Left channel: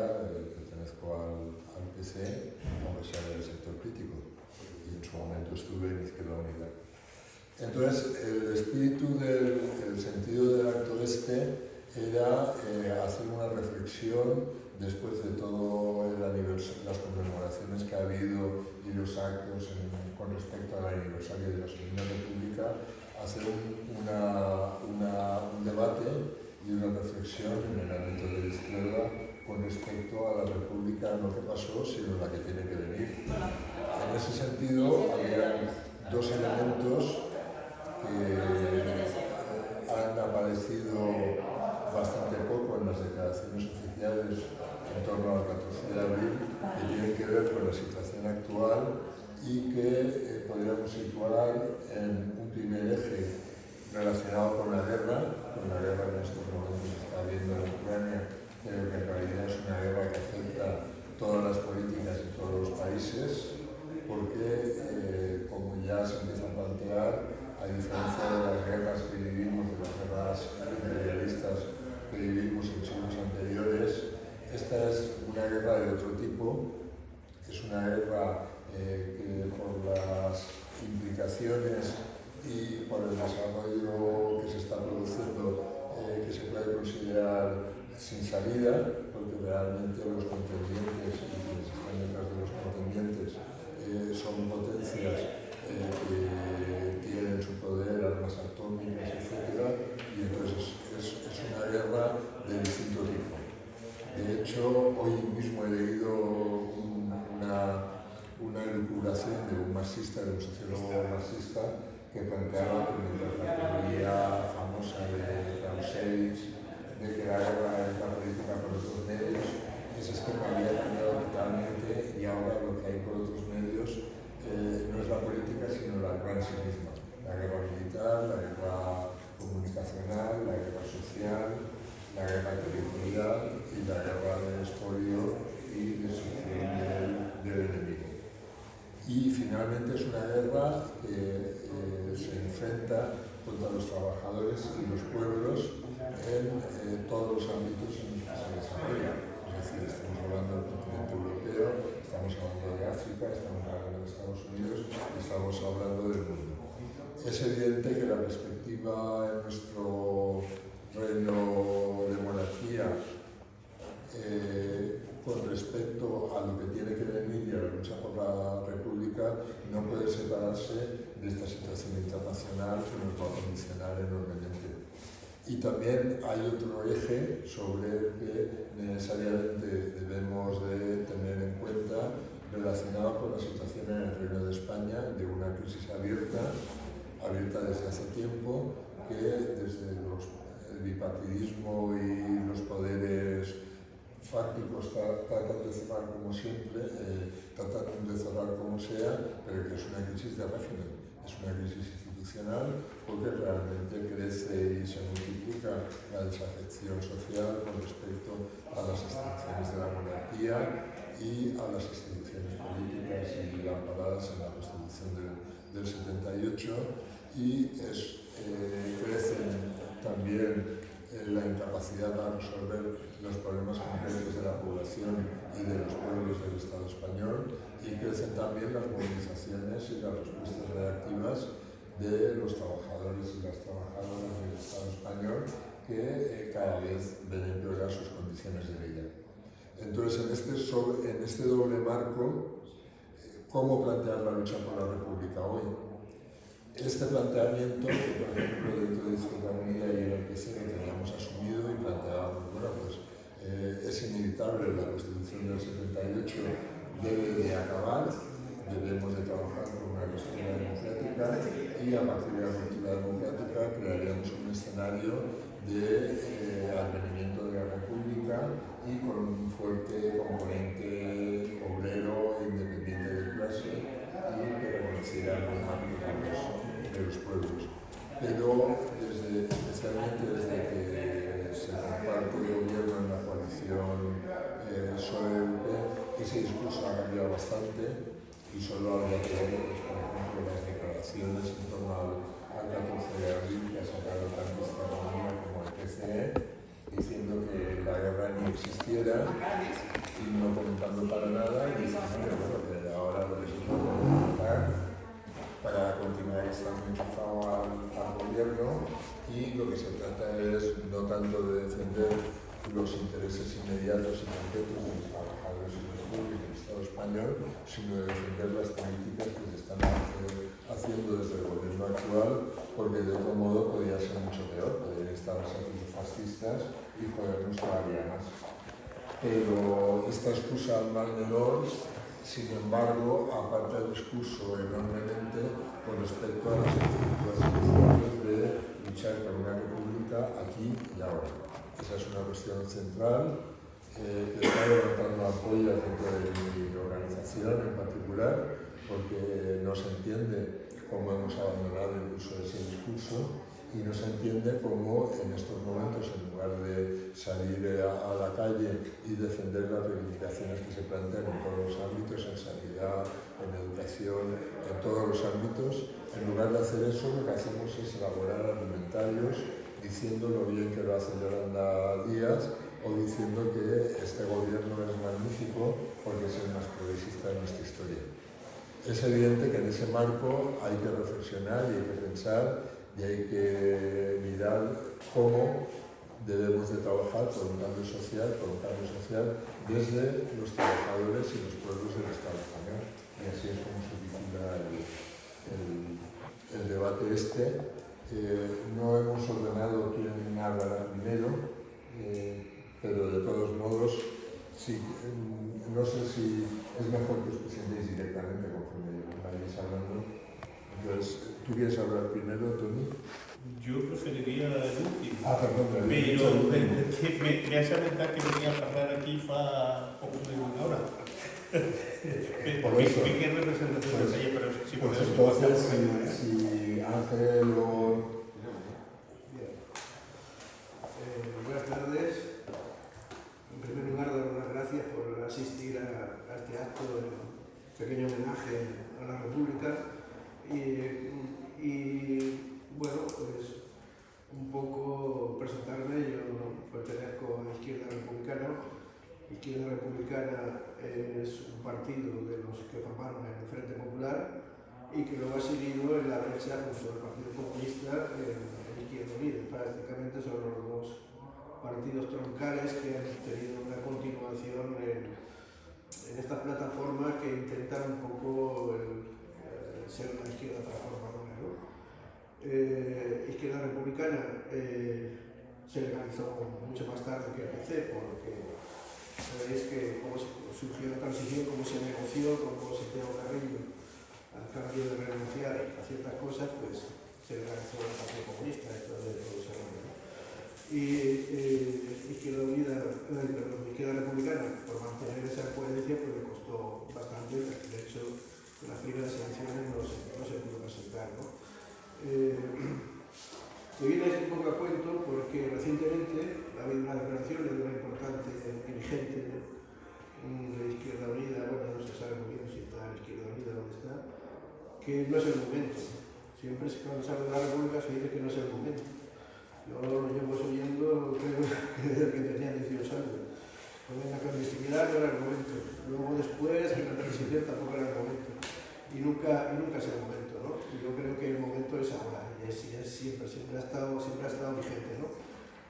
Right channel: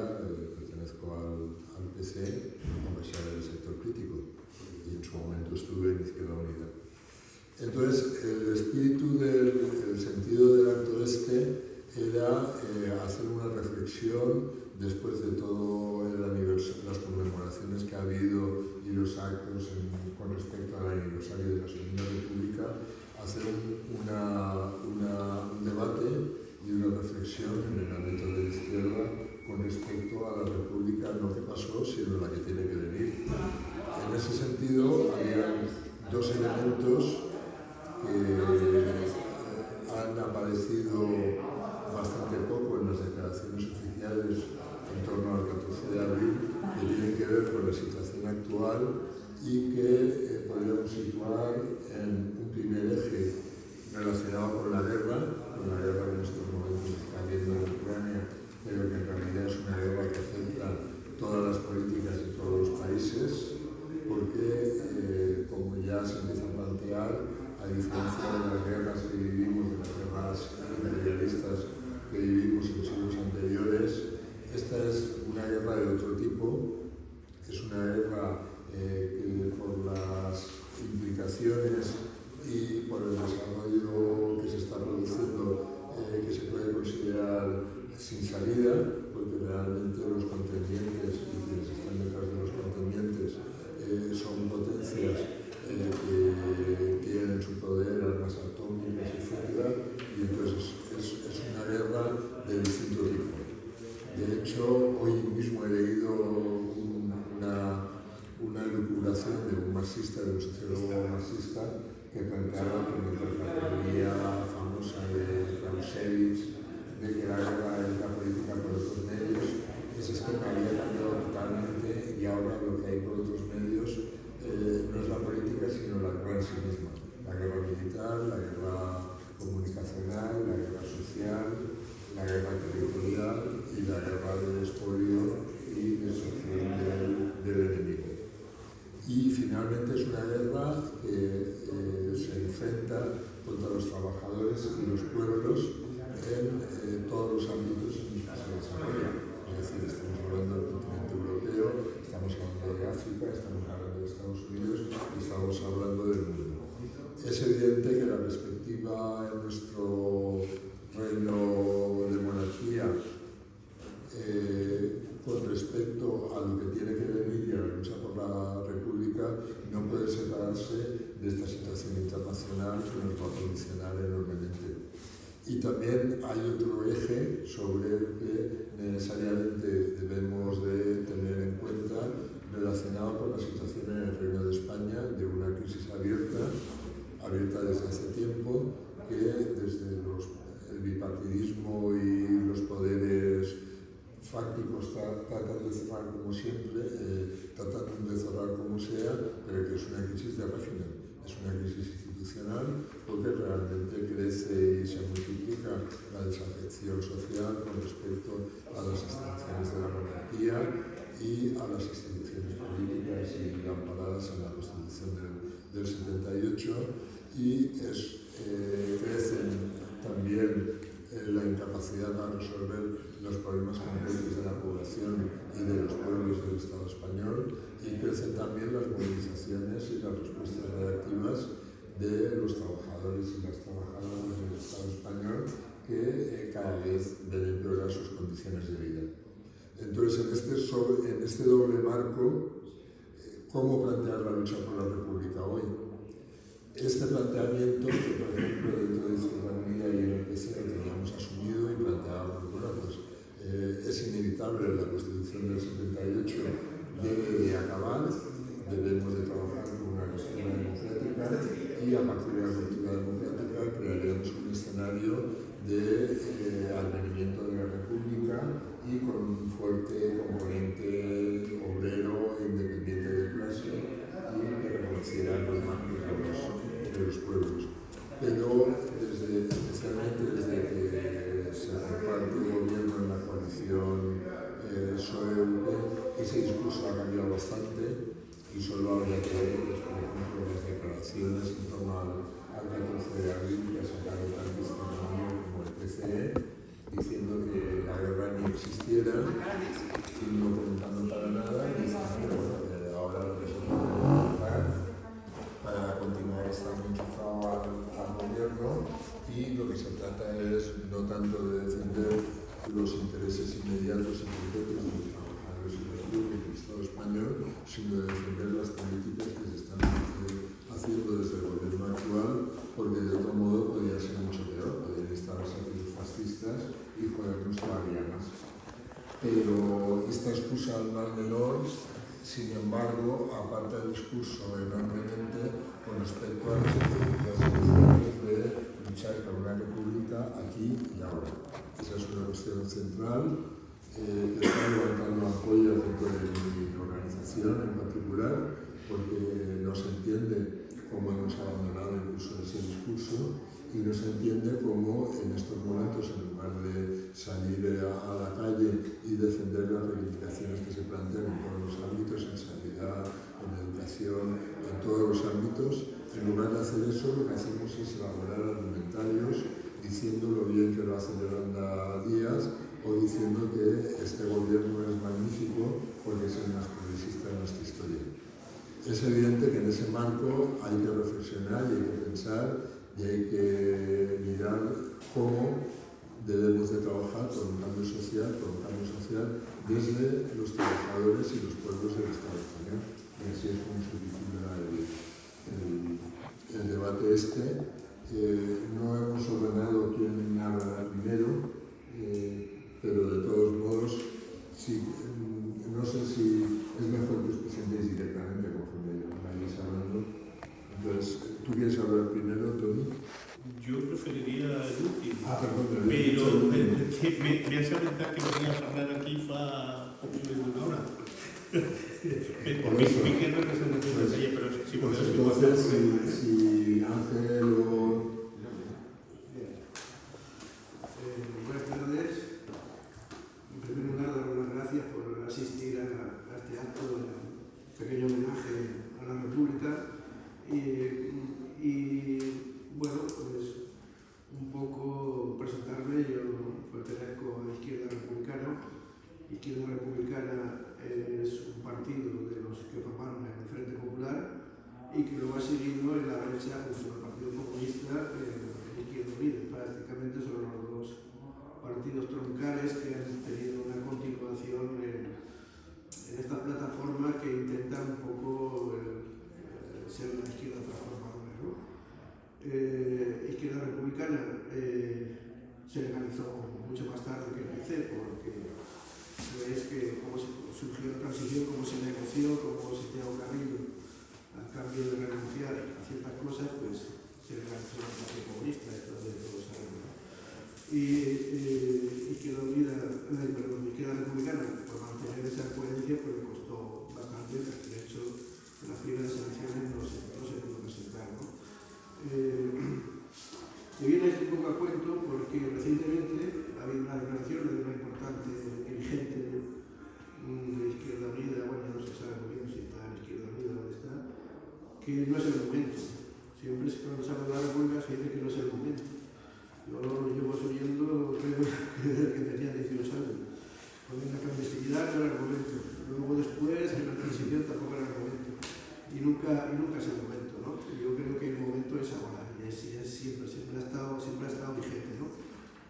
República, pertenezco al PC, aunque sea del sector crítico, y en su momento estuve en Izquierda Unida. Entonces, el espíritu el sentido del acto era hacer una reflexión después de todo las conmemoraciones que ha habido y los actos con respecto al aniversario de la Segunda República, hacer un debate y una reflexión en el ámbito de la izquierda con respecto a la República, no que pasó, sino la que tiene que venir. En ese sentido, había dos elementos que han aparecido bastante poco en las declaraciones oficiales en torno al 14 de abril, que tienen que ver con la situación actual y que podríamos situar en un primer eje relacionado con la guerra que en estos momentos se está viendo en Ucrania, pero que en realidad es una guerra que afecta todas las políticas y todos los países, porque como ya se empieza a plantear, a diferencia de las guerras que vivimos, de las guerras imperialistas que vivimos en siglos anteriores, esta es una guerra de otro tipo, es una guerra que por las implicaciones y por el desarrollo que se está produciendo, que se puede considerar sin salida, porque realmente los contendientes y quienes están detrás de los contendientes son potencias que tienen en su poder armas atómicas, etc. Y entonces es una guerra de distinto tipo. De hecho, hoy mismo he leído una elucubración de un marxista, de un sociólogo marxista, que planteaba que la teoría famosa de Clausewitz, de que la guerra es una política por otros medios, ese esquema había cambiado totalmente y ahora lo que hay por otros medios no es la política, sino la guerra en sí misma. La guerra militar, la guerra comunicacional, la guerra social, la guerra territorial y la guerra del expolio y destrucción del enemigo. Y finalmente es una guerra que se enfrenta contra los trabajadores y los pueblos en todos los ámbitos en los que se desarrolla. Es decir, estamos hablando del continente europeo, estamos hablando de África, estamos hablando de Estados Unidos y estamos hablando del mundo. Es evidente que la perspectiva en nuestro reino de monarquía con respecto a lo que tiene que venir y a la lucha por la República no puede separarse de esta situación internacional que nos va a condicionar enormemente. Y también hay otro eje sobre el que necesariamente debemos de tener en cuenta relacionado con la situación en el Reino de España, de una crisis abierta desde hace tiempo, que desde el bipartidismo y los poderes fácticos tratan de cerrar como siempre, tratan de cerrar como sea, pero que es una crisis de régimen, es una crisis institucional, porque realmente crece y se multiplica la desafección social con respecto a las instituciones de la monarquía y a las instituciones políticas y amparadas en la Constitución del 78, y crecen también la incapacidad para resolver los problemas concretos de la población y de los pueblos del Estado español, y crecen también las movilizaciones y las respuestas reactivas de los trabajadores y las trabajadoras del Estado español, que cada vez ven empeorar sus condiciones de vida. Entonces, en este doble marco, ¿cómo plantear la lucha por la República hoy? Este planteamiento, que por ejemplo dentro de Izquierda Unida y el PC lo teníamos asumido y planteábamos, bueno, pues es inevitable, la Constitución del 78 debe de acabar, debemos de trabajar por una cuestión democrática y a partir de la cultura democrática crearíamos un escenario de advenimiento de la República y con un fuerte componente obrero e independiente de clase y que reconociera el mandato de los pueblos. Pero especialmente desde que se comparte el gobierno en la coalición PSOE-UP, ese discurso ha cambiado bastante y solo habría que ver, por ejemplo, las declaraciones en torno al 14 de abril que sacaron tanto Izquierda Unida como el PCE, diciendo que la guerra ni existiera Aquí lo que se trata es no tanto de defender los intereses inmediatos y concretos de los trabajadores y los públicos del Estado español, sino de defender las políticas que se están haciendo desde el gobierno actual, porque de otro modo podría ser mucho peor, podrían instalarse aquí los fascistas y jodernos todavía más. Pero esta excusa al mal menor, sin embargo, aparta el discurso enormemente con respecto a las circunstancias de luchar por una república aquí y ahora. Esa es una cuestión central que está levantando apoyos dentro de mi organización en particular, porque no se entiende cómo hemos abandonado incluso ese discurso y no se entiende cómo en estos momentos, en lugar de salir a la calle y defender las reivindicaciones que se plantean en todos los ámbitos, en sanidad, en educación, en todos los ámbitos, en lugar de hacer eso, lo que hacemos es elaborar argumentarios diciendo lo bien que lo hace Yolanda Díaz o diciendo que este gobierno es magnífico porque es el más progresista de nuestra historia. Es evidente que en ese marco hay que reflexionar y hay que pensar y hay que mirar cómo debemos de trabajar por un cambio social, desde los trabajadores y los pueblos del Estado español. Y así es como se titula el debate este. No hemos ordenado quién hablará primero, pero de todos modos, sí, no sé si es mejor que os presentéis directamente conforme vayáis hablando. Entonces, ¿tú quieres hablar primero, Tony? Yo preferiria la de l'últim. Perdó, però me has aventat que venia a parlar aquí fa poc més d'una hora. Me quedo representación de ella, pero si pues entonces, si Ángel o... Buenas tardes. En primer lugar, dar las gracias por asistir a este acto de pequeño homenaje a la República. Y bueno, pues un poco presentarme. Yo pertenezco a Izquierda Republicana. Izquierda Republicana es un partido de los que formaron el Frente Popular y que luego ha seguido en la brecha junto al Partido Comunista en Izquierda Unida. Prácticamente son los dos partidos troncales que han tenido una continuación en esta plataforma que intentan un poco ser una izquierda transformadora, ¿no? Izquierda Republicana se legalizó mucho más tarde que el PC, porque sabéis que cómo surgió la transición, cómo se negoció, cómo se creó Carrillo al cambio de renunciar a ciertas cosas, pues se legalizó el Partido Comunista, esto de todos sabemos. Y Izquierda Republicana, por mantener esa coherencia, pues le costó bastante. De hecho, en las primeras elecciones no se pudo presentar, ¿no? Me viene un poco a cuento porque recientemente ha habido una declaración de una importante dirigente de Izquierda Unida, bueno, no se sabe muy bien si está en Izquierda Unida o dónde está, que no es el momento. Siempre cuando se habla de la República se dice que no es el momento. Yo lo llevo oyendo desde que tenía 18 años. Con la clandestinidad no era el momento. Luego después, en la transición tampoco era el momento. Y nunca es el momento, ¿no? Y yo creo que el momento es ahora. Y siempre ha estado vigente, ¿no?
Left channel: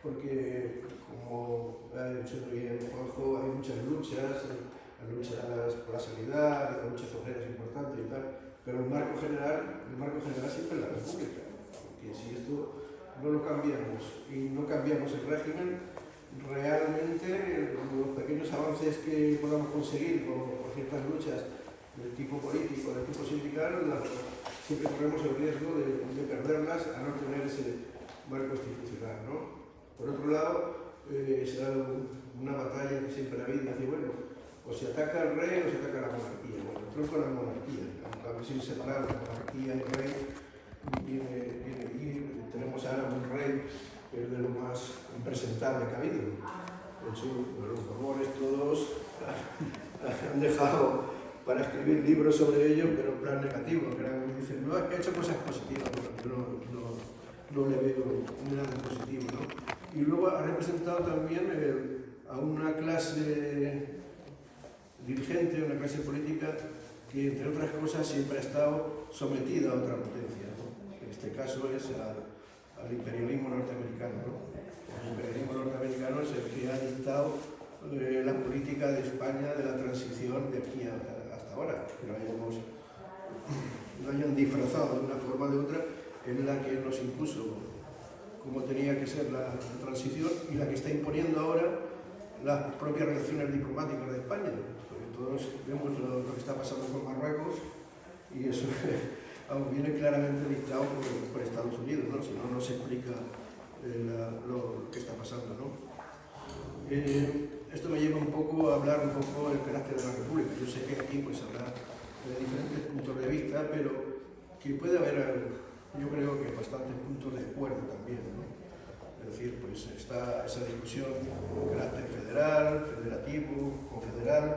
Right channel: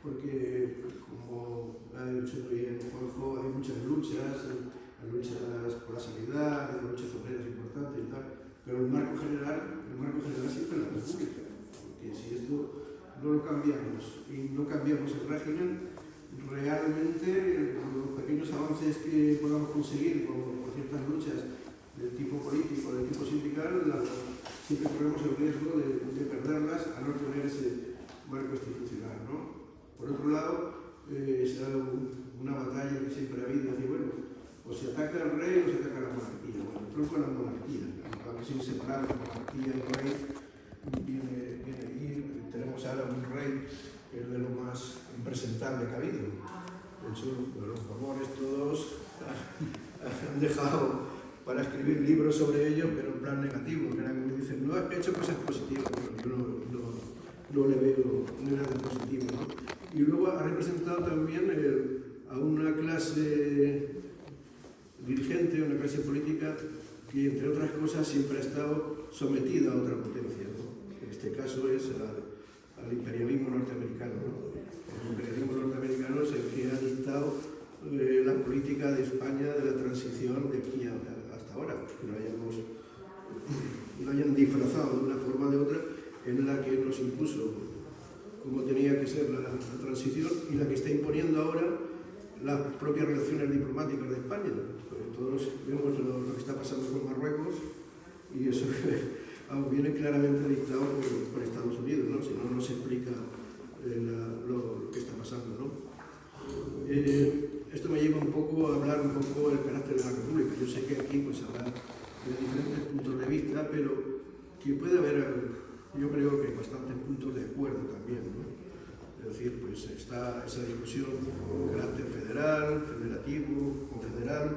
Porque, como ha dicho muy bien Juanjo, hay muchas luchas, luchas por la sanidad, la lucha obrera es importante y tal, pero el marco general siempre es la República. Porque si esto no lo cambiamos y no cambiamos el régimen, realmente los pequeños avances que podamos conseguir por ciertas luchas del tipo político, del tipo sindical, siempre corremos el riesgo de perderlas a no tener ese marco institucional, ¿no? Por otro lado, será una batalla que siempre ha habido, y bueno, o se ataca al rey o se ataca a la monarquía. Bueno, el tronco de la monarquía, aunque es inseparable, monarquía y rey, y tenemos ahora un rey que es de lo más impresentable que ha habido. De hecho, los Borbones todos han dejado para escribir libros sobre ello, pero en plan negativo, que eran, dicen, no, ha hecho cosas positivas, no le veo nada de positivo, ¿no? Y luego ha representado también a una clase dirigente, una clase política que, entre otras cosas, siempre ha estado sometida a otra potencia, ¿no? En este caso es al imperialismo norteamericano, ¿no? El imperialismo norteamericano es el que ha dictado la política de España de la transición de aquí hasta ahora, que lo hayan disfrazado de una forma o de otra, en la que nos impuso cómo tenía que ser la transición y la que está imponiendo ahora las propias relaciones diplomáticas de España. Porque todos vemos lo que está pasando con Marruecos y eso viene claramente dictado por Estados Unidos, ¿no? Si no, no se explica lo que está pasando, ¿no? Esto me lleva un poco a hablar un poco del carácter de la República. Yo sé que aquí pues habrá de diferentes puntos de vista, pero que puede haber, yo creo que bastantes puntos de acuerdo también, ¿no? Es decir, pues está esa discusión de carácter federal, federativo, confederal.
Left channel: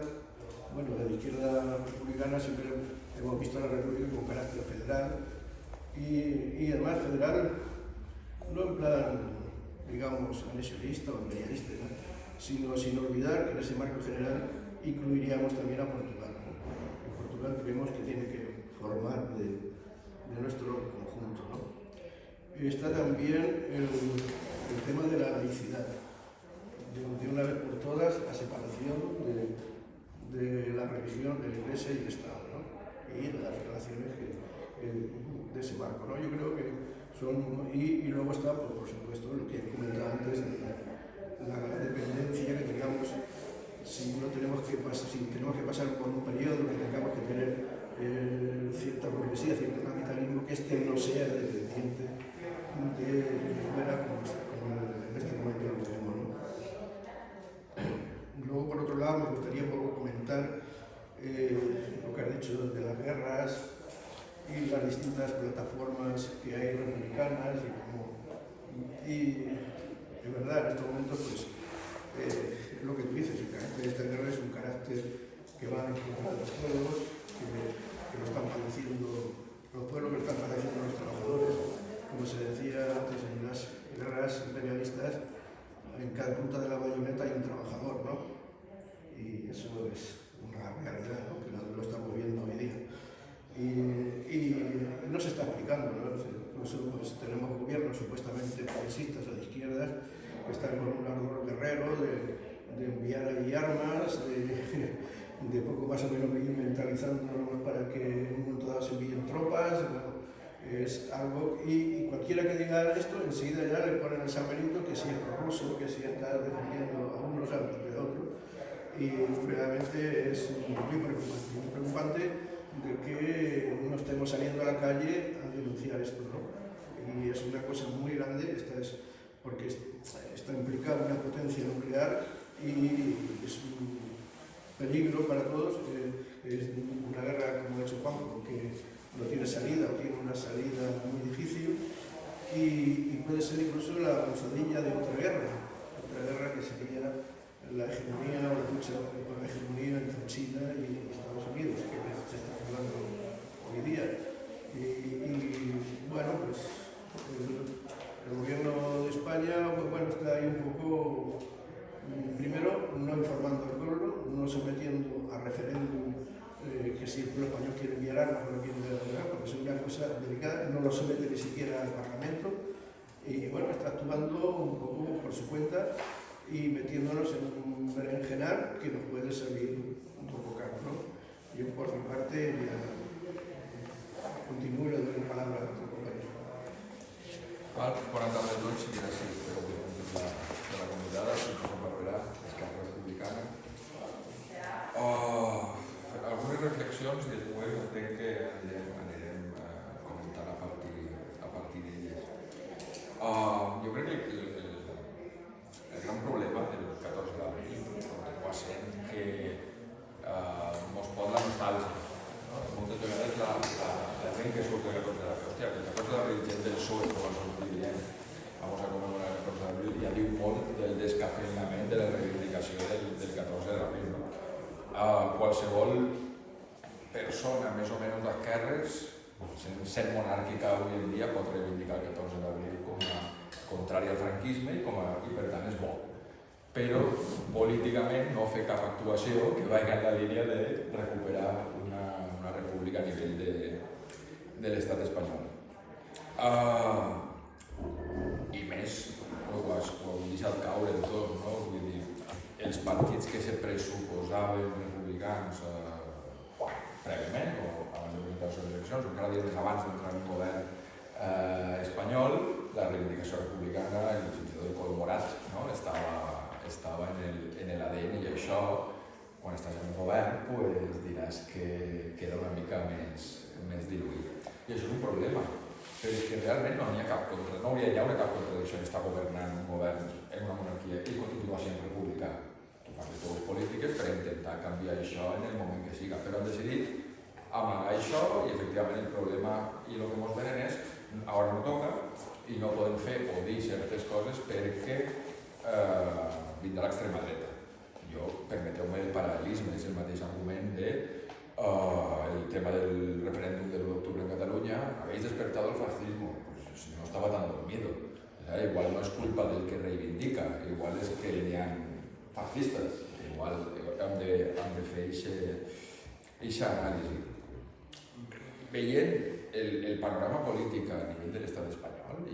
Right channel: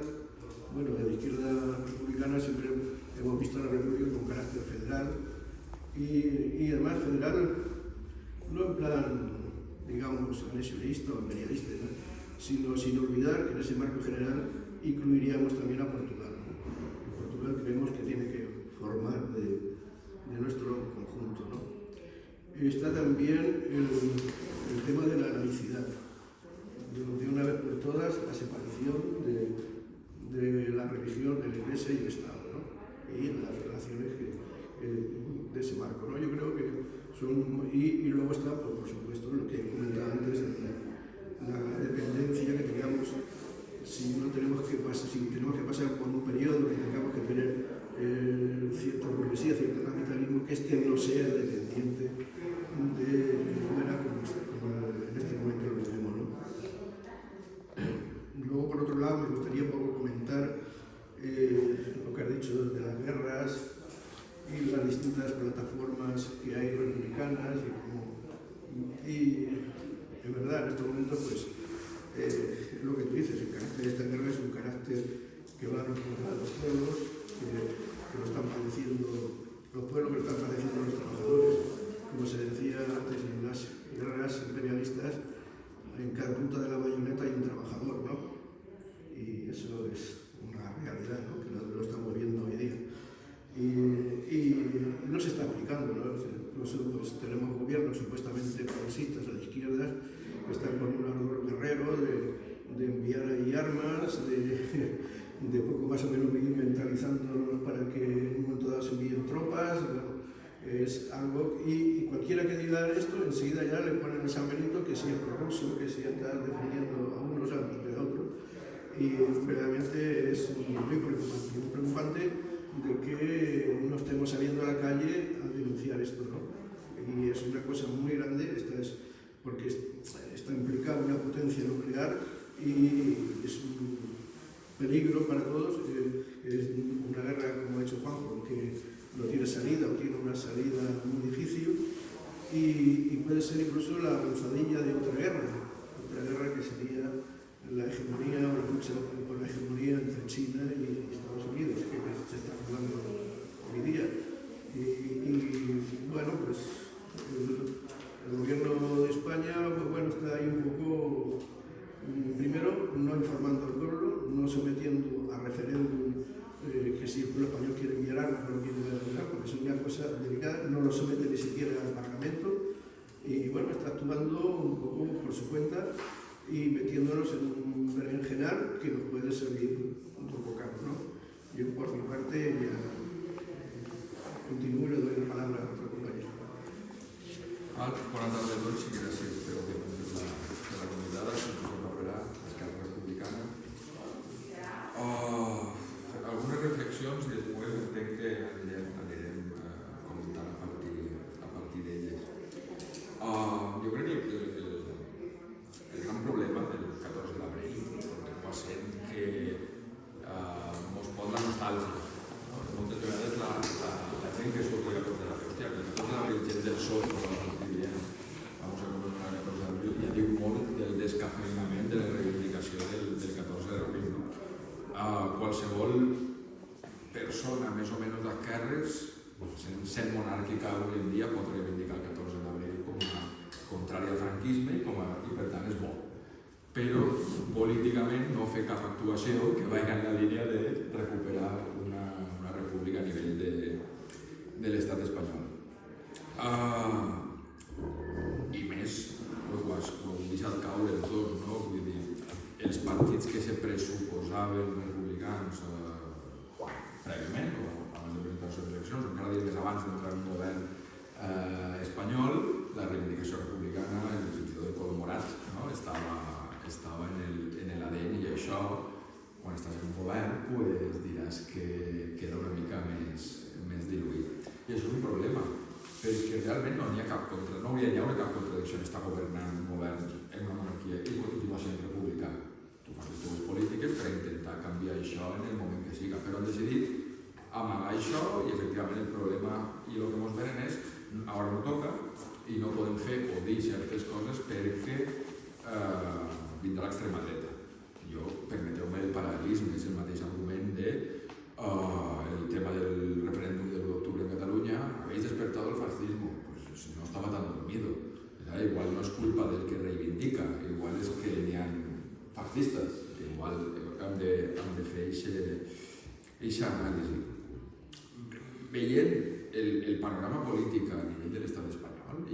Bueno, de la izquierda republicana siempre hemos visto a la República con carácter federal y además federal no en plan, digamos, anexionista o imperialista, ¿no? Sino sin olvidar que en ese marco general incluiríamos también a Portugal, ¿no? Portugal creemos que tiene que formar de nuestro conjunto, ¿no? Está también el tema de la laicidad, de una vez por todas la separación de la religión, de la Iglesia y el Estado, ¿no? Y las relaciones de ese marco, ¿no? Yo creo que son, y luego está, pues, por supuesto, lo que he comentado antes, la dependencia que tengamos, si tenemos que pasar por un periodo que tengamos que tener cierta burguesía, cierto capitalismo, que no sea dependiente de fuera, como en este momento lo tenemos, ¿no? Luego, por otro lado, me gustaría un poco comentar lo que ha dicho de las guerras y las distintas plataformas que hay republicanas y de verdad, en estos momentos, pues, lo que tú dices, el carácter de esta guerra es un carácter que va contra los pueblos, que lo están padeciendo, los pueblos que lo están padeciendo los trabajadores. Como se decía antes, en las guerras imperialistas, en cada punta de la bayoneta hay un trabajador, ¿no? Y eso es una realidad, ¿no? Que lo estamos viendo hoy día. Y no se está aplicando, ¿no? Incluso pues, tenemos gobiernos supuestamente progresistas o de izquierdas que están con un ardor guerrero de enviar ahí armas, de poco más o menos ir mentalizándonos para que en un momento dado se envíen tropas. Bueno, es algo, y cualquiera que diga esto, enseguida ya le ponen el San Benito, que si es prorruso, que si está defendiendo a unos antes que a otros. Y realmente es muy preocupante de que no estemos saliendo a la calle a denunciar esto, ¿no? Y es una cosa muy grande, porque está implicada una potencia nuclear y es un peligro para todos. Es una guerra, como ha hecho Juanjo, que no tiene salida o tiene una salida muy difícil y puede ser incluso la avanzadilla de otra guerra que sería la hegemonía o la lucha por la hegemonía entre China y Estados Unidos, que se está hablando hoy día. Y bueno, pues el gobierno de España, pues bueno, está ahí un poco, primero, no informando al pueblo, no sometiendo a referéndum que si el pueblo español quiere enviar armas o no quiere enviar armas, porque son ya cosas delicadas, no lo somete ni siquiera al Parlamento, y bueno, está actuando un poco por su cuenta y metiéndonos en un berenjenal que nos puede servir un poco caro, ¿no? Yo por mi parte ya continúo y le doy la palabra a otro compañero. Buenas tardes, Luis, gràcies per la convidada, Josep Barberà, d'Esquerra Republicana. Algunes reflexions i després entenc que anirem comentant a partir d'elles. Jo crec que el gran problema del 14 d'abril continua sent que ens pot la nostàlgia. Moltes vegades la gent que surt del 14 d'abril, hòstia, el 14 d'abril gent del PSOE, quan ens diem vamos a conmemorar el 14 d'abril, ja diu molt del descafeinament de la reivindicació del 14 d'abril. Qualsevol persona més o menys d'esquerres, sent monàrquica avui en dia, pot reivindicar el 14 d'abril com a contrari al franquisme i per tant és bo. Però políticament no fer cap actuació que vagi en la línia de recuperar una república a nivell de l'estat espanyol. i més, ho heu deixat caure del tot, no? Vull dir, els partits que se pressuposaven republicans prèviament, o abans de presentar les eleccions, encara més abans d'entrar en un govern espanyol, la reivindicació republicana, fins i tot el color morat, no? estava en l'ADN, i això, quan estàs en un govern, pues, diràs que queda una mica més diluït. I això és un problema, perquè realment no n'hi ha cap contra, no hauria d'haver cap contradicció d'estar governant un govern en una monarquia i continuar sent república. Tu fas les teves polítiques per intentar canviar això en el moment que siga, però han decidit amagar això i efectivament el problema i el que ens venen és ara no toca i no podem fer o dir certes coses perquè vindrà l'extrema dreta. Jo, permeteu-me el paral·lelisme, és el mateix argument de el tema del referèndum de l'1 d'octubre en Catalunya. Habéis despertado el fascismo, pues si no estaba tan dormido. Igual no és culpa del que reivindica, igual és que n'hi ha fascistes, igual hem de fer aquesta anàlisi. Veient el panorama polític a nivell de l'estat espanyol, i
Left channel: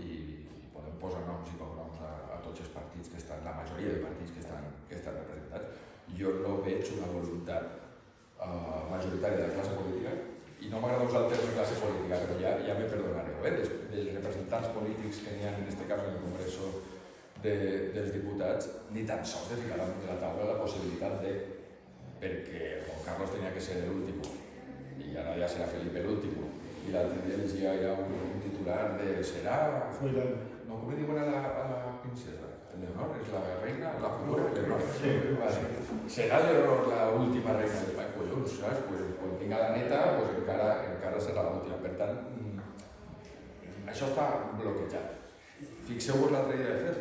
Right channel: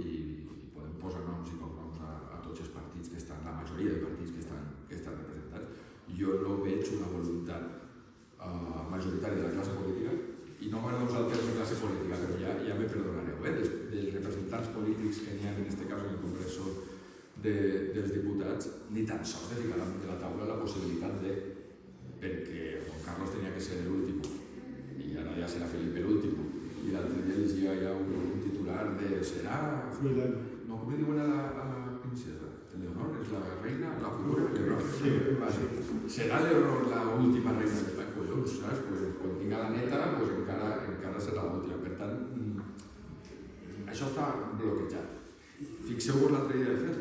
podem posar noms i cognoms a tots els partits que estan, la majoria de partits que estan representats, jo no veig una voluntat majoritària de la classe política, i no m'agrada usar el terme classe política, però ja me perdonareu, dels representants polítics que n'hi ha en aquest cas en el Congreso dels Diputats, ni tan sols de ficar damunt de la taula la possibilitat de, perquè Juan Carlos tenia que ser l'últim, i ara ja serà Felipe l'últim, i l'altre dia llegia ja un titular de serà... No, com diuen a la princesa? Leonor és la reina, la futura Leonor. Serà Leonor l'última reina d'Espanya? Collons, saps? Quan tinga la neta, encara serà l'última. Per tant, això està bloquejat. Fixeu-vos l'altre dia, de fet,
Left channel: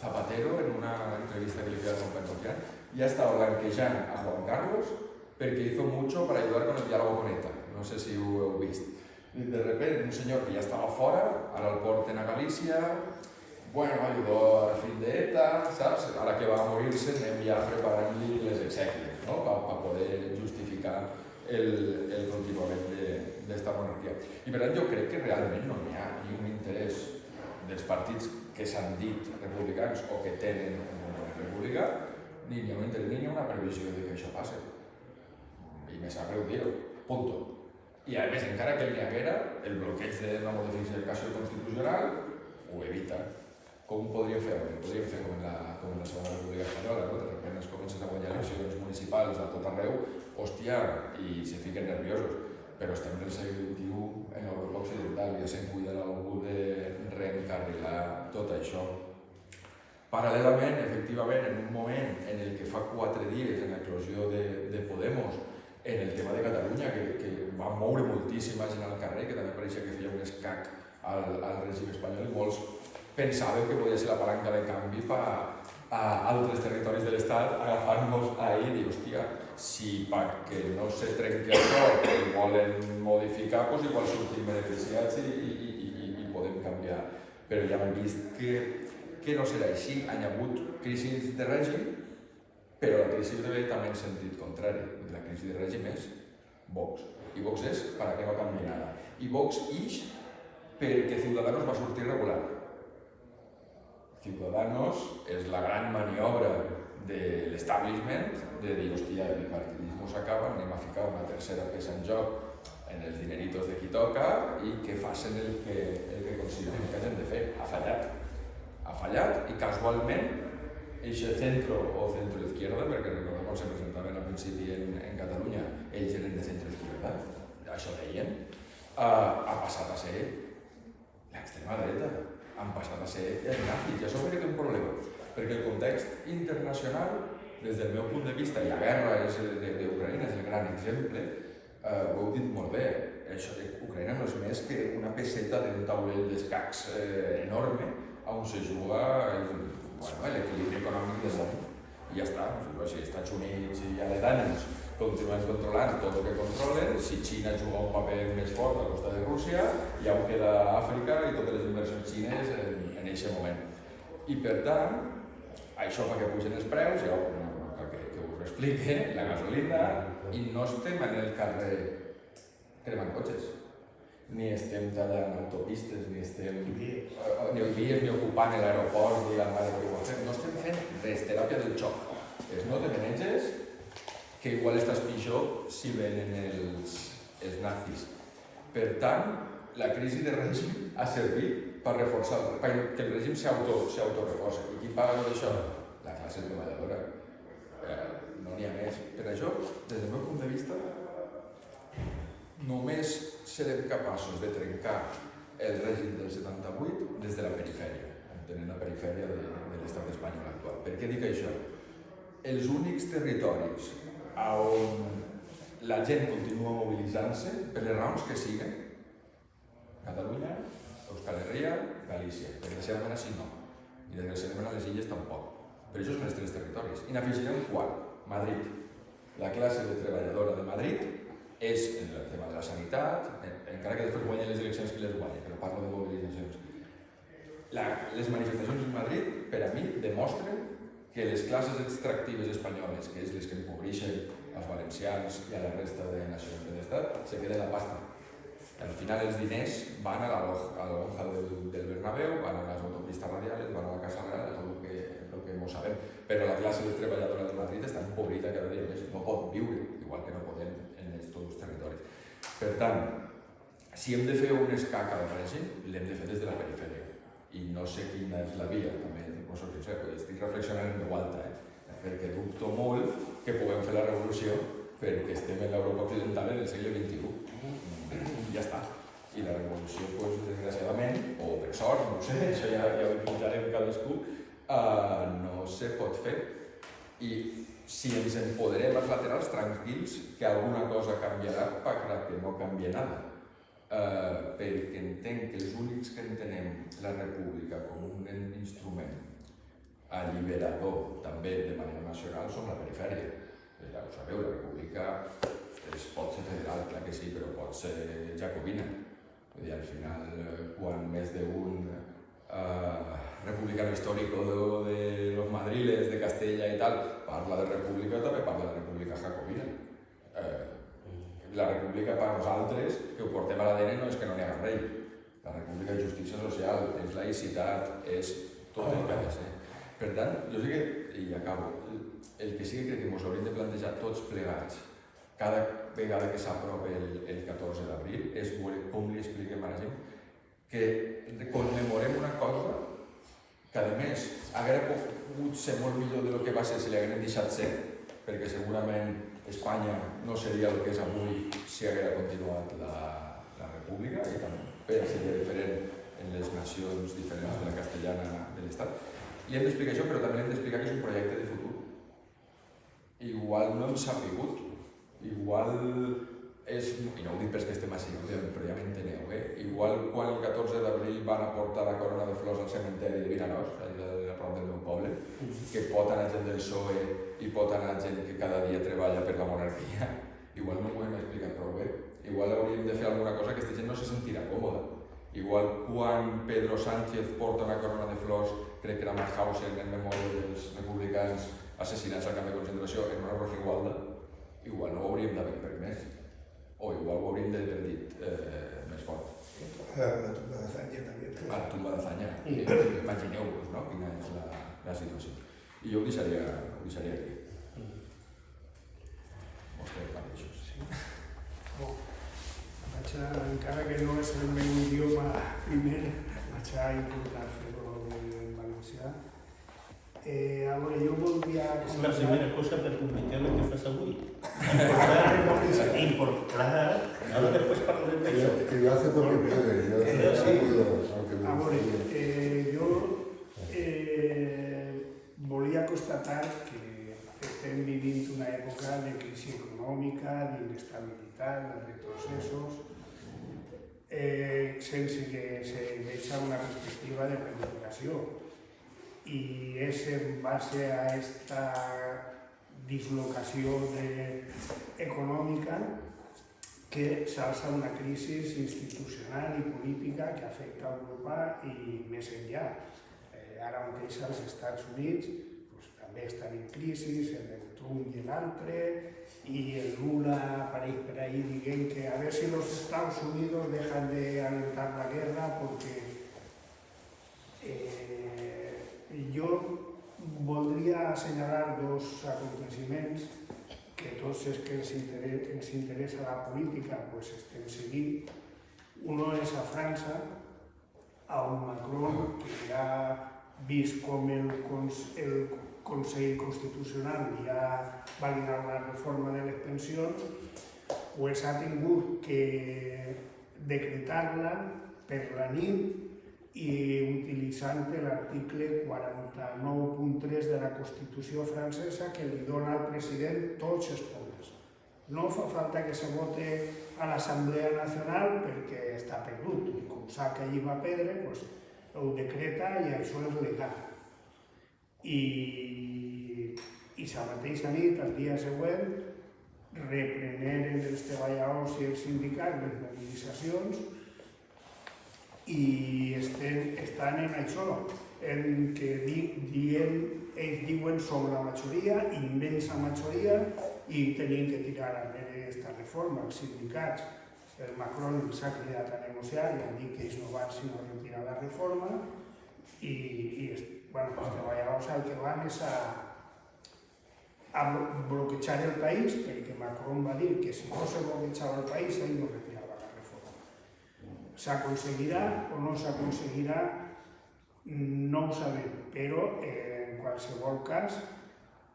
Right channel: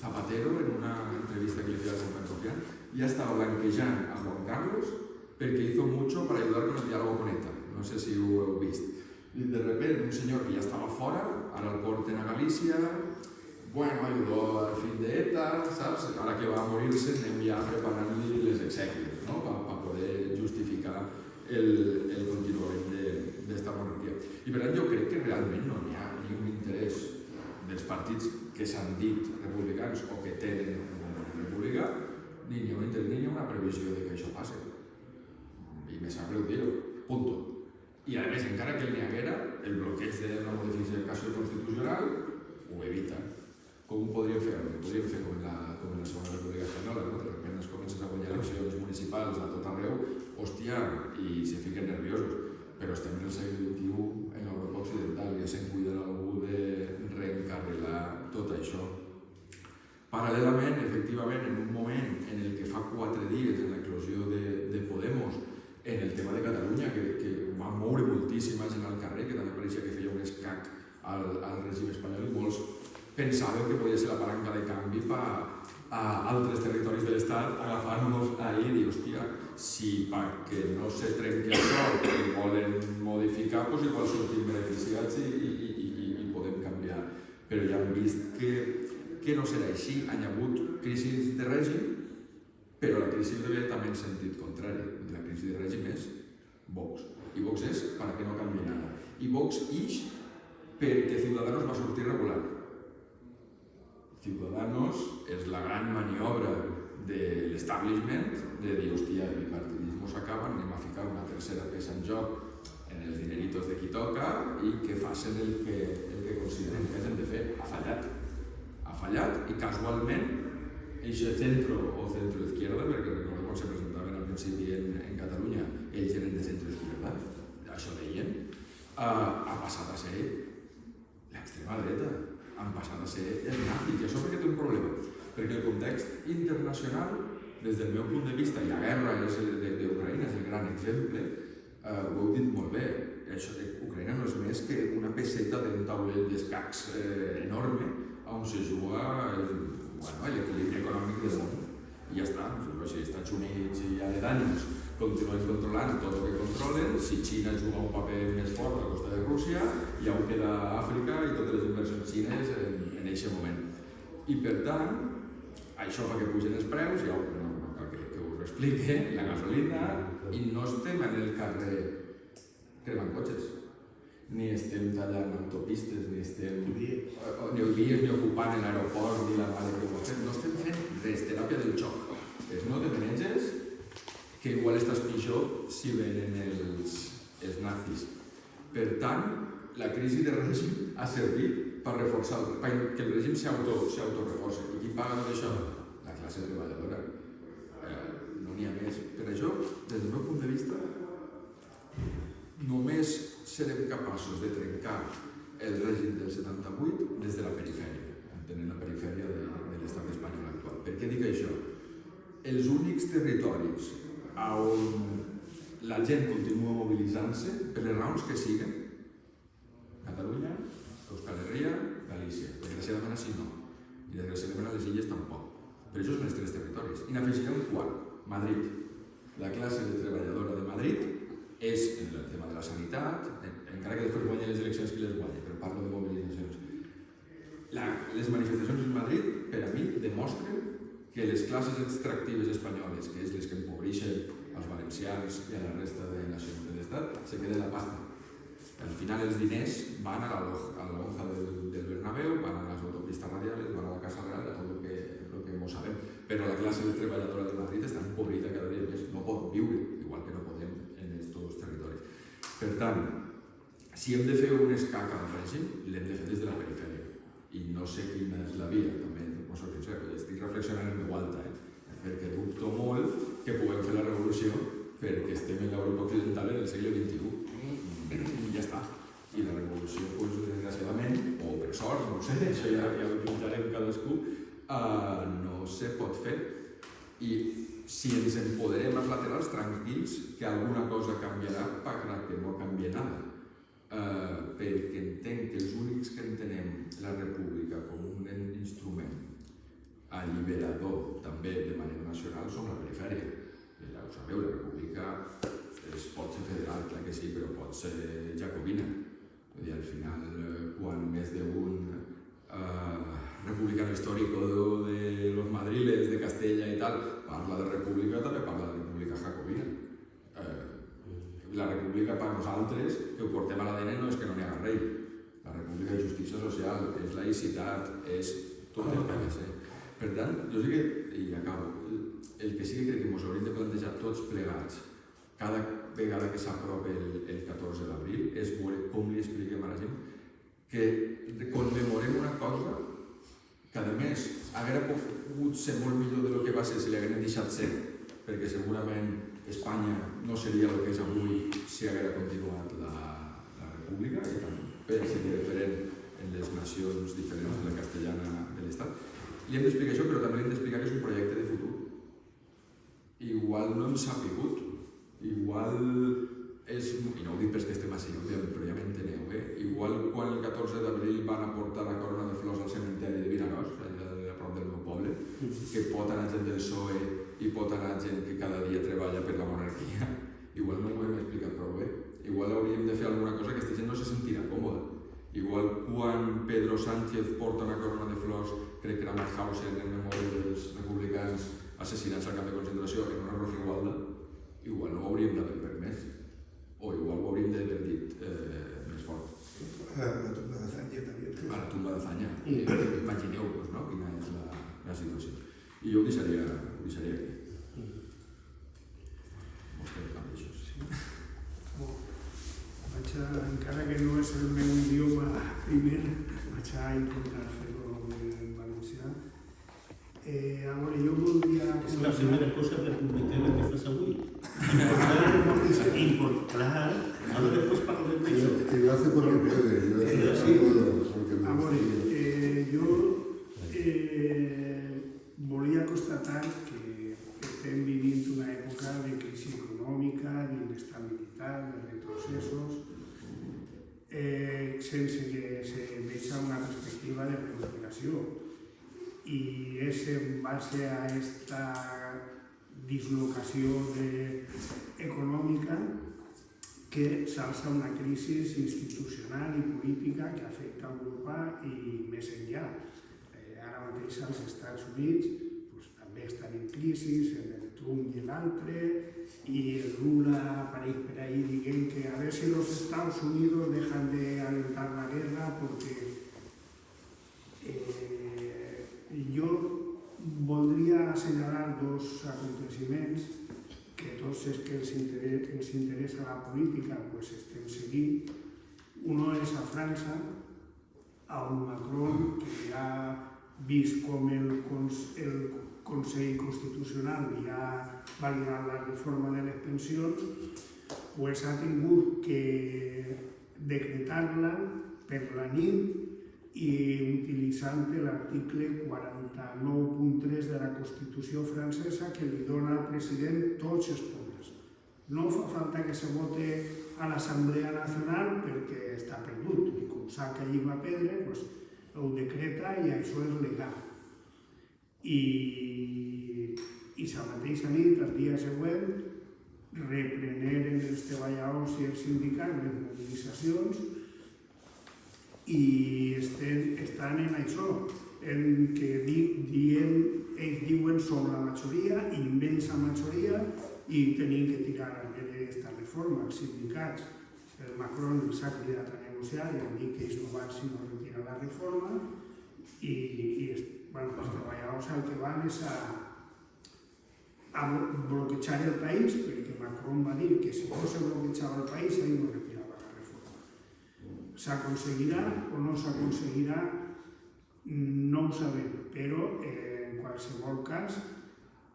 Zapatero, en una entrevista que li feia con Pedro, ja estava blanquejant a Juan Carlos perquè hizo mucho para ayudar con el diálogo con ETA. No sé si ho heu vist. I de repente, un senyor que ja estava fora, ara el porten a Galícia, bueno, ayudó al fin de ETA, saps? Ara que va a morir-se anem ja preparant-li les exèquies, no? Per poder justificar el continuament d'esta monarquia. I per tant jo crec que realment no hi ha ni un interès dels partits que s'han dit republicans o que tenen una república, ni hi ha un interès ni hi ha una previsió de que això passi. I me sap greu dir-ho, punto. I a més, encara que n'hi haguera, el bloqueig de la modificació constitucional ho evita. Com ho podríem fer? Podríem fer com en la Segona República Espanyola, no? De repente es comencen a guanyar eleccions municipals a tot arreu, hòstia, i se fiquen nerviosos. Però estem en el segle XXI en Europa Occidental i ja se'n cuida algú de reencarrilar tot això. Paral·lelament, efectivament, en un moment en el que fa 4 dies, en l'eclosió de Podemos, en el tema de Catalunya, que va moure moltíssima gent al carrer, que també pareixia que feia un escac al règim espanyol, i molts pensaven que podia ser la palanca de canvi a altres territoris de l'Estat, agafant-nos ahir i dir, hòstia, si perquè no se trenqui això i volen modificar, doncs igual sortim beneficiats i podem canviar. Però ja hem vist que no serà així. Han hagut crisis de règim, però la crisi ve també en sentit contrari. La crisi de règim és Vox. I Vox és para que no canvi nada. I Vox ix perquè Ciudadanos va sortir regular. Ciudadanos és la gran maniobra de l'establishment de dir, hòstia, el bipartidisme s'acaba, anem a ficar una tercera peça en joc en els dineritos de qui toca i que facin el que consideren que han de fer. Ha fallat. Ha fallat i casualment eixe centro o centro-izquierda, perquè recordeu quan se presentaven al principi en Catalunya, ells eren de centro-izquierda, això deien, ha passat a ser l'extrema dreta, han passat a ser els nazis, i això perquè té un problema, perquè el context internacional, des del meu punt de vista, i la guerra d'Ucraïna és el gran exemple, ho heu dit molt bé, Ucraïna no és més que una peseta d'un taulell d'escacs enorme on se juga l'equilibri econòmic del món. I ja està, si els Estats Units i aledaños continuen controlant tot el que controlen, si Xina juga un paper més fort a costa de Rússia, ja ho queda Àfrica i totes les inversions xines en aquest moment. I per tant, això fa que pugen els preus, ja que us explique, la gasolina, i no estem en el carrer cremant cotxes. ni estem tallant autopistes, ni estem Vies. ni ocupant l'aeroport, ni la mare que ho ha fet. No estem fent res, teràpia del xoc. És no te maneges que igual estàs pitjor si venen els nazis. Per tant, la crisi de règim ha servit per reforçar, que el règim s'autoreforça. I qui paga tot això? La classe treballadora. No n'hi ha més. Per això, des del meu punt de vista, només serem capaços de trencar el règim del 78 des de la perifèria, entenent la perifèria de l'estat espanyol actual. Per què dic això? Els únics territoris on la gent continua mobilitzant-se, per les raons que siguen, Catalunya, Euskal Herria, Galícia. Desgraciadament així no. I desgraciadament a les illes tampoc. Però això són els tres territoris. I n'afegiré un quart, Madrid. La classe treballadora de Madrid és en el tema de la sanitat, encara que després guanyen les eleccions qui les guanya, però parlo de mobilitzacions. Les manifestacions en Madrid, per a mi, demostren que les classes extractives espanyoles, que és les que empobreixen als valencians i a la resta de nacions de l'Estat, se queden la pasta. Al final els diners van a la lonja del Bernabéu, van a les autopistes radiales, van a la Casa Real, és el que no sabem. Però la classe treballadora de Madrid està empobrida cada dia més, no pot viure, igual que no podem en aquests territoris. Per tant, si hem de fer un escac al règim, l'hem de fer des de la perifèria. I no sé quina és la via, també, no soc sincer, perquè estic reflexionant en veu alta, perquè dubto molt que puguem fer la revolució perquè estem en l'Europa occidental en el segle XXI. Ja està. I la revolució, desgraciadament, o per sort, no ho sé, això ja ho jutjarem cadascú, no se pot fer. I si ens empoderem els laterals, tranquils, que alguna cosa canviarà per que no canvia nada. Perquè entenc que els únics que entenem la república com un instrument alliberador també de manera nacional som la perifèria. Ja ho sabeu, la república pot ser federal, clar que sí, però pot ser jacobina. Vull dir, al final, quan més d'un republicano histórico de los madriles, de Castella i tal, parla de república, també parla de república jacobina. La república per nosaltres, que ho portem a l'ADN, no és que no n'hi haga rei. La república és justícia social, és laïcitat, és tot el que ha de ser. Per tant, jo sé que, i acabo, el que sí que crec que ens hauríem de plantejar tots plegats, cada vegada que s'apropa el 14 d'abril, és veure com li expliquem a la gent que commemorem una cosa que, a més, hauria pogut ser molt millor del que va ser si l'haguem deixat ser, perquè segurament Espanya no seria el que és avui si haguera continuat la república, i també seria diferent en les nacions diferents de la castellana de l'Estat. Li hem d'explicar això, però també li hem d'explicar que és un projecte de futur. Igual no hem sabut, igual és, i no ho dic perquè estem així, però ja m'enteneu, igual quan el 14 d'abril van aportar la corona de flors al cementeri de Vinaròs, a prop del meu poble, que pot anar gent del PSOE i pot anar gent que cada dia treballa per la monarquia, igual no ho hem explicat prou bé. Igual hauríem de fer alguna cosa que aquesta gent no se sentirà còmoda. Igual quan Pedro Sánchez porta una corona de flors, crec que era Mauthausen en memòria dels republicans assassinats al camp de concentració en una Rosigualda, igual no ho hauríem d'haver permès, o igual ho hauríem d'haver dit més fort. La tumba de Zanya també. A la tumba de Zanya. Imagineu-vos, no?, quina és la situació. I jo ho deixaria aquí. Mostreu també això. Encara que no és el meu idioma primer, vaig a intentar fer-ho en valencià. A veure, jo voldria... És la primera cosa republicana que fas avui. Clar, ara després parlarem d'això. Que lo hace porque puede, yo A veure, jo volia constatar que estem vivint una època de crisi econòmica, d'inestabilitat, de retrocessos, sense que se deixa una perspectiva de recuperació. I és en base a aquesta dislocació econòmica que s'alça una crisi institucional i política que afecta a Europa i més enllà. Ara mateix als Estats Units també estan en crisi, en Trump i l'altre, i el Lula apareix per ahí dient que a ver si los Estados Unidos dejan de alentar la guerra porque jo voldria assenyalar dos aconteciments que tots els que ens interessa la política pues, estem seguint. Uno és a França, on Macron, que ja ha vist com el Consell Constitucional ja ha validat la reforma de les pensions, pues ha tingut que decretar-la per la nit i utilitzant l'article 49.3 de la Constitució francesa que li dona al president tots els poders. No fa falta que se vote a l'Assemblea Nacional perquè està perdut, i com sap que allí va perdre, doncs ho decreta i això és legal. I la mateixa nit, el dia següent, repreneren els treballadors i els sindicats les mobilitzacions i estan en això, en què ells diuen som la majoria, immensa majoria, i tenim que tirar enrere aquesta reforma. Els sindicats, el Macron els ha cridat a negociar i han dit que ells no van sinó retirar la reforma i els treballadors el que van és a bloquejar el país perquè Macron va dir que si no se bloquejava el país ell no retirava la reforma. S'aconseguirà o no s'aconseguirà? No ho sabem, però en qualsevol cas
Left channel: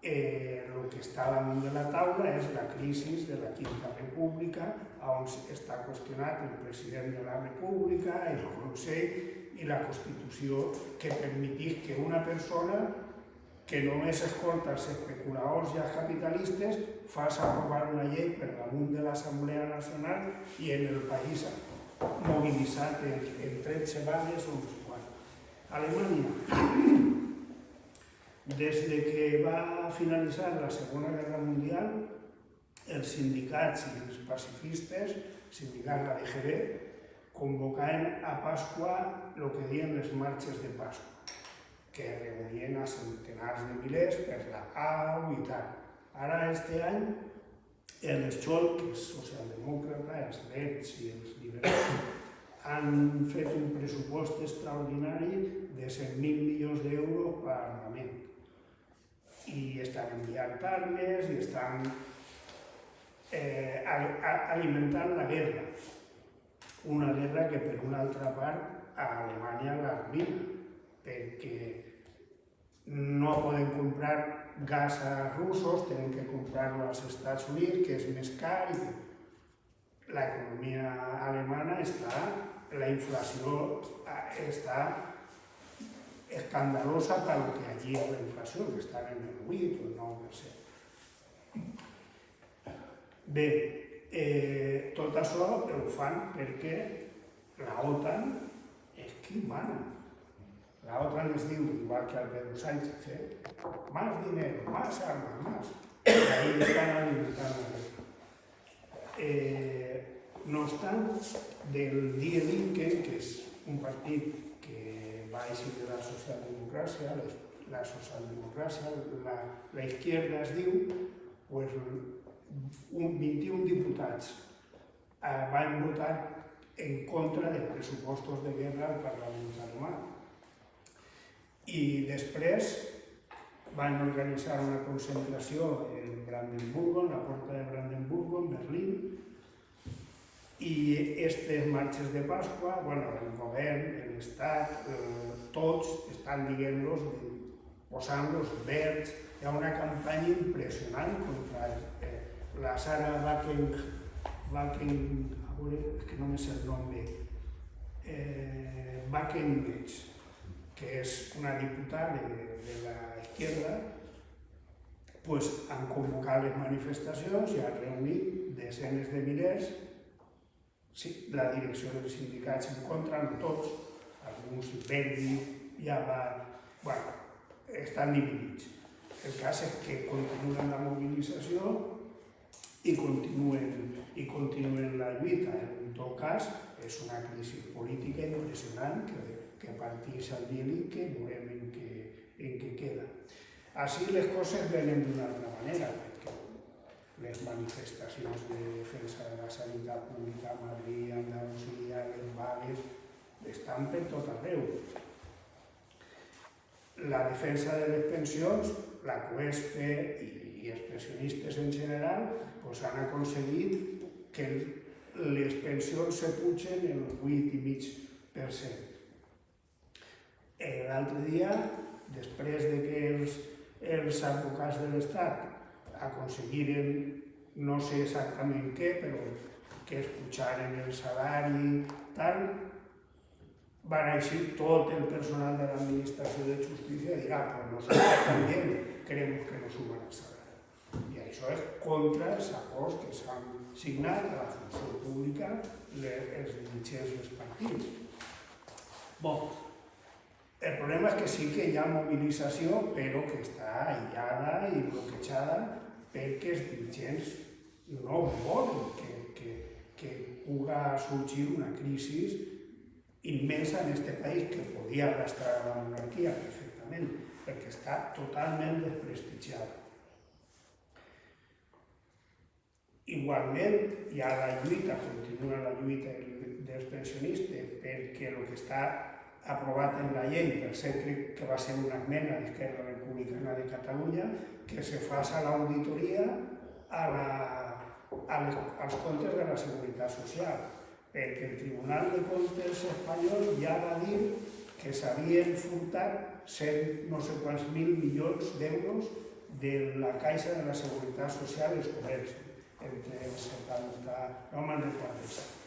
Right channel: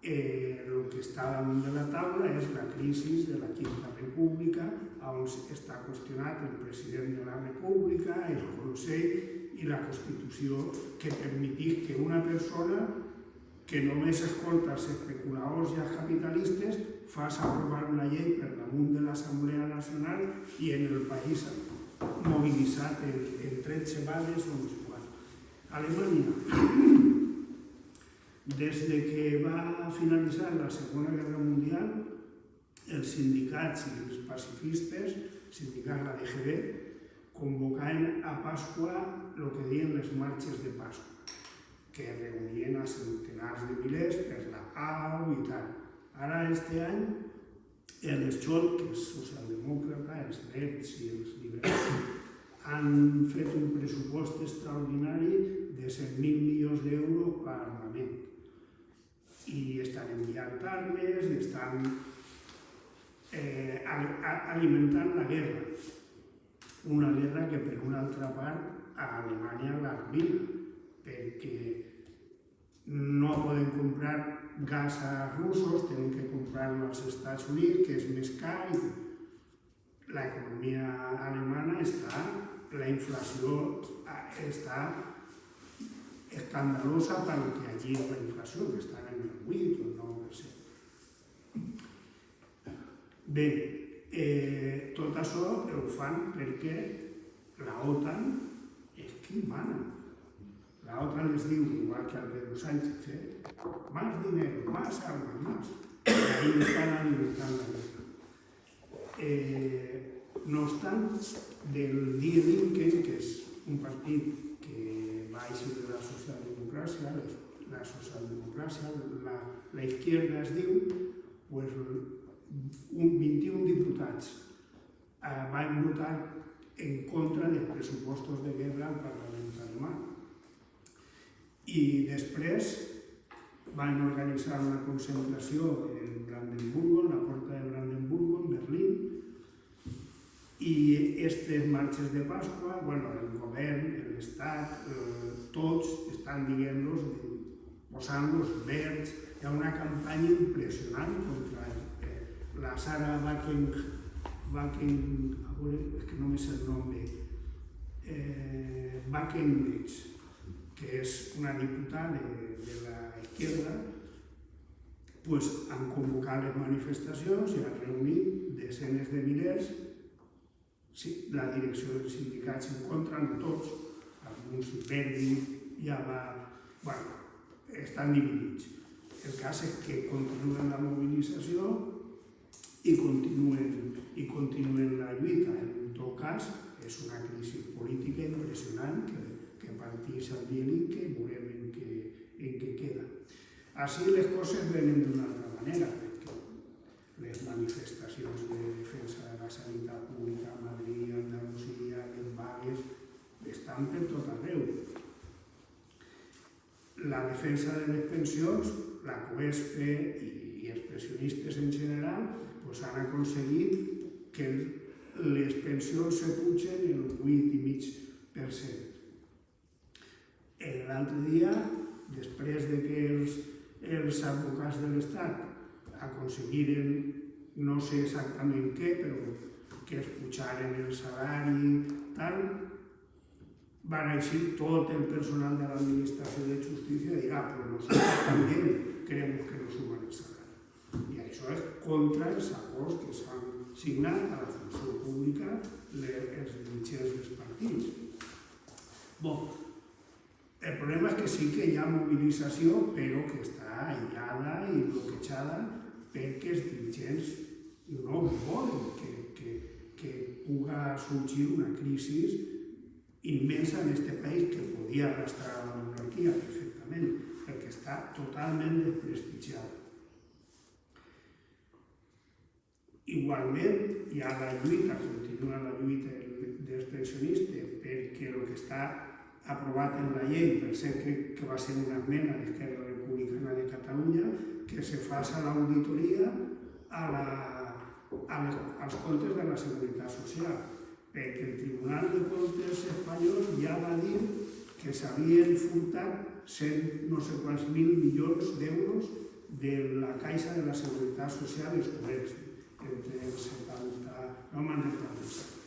el que està damunt de la taula és la crisi de la Quinta República, on està qüestionat el president de la República, el Consell i la Constitució, que permetís que una persona que només escolta els especuladors i els capitalistes faci aprovar una llei per damunt de l'Assemblea Nacional i en el país mobilitzat en 13 vagues o no sé quant. Alemanya, des que va finalitzar la Segona Guerra Mundial, els sindicats i els pacifistes, sindicats de la DGB, convocaven a Pasqua el que diuen les marxes de Pasqua, que reunien a centenars de milers per la pau i tal. Ara, este any, els Scholz, que és socialdemòcrata, els Verds i els liberals, han fet un pressupost extraordinari de 100.000 milions d'euros per armament. I estan enviant armes i estan alimentant la guerra. Una guerra que, per una altra part, a Alemanya l'arruïna, perquè no poden comprar gas a russos, tenen que comprar-lo als Estats Units, que és més car. L'economia alemana està, la inflació està escandalosa pel que allí és la inflació, que està en el 8 o el 9%. Bé, tot això ho fan perquè la OTAN és qui mana. La OTAN es diu, igual que el Pedro Sánchez, más dinero, más armas, más. I ahí estan alimentant la guerra. No obstant, del Die Linke, que és un partit que va eixir de la socialdemocràcia, la izquierda es diu, pues, 21 diputats van votar en contra dels pressupostos de guerra al Parlament alemà. I després van organitzar una concentració en Brandenburgo, en la porta de Brandenburgo, en Berlín, i aquestes marxes de Pasqua, el govern, l'Estat, tots estan dient-los, posant-los verds. Hi ha una campanya impressionant contra la Sarah que no me sé el nom, Wagenknecht, que és una diputada de la izquierda, han convocat les manifestacions i han reunit desenes de milers. La direcció dels sindicats en contra, no tots, alguns ja va... estan dividits. El cas és que continuen la mobilització i continuen la lluita. En tot cas, és una crisi política impressionant que partís al dia que veurem en què queda. Així les coses venen d'una altra manera, perquè les manifestacions de defensa de la sanitat pública a Madrid, a Andalusia, les vagues, estan per tot arreu. La defensa de les pensions, la CUESP i els pensionistes en general han aconseguit que les pensions se pugen el 8,5%. L'altre dia, després de que els advocats de l'Estat aconseguiren, no sé exactament què, però que es pujaren el salari, tal, van eixir tot el personal de l'Administració de Justícia i dir, pues nosotros también queremos que nos suban el salari. I això és contra els acords que s'han signat a la funció pública els dirigents dels partits. El problema és que sí que hi ha mobilització, però que està aïllada i bloquejada perquè els dirigents no volen que pugui sorgir una crisi immensa en aquest país que podia arrastrar la monarquia perfectament, perquè està totalment desprestigiada. Igualment, hi ha la lluita, continua la lluita dels pensionistes perquè el que està aprovat en la llei, per cert que va ser una esmena d'Esquerra Republicana de Catalunya, que se faci l'auditoria als comptes de la Seguretat Social, perquè el Tribunal de Comptes espanyol ja va dir que s'havien furtat no sé quants mil milions d'euros de la Caixa de la Seguretat Social i els comerços, entre els 70, no me'n recordo exacte.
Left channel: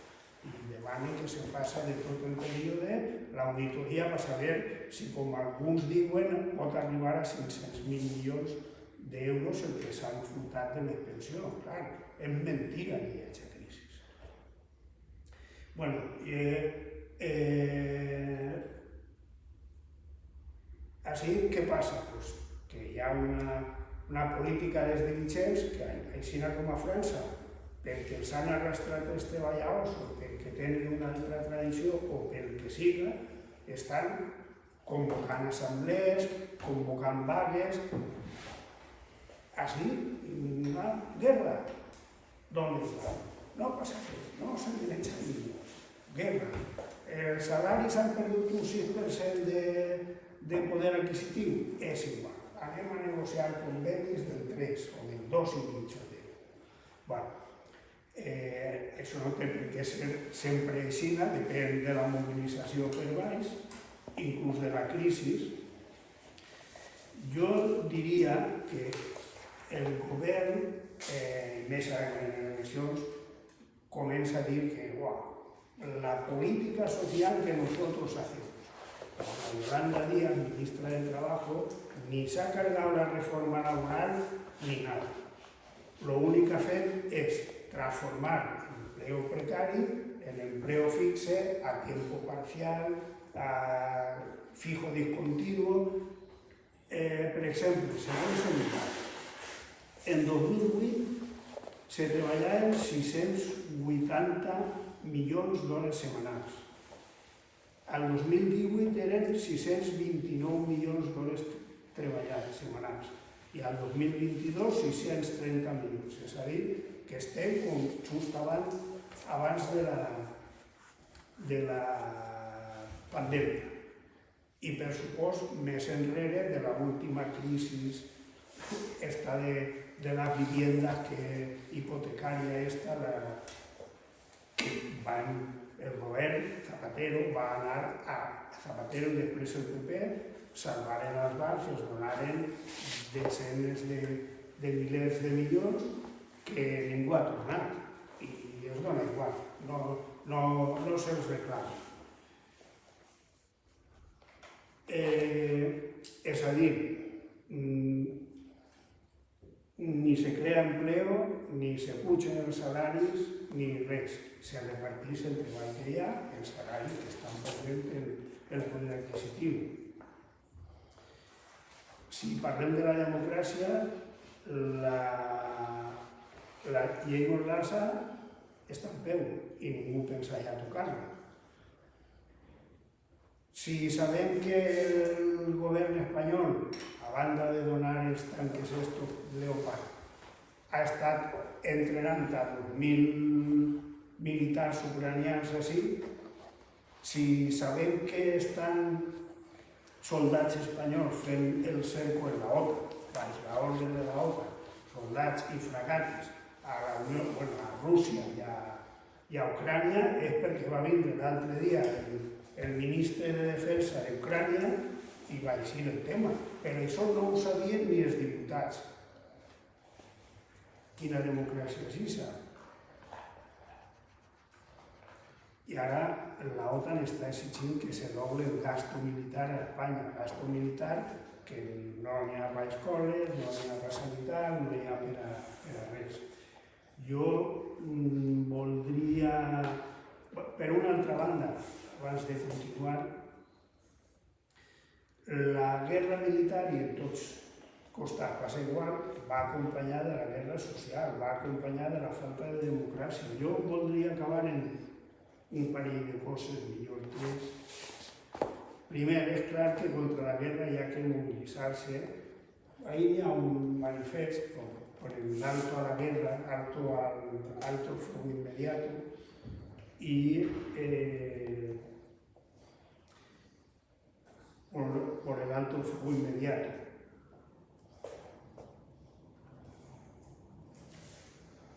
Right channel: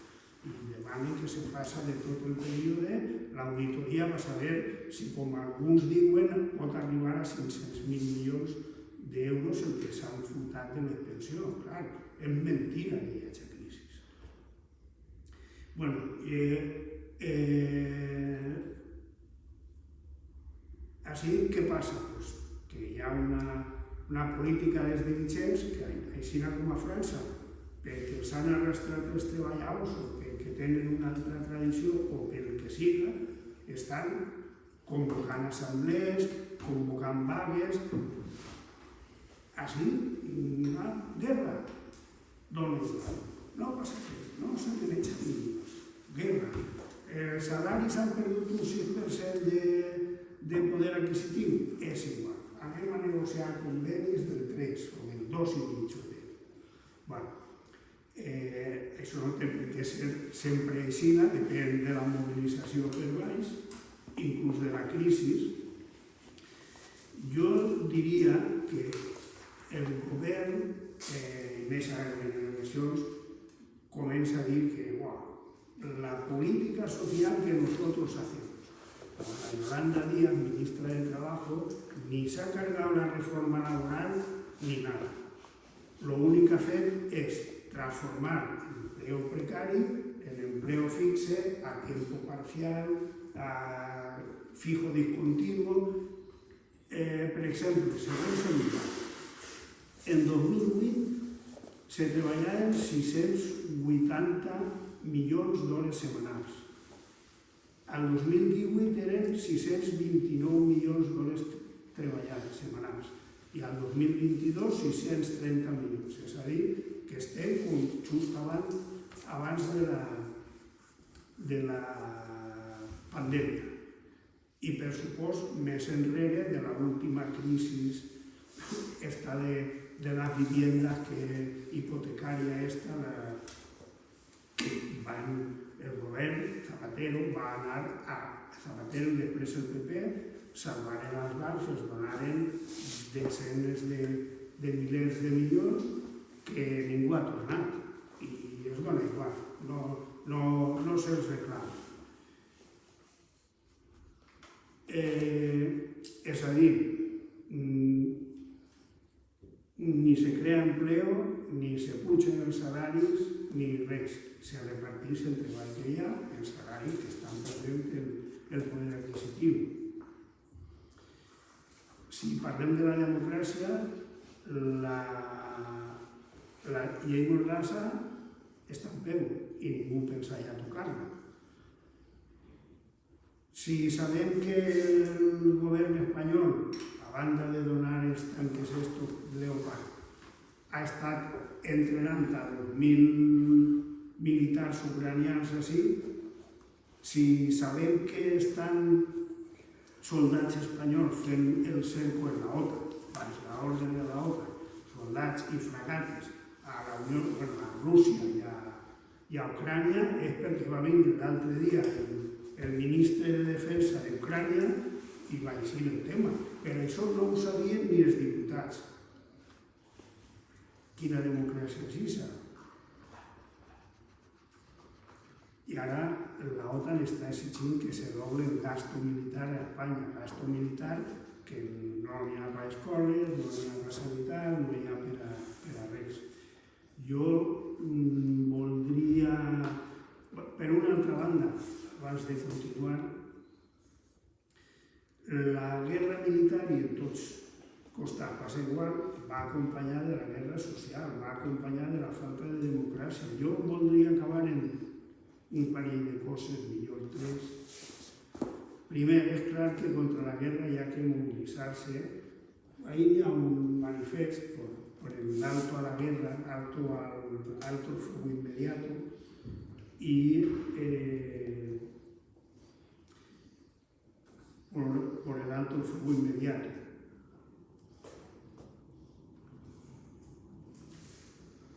I demanen que se faci de tot el període, l'auditoria va saber si, com alguns diuen, pot arribar a 500.000 milions d'euros el que s'han furtat de les pensions. Clar, és mentida que hi hagi crisi. Bueno, així, què passa? Pues que hi ha una política dels dirigents que, així com a França, perquè els han arrastrat els treballadors o perquè tenen una altra tradició o pel que siga, estan convocant assemblees, convocant vagues. Així, una guerra. D'on és la? No passa res, no s'han de menjar ningú. Guerra. Els salaris han perdut un 6% de poder adquisitiu? És igual. Anem a negociar convenis del 3 o del 2,5%. Bueno, això no té per què ser sempre així, depèn de la mobilització per baix, inclús de la crisi. Jo diria que el govern, més en eleccions, comença a dir que la política social que nosotros hacemos. Yolanda Díaz, ministra del Trabajo, ni se ha cargado la reforma laboral ni nada. Lo único que ha fet és transformar l'empleo precari en empleo fixe, a tiempo parcial, a fijo discontinuo. Per exemple, segons Sanitat, en 2008 se treballaven 680 milions d'hores setmanals. Al 2018 eren 629 milions d'hores treballades setmanals i al 2022 630 milions. És a dir, que estem com just abans de la pandèmia i, per supost, més enrere de l'última crisi esta de las viviendas hipotecària esta, el govern Zapatero va anar a Zapatero i després el PP, salvaren els bancs i els donaren desenes de milers de milions que ningú ha tornat i es dona igual, no se'ls reclama. És a dir, ni se crea empleo, ni se pugen els salaris, ni res. Se reparteix entre el que hi ha els salaris que estan perdent el poder adquisitiu. Si parlem de la democràcia, la llei Mordassa està en peu i ningú pensa ja tocar-la. Si sabem que el govern espanyol, banda de donar els tanques estos Leopard, ha estat entrenant a 2.000 militars ucranians així, si sabem que estan soldats espanyols fent el cerco en la OTAN, baix l'ordre de la OTAN, soldats i fragates a la Unió, bueno, a Rússia i a Ucrània, és perquè va vindre l'altre dia el ministre de Defensa d'Ucrània i va dir el tema. Però això no ho sabien ni els diputats. Quina democràcia és això? I ara l'OTAN està exigint que se doble el gasto militar a Espanya, gasto militar que no n'hi ha per a escoles, no n'hi ha per a sanitat, no n'hi ha per a res. Jo voldria, per una altra banda, abans de continuar, la guerra militar, i en tots costats va ser igual, va acompanyar de la guerra social, va acompanyar de la falta de democràcia. Jo voldria acabar en un parell de coses, millor 3. Primer, és clar que contra la guerra hi ha que mobilitzar-se. Ahí hi ha un manifest por el alto a la guerra, alto al fuego inmediato, y por el alto fuego inmediato.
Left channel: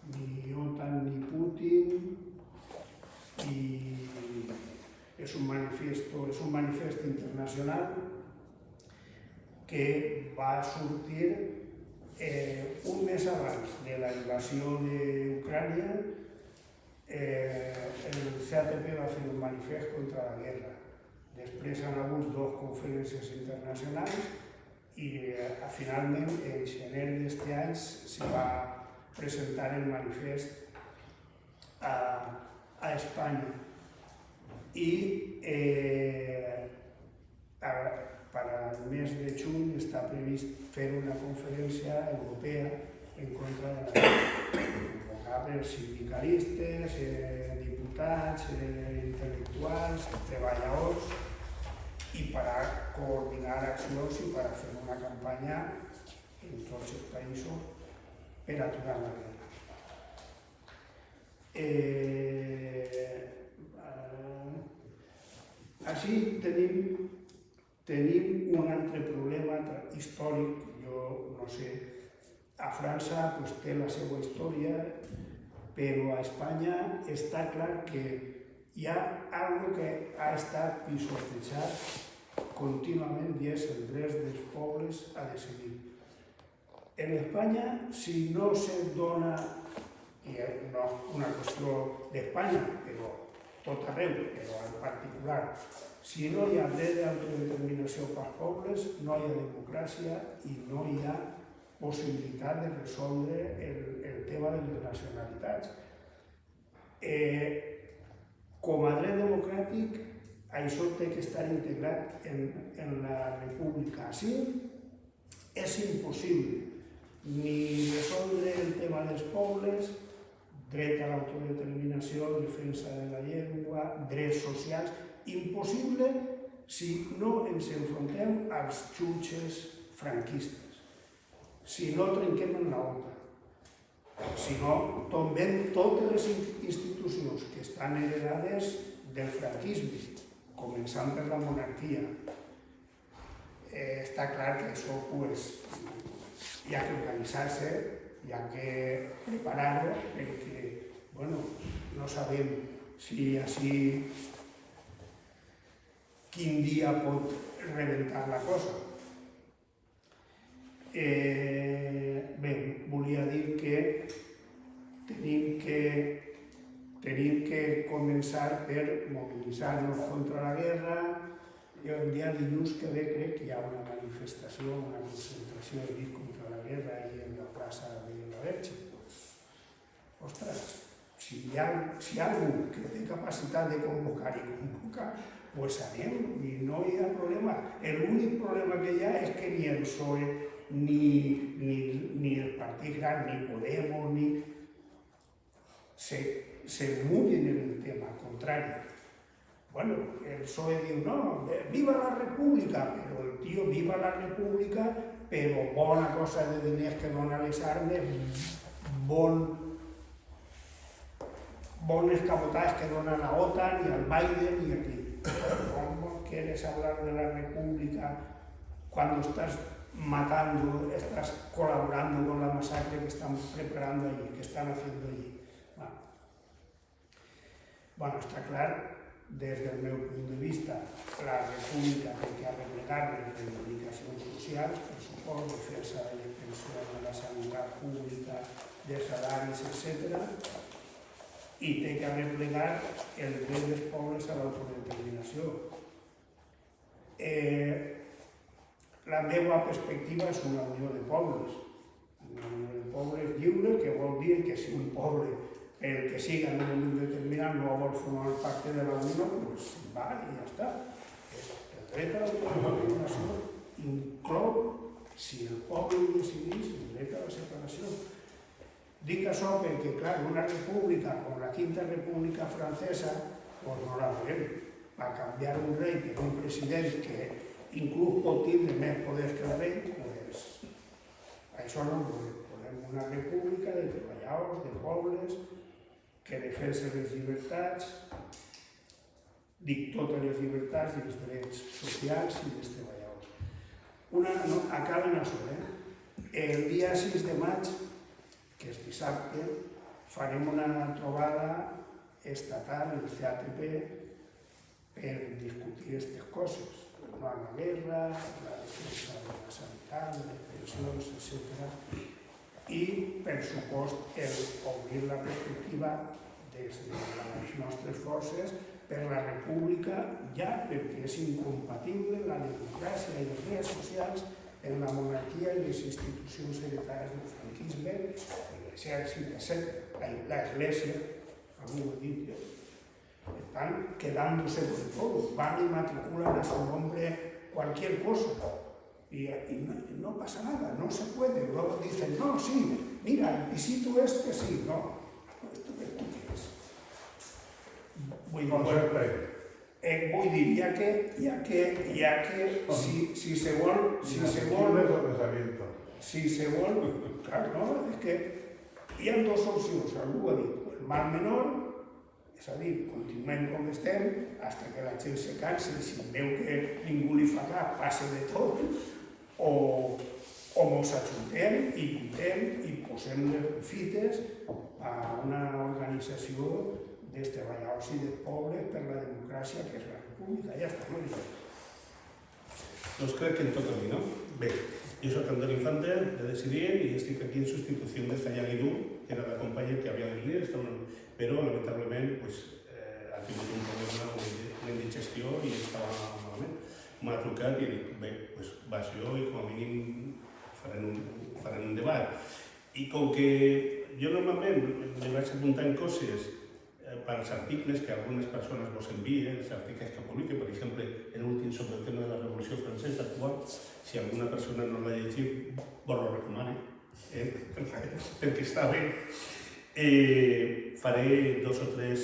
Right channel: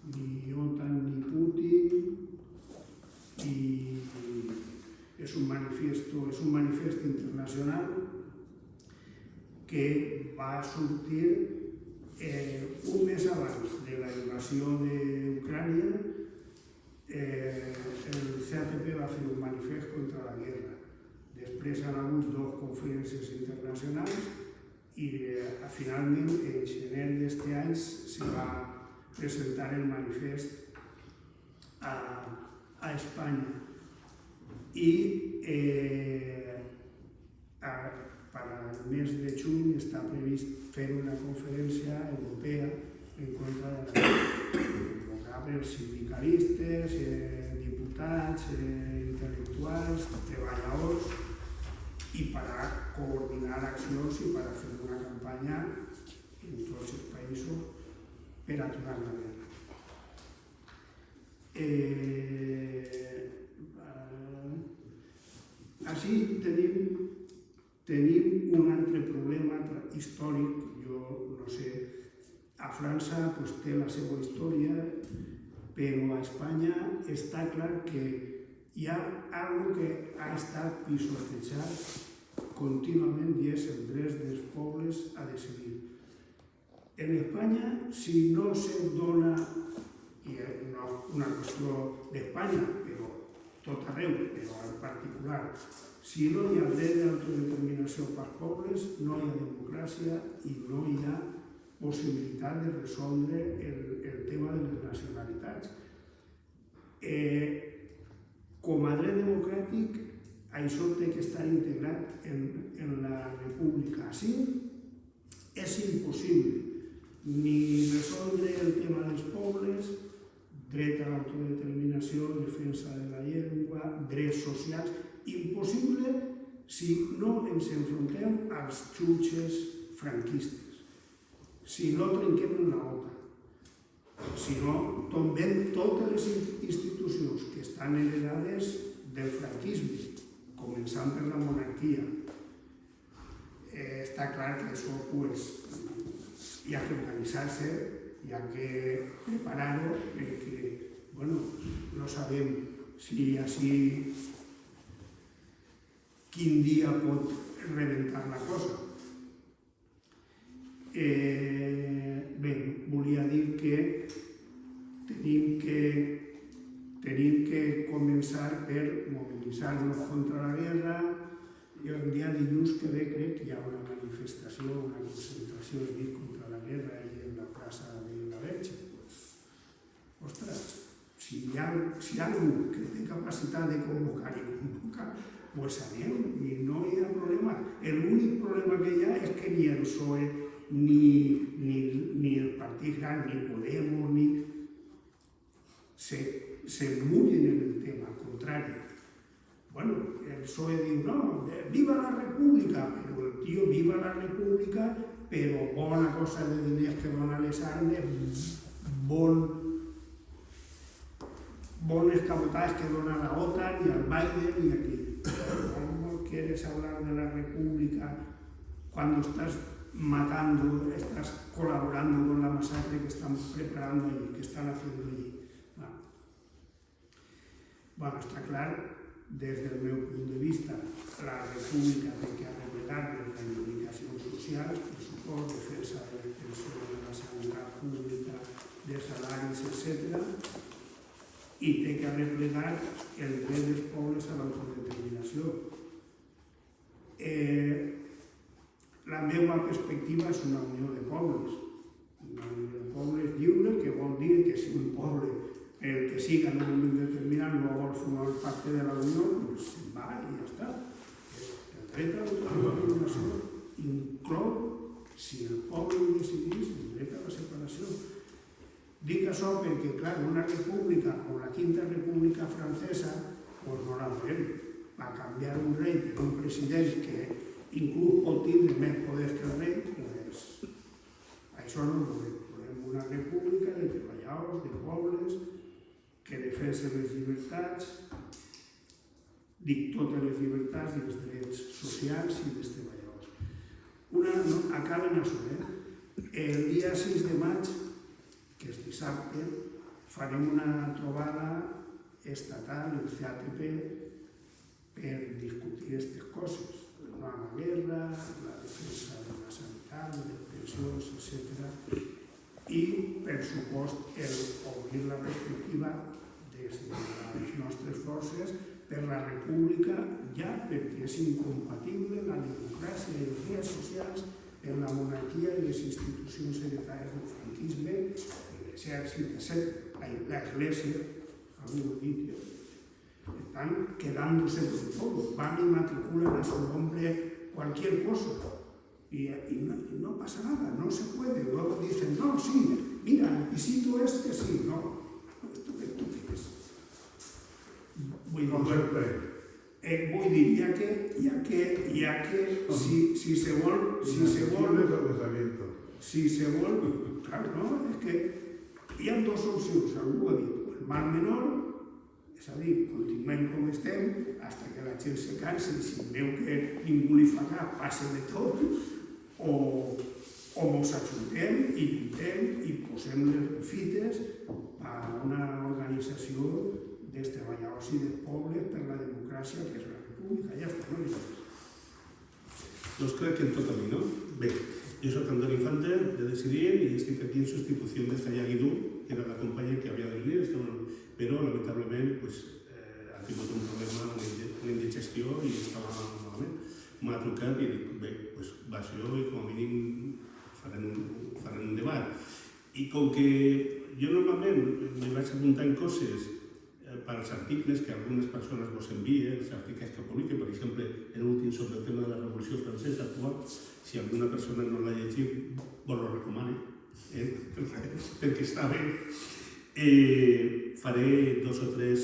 Ni OTAN ni Putin, y es un manifiesto internacional que va a sortir un mes abans de la invasió d'Ucrània. El CATP va fer un manifest contra la guerra. Després han hagut 2 conferències internacionals i finalment en gener d'aquest any se va presentar el manifest a Espanya. I para el mes de juny està previst fer una conferència europea en contra de la guerra, convocada per sindicalistes, diputats, intel·lectuals, treballadors, i per a coordinar accions i per a fer una campanya en tots els països per aturar la guerra. Així tenim un altre problema històric. Jo no sé, a França té la seva història, però a Espanya està clar que hi ha alguna que ha estat pisotejat contínuament i és el dret dels pobles a decidir. En Espanya, si no se dona, i no és una qüestió d'Espanya, però tot arreu, però en particular, si no hi ha dret d'autodeterminació pels pobles, no hi ha democràcia i no hi ha possibilitat de resoldre el tema de les nacionalitats. Com a dret democràtic, això té que estar integrat en la república. Així és impossible ni resoldre el tema dels pobles, dret a l'autodeterminació, defensa de la llengua, drets socials, impossible si no ens enfrontem als jutges franquistes, si no trenquem en l'OTAN, si no tombem totes les institucions que estan heredades del franquisme, començant per la monarquia. Està clar que això hi ha que organitzar-se, hi ha que preparar-ho, perquè no sabem si així quin dia pot rebentar la cosa. Bé, volia dir que tenim que començar per mobilitzar-nos contra la guerra. Jo el dia dilluns que ve crec que hi ha una manifestació, una concentració contra la guerra i en la plaça de la Verge. Ostres, si hi ha algú que té capacitat de convocar i convocar, doncs anem, i no hi ha problema. L'únic problema que hi ha és que ni el PSOE, ni el Partit Gran, ni Podemos, se mullen en el tema, al contrari. El PSOE diu, no, viva la república, però el tio viva la república però bona cosa de diners que donen les armes, bones escamotades que donan a OTAN y al Biden y aquí. ¿Cómo quieres hablar de la República cuando estás matando, estás colaborando con la masacre que están preparando allí, que están haciendo allí? Bueno, está claro, desde el meu punto de vista, la República té que arreglar les reivindicacions socials, pressupost, defensa de les pensions, de la sanitat pública, de salaris, etc. I té que arreglar el dret dels pobles a l'autodeterminació. La meva perspectiva és una unió de pobles. Una unió de pobles lliure, que vol dir que si un poble, el que siga en un moment determinat, no vol formar part de la Unió, doncs va i ja està. El dret a l'autodeterminació inclou, si el poble ho decidís, el dret a la separació. Dic això perquè, clar, una república com la Quinta República Francesa, doncs no la volem. Va canviar un rei per un president que inclús pot tindre més poder que el rei, doncs això no ho volem. Volem una república de treballadors, de pobles, que defensa les llibertats, dic totes les llibertats i els drets socials i dels treballadors. Acaben això, El dia 6 de maig, que és dissabte, farem una trobada estatal, el CATP, per discutir aquestes coses. No a la guerra, la defensa de la sanitat, les pensions, etc. I, per supost, obrir la perspectiva des de les nostres forces per la república, ja perquè és incompatible la democràcia i els drets socials en la monarquia i les institucions hereditàries del franquisme, l'exèrcit, etc. L'església, algú ho ha dit, están quedándose con todo, van y matriculan a su nombre cualquier cosa. Y no pasa nada, no se puede. Luego dicen, no, sí, mira, el pisito este sí, no. ¿Esto qué es? Vull dir, ja que si se vol, claro, no, és que hi ha dues opcions, algú ha dit, el mal menor, és a dir, continuem com estem, fins que la gent se cansi, si veu que ningú li fa cap, passa de tot, o ens ajuntem i puntem i posem les fites a una organització dels treballadors i dels pobles per la democràcia, que és la república. Ja està, molt bé. Doncs crec que em toca a mi, no? Bé, jo soc Antoni Infante, de Decidir, i estic aquí en substitució de Zaya Guidú, que era la companya que havia de venir, però lamentablement ha tingut un problema, una indigestió i estava malament. M'ha trucat i dic, bé, vas jo i com a mínim farem un debat. I com que jo normalment me vaig apuntant coses per als articles que algunes persones vos envien, els articles que publiquen, per exemple, l'últim sobre el tema de la Revolució Francesa actual, si alguna persona no l'ha llegit, vos lo recomano, perquè està bé. Faré 2 o 3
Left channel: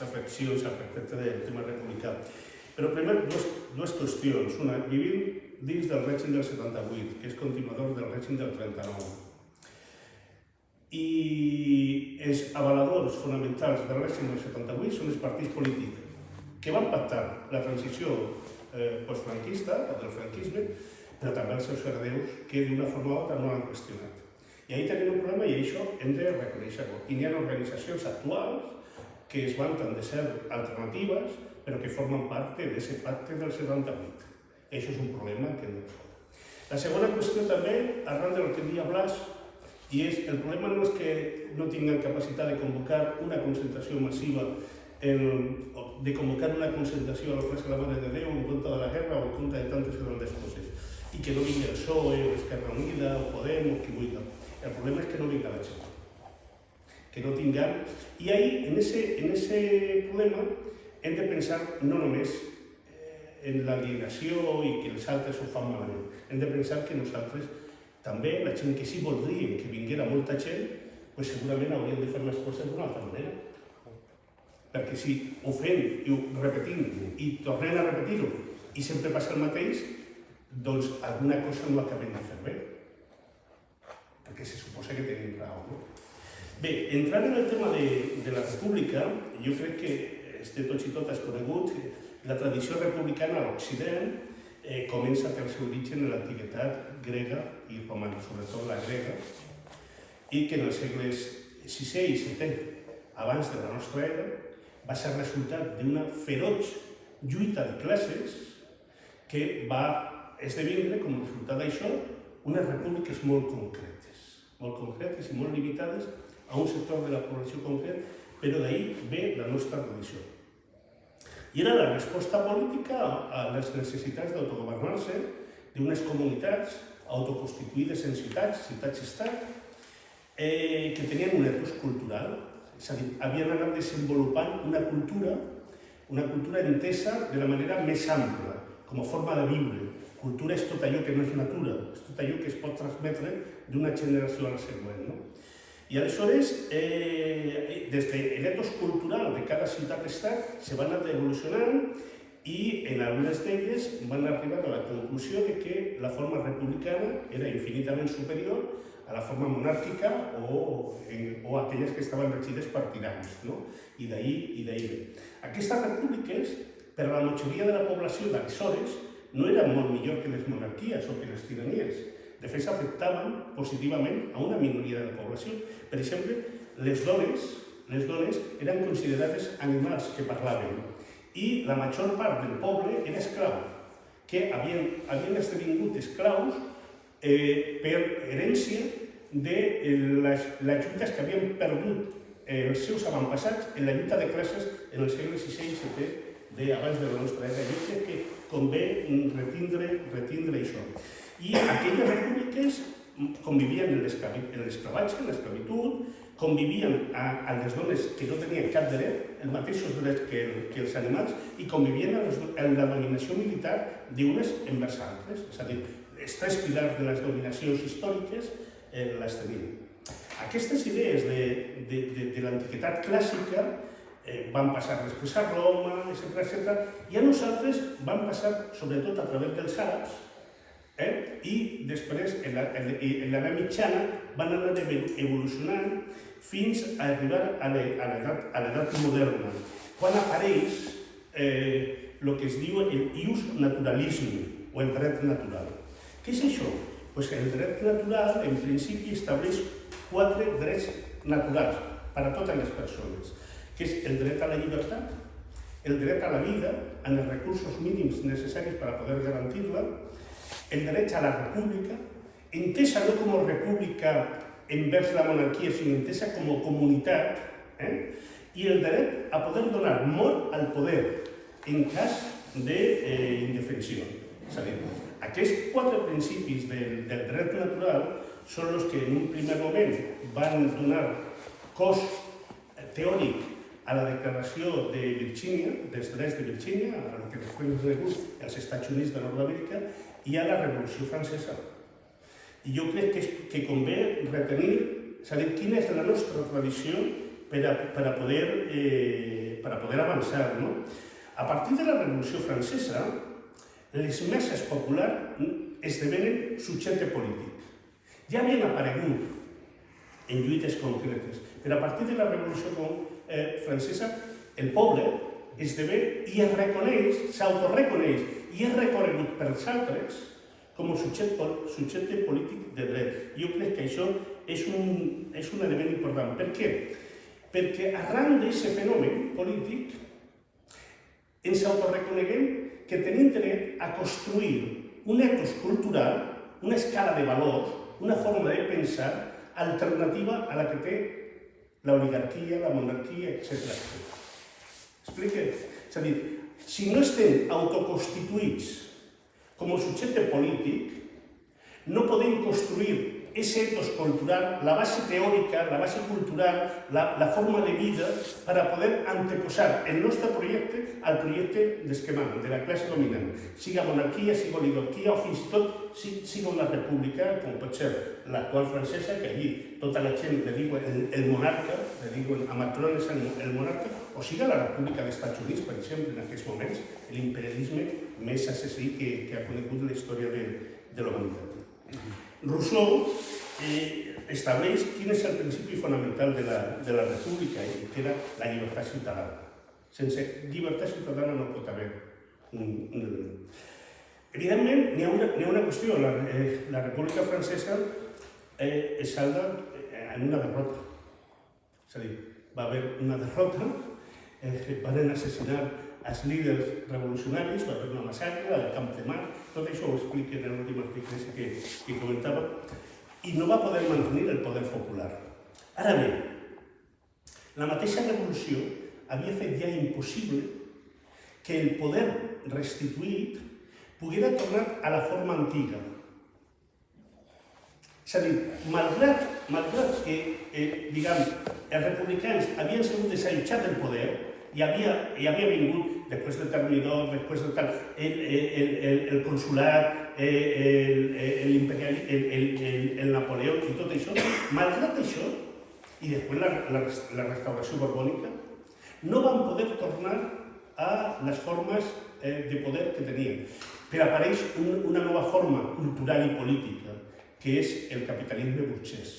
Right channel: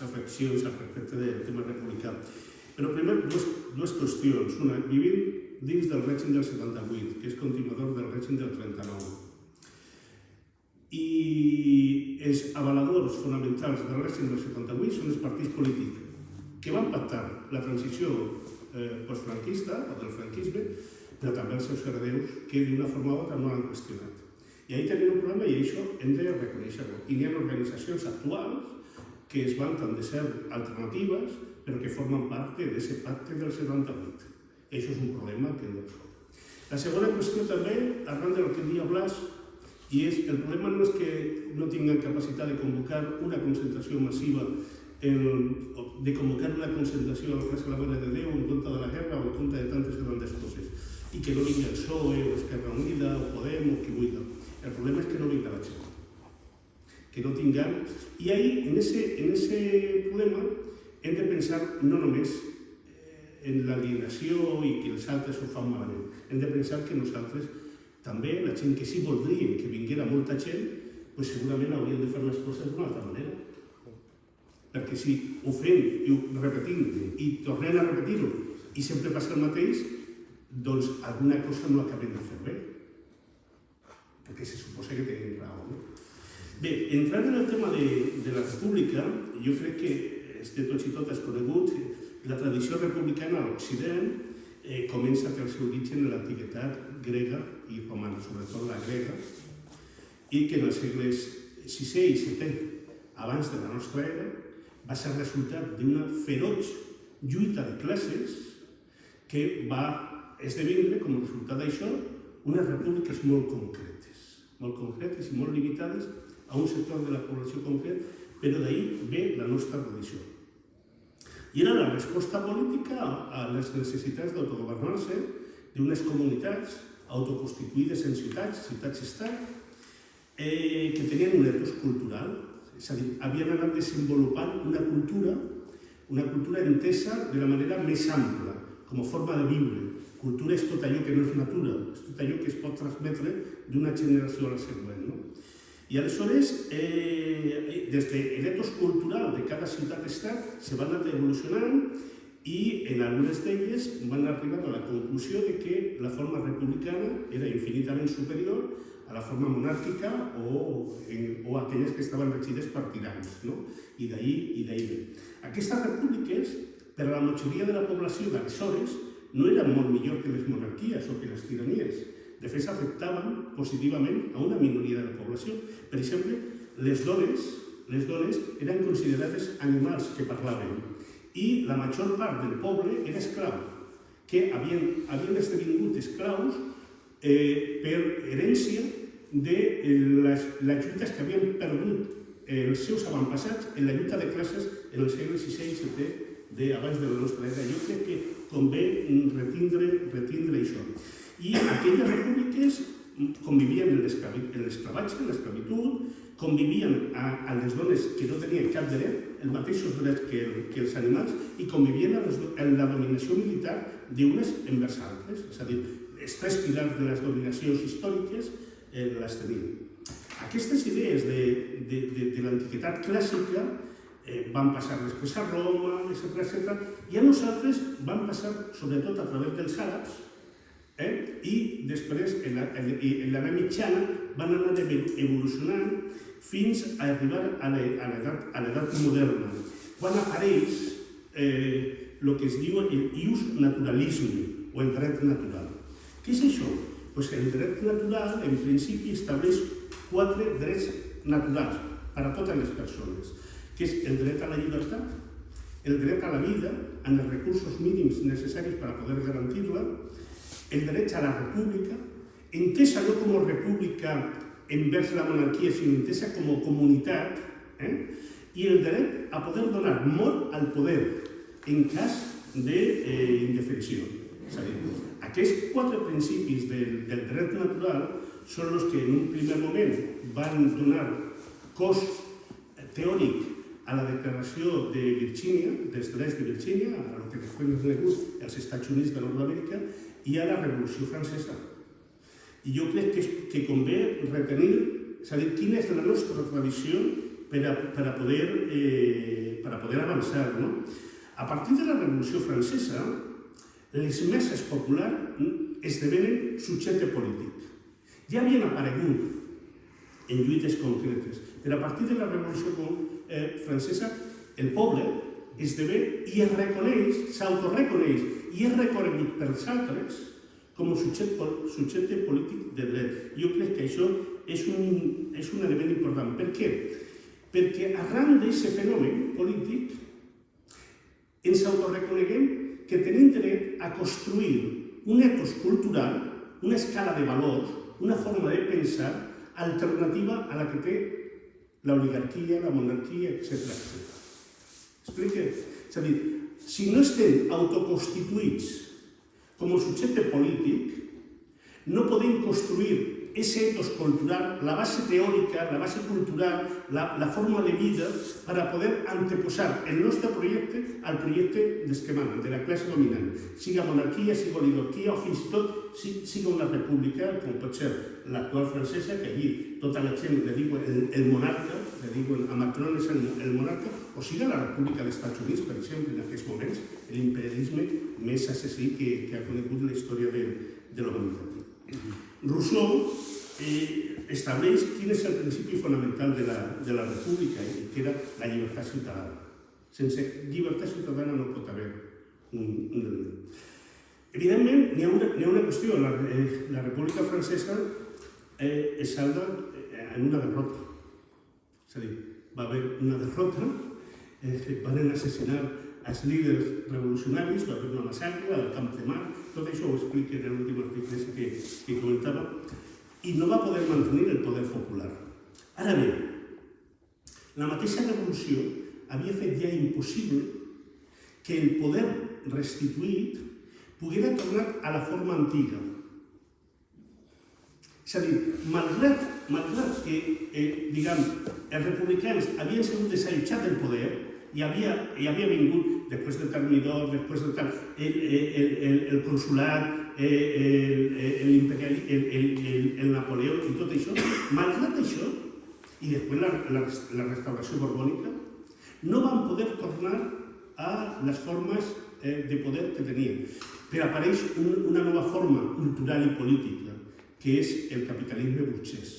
reflexions al respecte del tema republicà. Però primer, dues qüestions. Una, vivim dins del règim del 78, que és continuador del règim del 39. I els avaladors fonamentals del règim del 78 són els partits polítics que van pactar la transició postfranquista, o del franquisme, però també els seus herdeus que d'una forma o altra no l'han qüestionat. I ahí tenim un problema i això hem de reconèixer-ho. I hi ha organitzacions actuals que es vanten de ser alternatives però que formen part d'aquest pacte del 78. Això és un problema que no és. La segona qüestió també, arran del que deia Blas, i és, el problema no és que no tinguin capacitat de convocar una concentració massiva, de convocar una concentració a la plaça de la Mare de Déu en contra de la guerra o en contra de tantes coses, i que no vingui el PSOE o Esquerra Unida o Podem o qui vulgui. El problema és que no vinga la gent, que no tinguem... I ahí, en ese problema, hem de pensar no només en l'alienació i que els altres ho fan malament. Hem de pensar que nosaltres també, la gent que sí voldríem que vinguera molta gent, segurament hauríem de fer les coses d'una altra manera. Perquè si ho fem i ho repetim i tornem a repetir-ho i sempre passa el mateix, doncs alguna cosa no acabem de fer bé, perquè se suposa que tenim raó. No? Bé, entrant en el tema de la república, jo crec que de tots i totes conegut que la tradició republicana a l'Occident comença a té el seu origen en l'antiguitat grega i romana, sobretot la grega, i que en els segles VI i VII abans de la nostra era va ser resultat d'una feroç lluita de classes que va esdevenir com a resultat d'això unes repúbliques molt concretes i molt limitades a un sector de la població concret, però d'ahir ve la nostra tradició. I era la resposta política a les necessitats d'autogovernar-se d'unes comunitats autoconstituïdes en ciutats-estat, que tenien un etos cultural, és a dir, havien anat desenvolupant una cultura entesa de la manera més ampla, com a forma de viure. Cultura és tot allò que no és natura, és tot allò que es pot transmetre d'una generació a la següent. No? I aleshores, des de l'etos cultural de cada ciutat-estat se van anar evolucionant i en algunes d'elles van arribar a la conclusió de que la forma republicana era infinitament superior a la forma monàrquica o aquelles que estaven regides per tirans. No? I d'ahir ve. Aquestes repúbliques, per a la majoria de la població d'aleshores, no eren molt millor que les monarquies o que les tiranies. De fet, s'afectaven positivament a una minoria de la població. Per exemple, les dones eren considerades animals que parlaven i la major part del poble era esclau, que havien esdevingut esclaus per herència de les lluites que havien perdut els seus avantpassats en la lluita de classes en els segles VI i VII abans de la nostra era. Jo crec que convé retindre això. I aquelles repúbliques convivien en l'esclavatge, en l'esclavitud, convivien a les dones que no tenien cap dret, els mateixos drets que els animals, i convivien en la dominació militar d'unes envers altres. És a dir, els tres pilars de les dominacions històriques les tenien. Aquestes idees de l'antiguitat clàssica van passar després a Roma, etc. I a nosaltres van passar sobretot a través dels àrabs, i després, en l'edat mitjana, van anar evolucionant fins a arribar a l'edat moderna, quan apareix el que es diu el ius naturalisme, o el dret natural. Què és això? El dret natural, en principi, estableix 4 drets naturals per a totes les persones, que és el dret a la llibertat, el dret a la vida, amb els recursos mínims necessaris per a poder garantir-la, el dret a la república, entesa no com a república envers la monarquia, sinó entesa com a comunitat, i el dret a poder donar mort al poder en cas d'indefensió. És a dir, aquests 4 principis del dret natural són els que en un primer moment van donar cos teòric a la declaració de Virgínia, dels drets de Virgínia, a el que després és conegut als Estats Units de Nord-Amèrica, i a la Revolució Francesa. I jo crec que convé retenir, saber quina és la nostra tradició per a poder avançar. A partir de la Revolució Francesa, les meses populars esdevenen subjecte polític. Ja havien aparegut en lluites concretes, però a partir de la Revolució Francesa, el poble esdevé i es reconeix, s'autoreconeix i és reconegut pels altres com a subjecte polític de dret. Jo crec que això és un element important. Per què? Perquè arran d'aquest fenomen polític ens autoreconeguem que tenim dret a construir un etos cultural, una escala de valors, una forma de pensar alternativa a la que té l'oligarquia, la monarquia, etc. Explique? És a dir, si no estem autoconstituïts com a subjecte polític, no podem construir aquest etos cultural, la base teòrica, la base cultural, la forma de vida, per a poder anteposar el nostre projecte al projecte dels que manen, de la classe dominant, siga monarquia, siga oligarquia o fins i tot siga una república, com pot ser l'actual francesa, que allí tota la gent le diu el monarca, diuen a Macron és el monarca, o sigui la República dels Estats Units, per exemple, en aquests moments, l'imperialisme més assassí que ha conegut la història de l'humanitat. Rousseau estableix quin és el principi fonamental de la República, que era la llibertat ciutadana. Sense llibertat ciutadana no pot haver Evidentment, n'hi ha una qüestió. La República Francesa es salda en una derrota. És a dir, va haver una derrota, van assassinar els líders revolucionaris, va haver una massacre al Camp de Mars, tot això ho explica en l'últim article que comentava, i no va poder mantenir el poder popular. Ara bé, la mateixa revolució havia fet ja impossible que el poder restituït poguera tornar a la forma antiga. És a dir, malgrat que, els republicans havien sigut desallotjats del poder i havia vingut, després del Termidor, després del tal, el consulat, el Napoleó i tot això, malgrat això, i després la restauració borbònica, no van poder tornar a les formes de poder que tenien. Però apareix una nova forma cultural i política, que és el capitalisme burgès.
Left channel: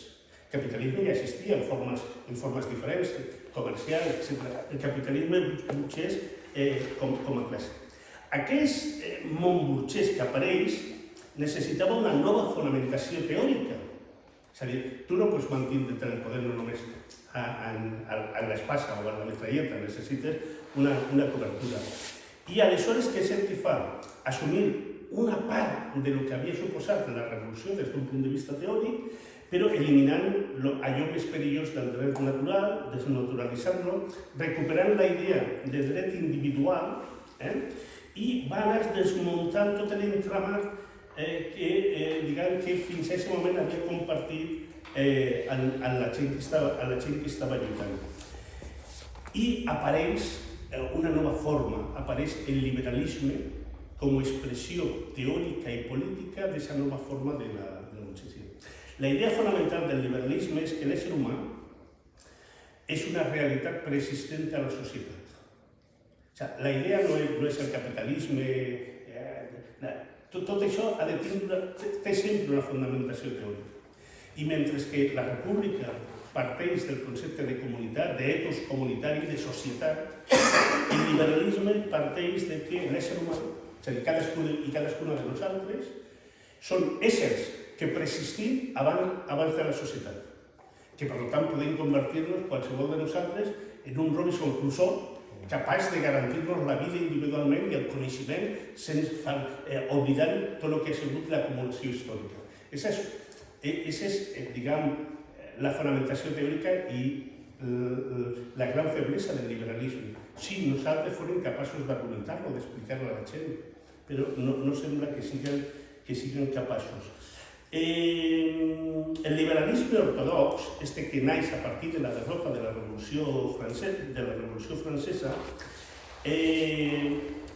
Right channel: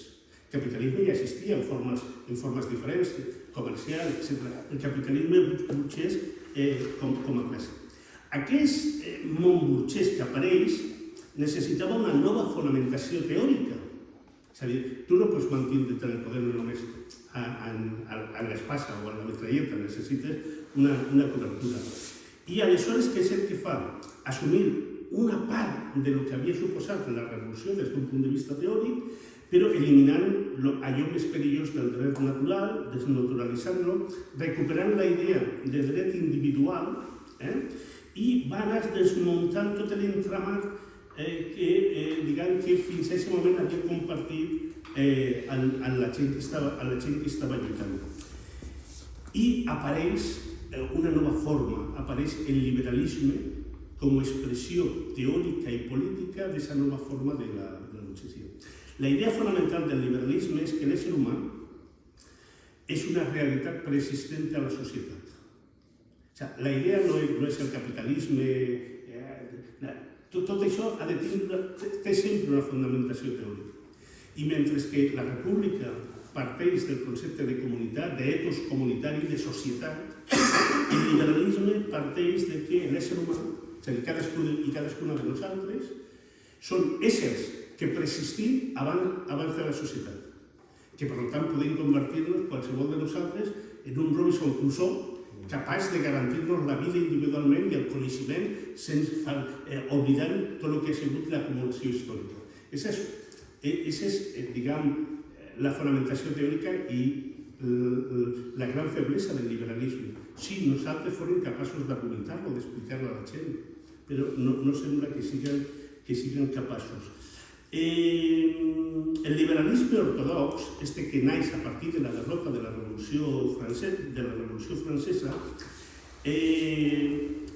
El capitalisme ja existia en formes diferents, comercials, etc. El capitalisme burgès com a classe. Aquest món burgès que apareix necessitava una nova fonamentació teòrica. És a dir, tu no pots mantenir el poder només a l'espasa o a la metralleta, necessites una cobertura. I aleshores, què és el que fa? Assumir una part del que havia suposat la revolució des d'un punt de vista teòric, però eliminant allò més perillós del dret natural, desnaturalitzant-lo, recuperant la idea de dret individual i van anar desmuntant tot l'entramat que fins a aquest moment havia compartit a la gent que estava lluitant. I apareix una nova forma, apareix el liberalisme com a expressió teòrica i política d'aquesta nova forma de la burgesia. La idea fonamental del liberalisme és que l'ésser humà és una realitat preexistent a la societat. La idea no és el capitalisme, tot això té sempre una fundamentació teòrica. I mentre que la república parteix del concepte de comunitat, d'etos comunitari, de societat, el liberalisme parteix de que l'ésser humà, és a dir, cadascuna de nosaltres, són éssers que preexistim abans de la societat, que per tant podem convertir-nos, qualsevol de nosaltres, en un Robinson Crusoe capaç de garantir-nos la vida individualment i el coneixement sense oblidar tot el que ha sigut l'acumulació històrica. Aquesta és, la fonamentació teòrica i la gran feblesa del liberalisme. Sí, nosaltres fórem capaços d'argumentar-lo, d'explicar-lo a la gent, però no sembla que siguin capaços. El liberalisme ortodox, que naix a partir de la derrota de la Revolució Francesa,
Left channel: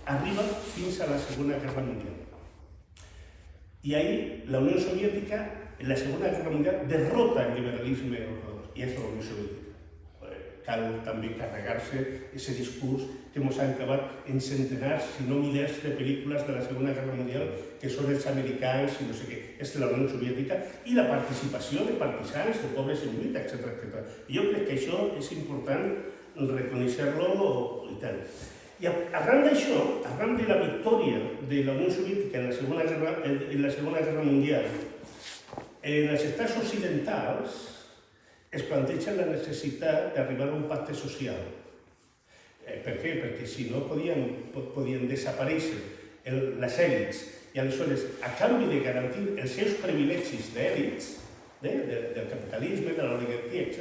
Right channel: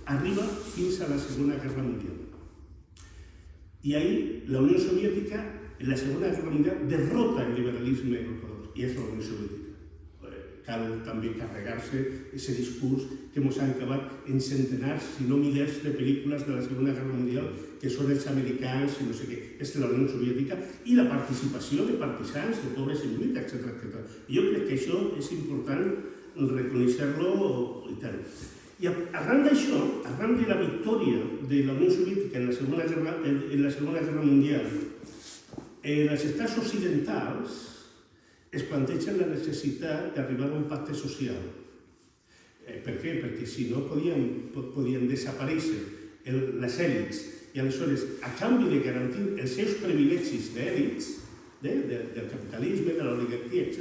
arriba fins a la Segona Guerra Mundial. I ahir la Unió Soviètica, en la Segona Guerra Mundial, derrota el liberalisme ortodox, i és la Unió Soviètica. Cal també carregar-se aquest discurs que ens ha acabat en centenars, si no milers, de pel·lícules de la Segona Guerra Mundial, que són els americans i no sé què, és la Unió Soviètica, i la participació de partisans, de pobres en lluita, etc. Jo crec que això és important reconèixer-lo i tal. I arran d'això, arran de la victòria de la Unió Soviètica en la Segona Guerra Mundial, els estats occidentals es plantegen la necessitat d'arribar a un pacte social. Per què? Perquè si no podien desaparèixer les èlits i aleshores, a canvi de garantir els seus privilegis d'èlits, del capitalisme, de l'oligarquia, etc.,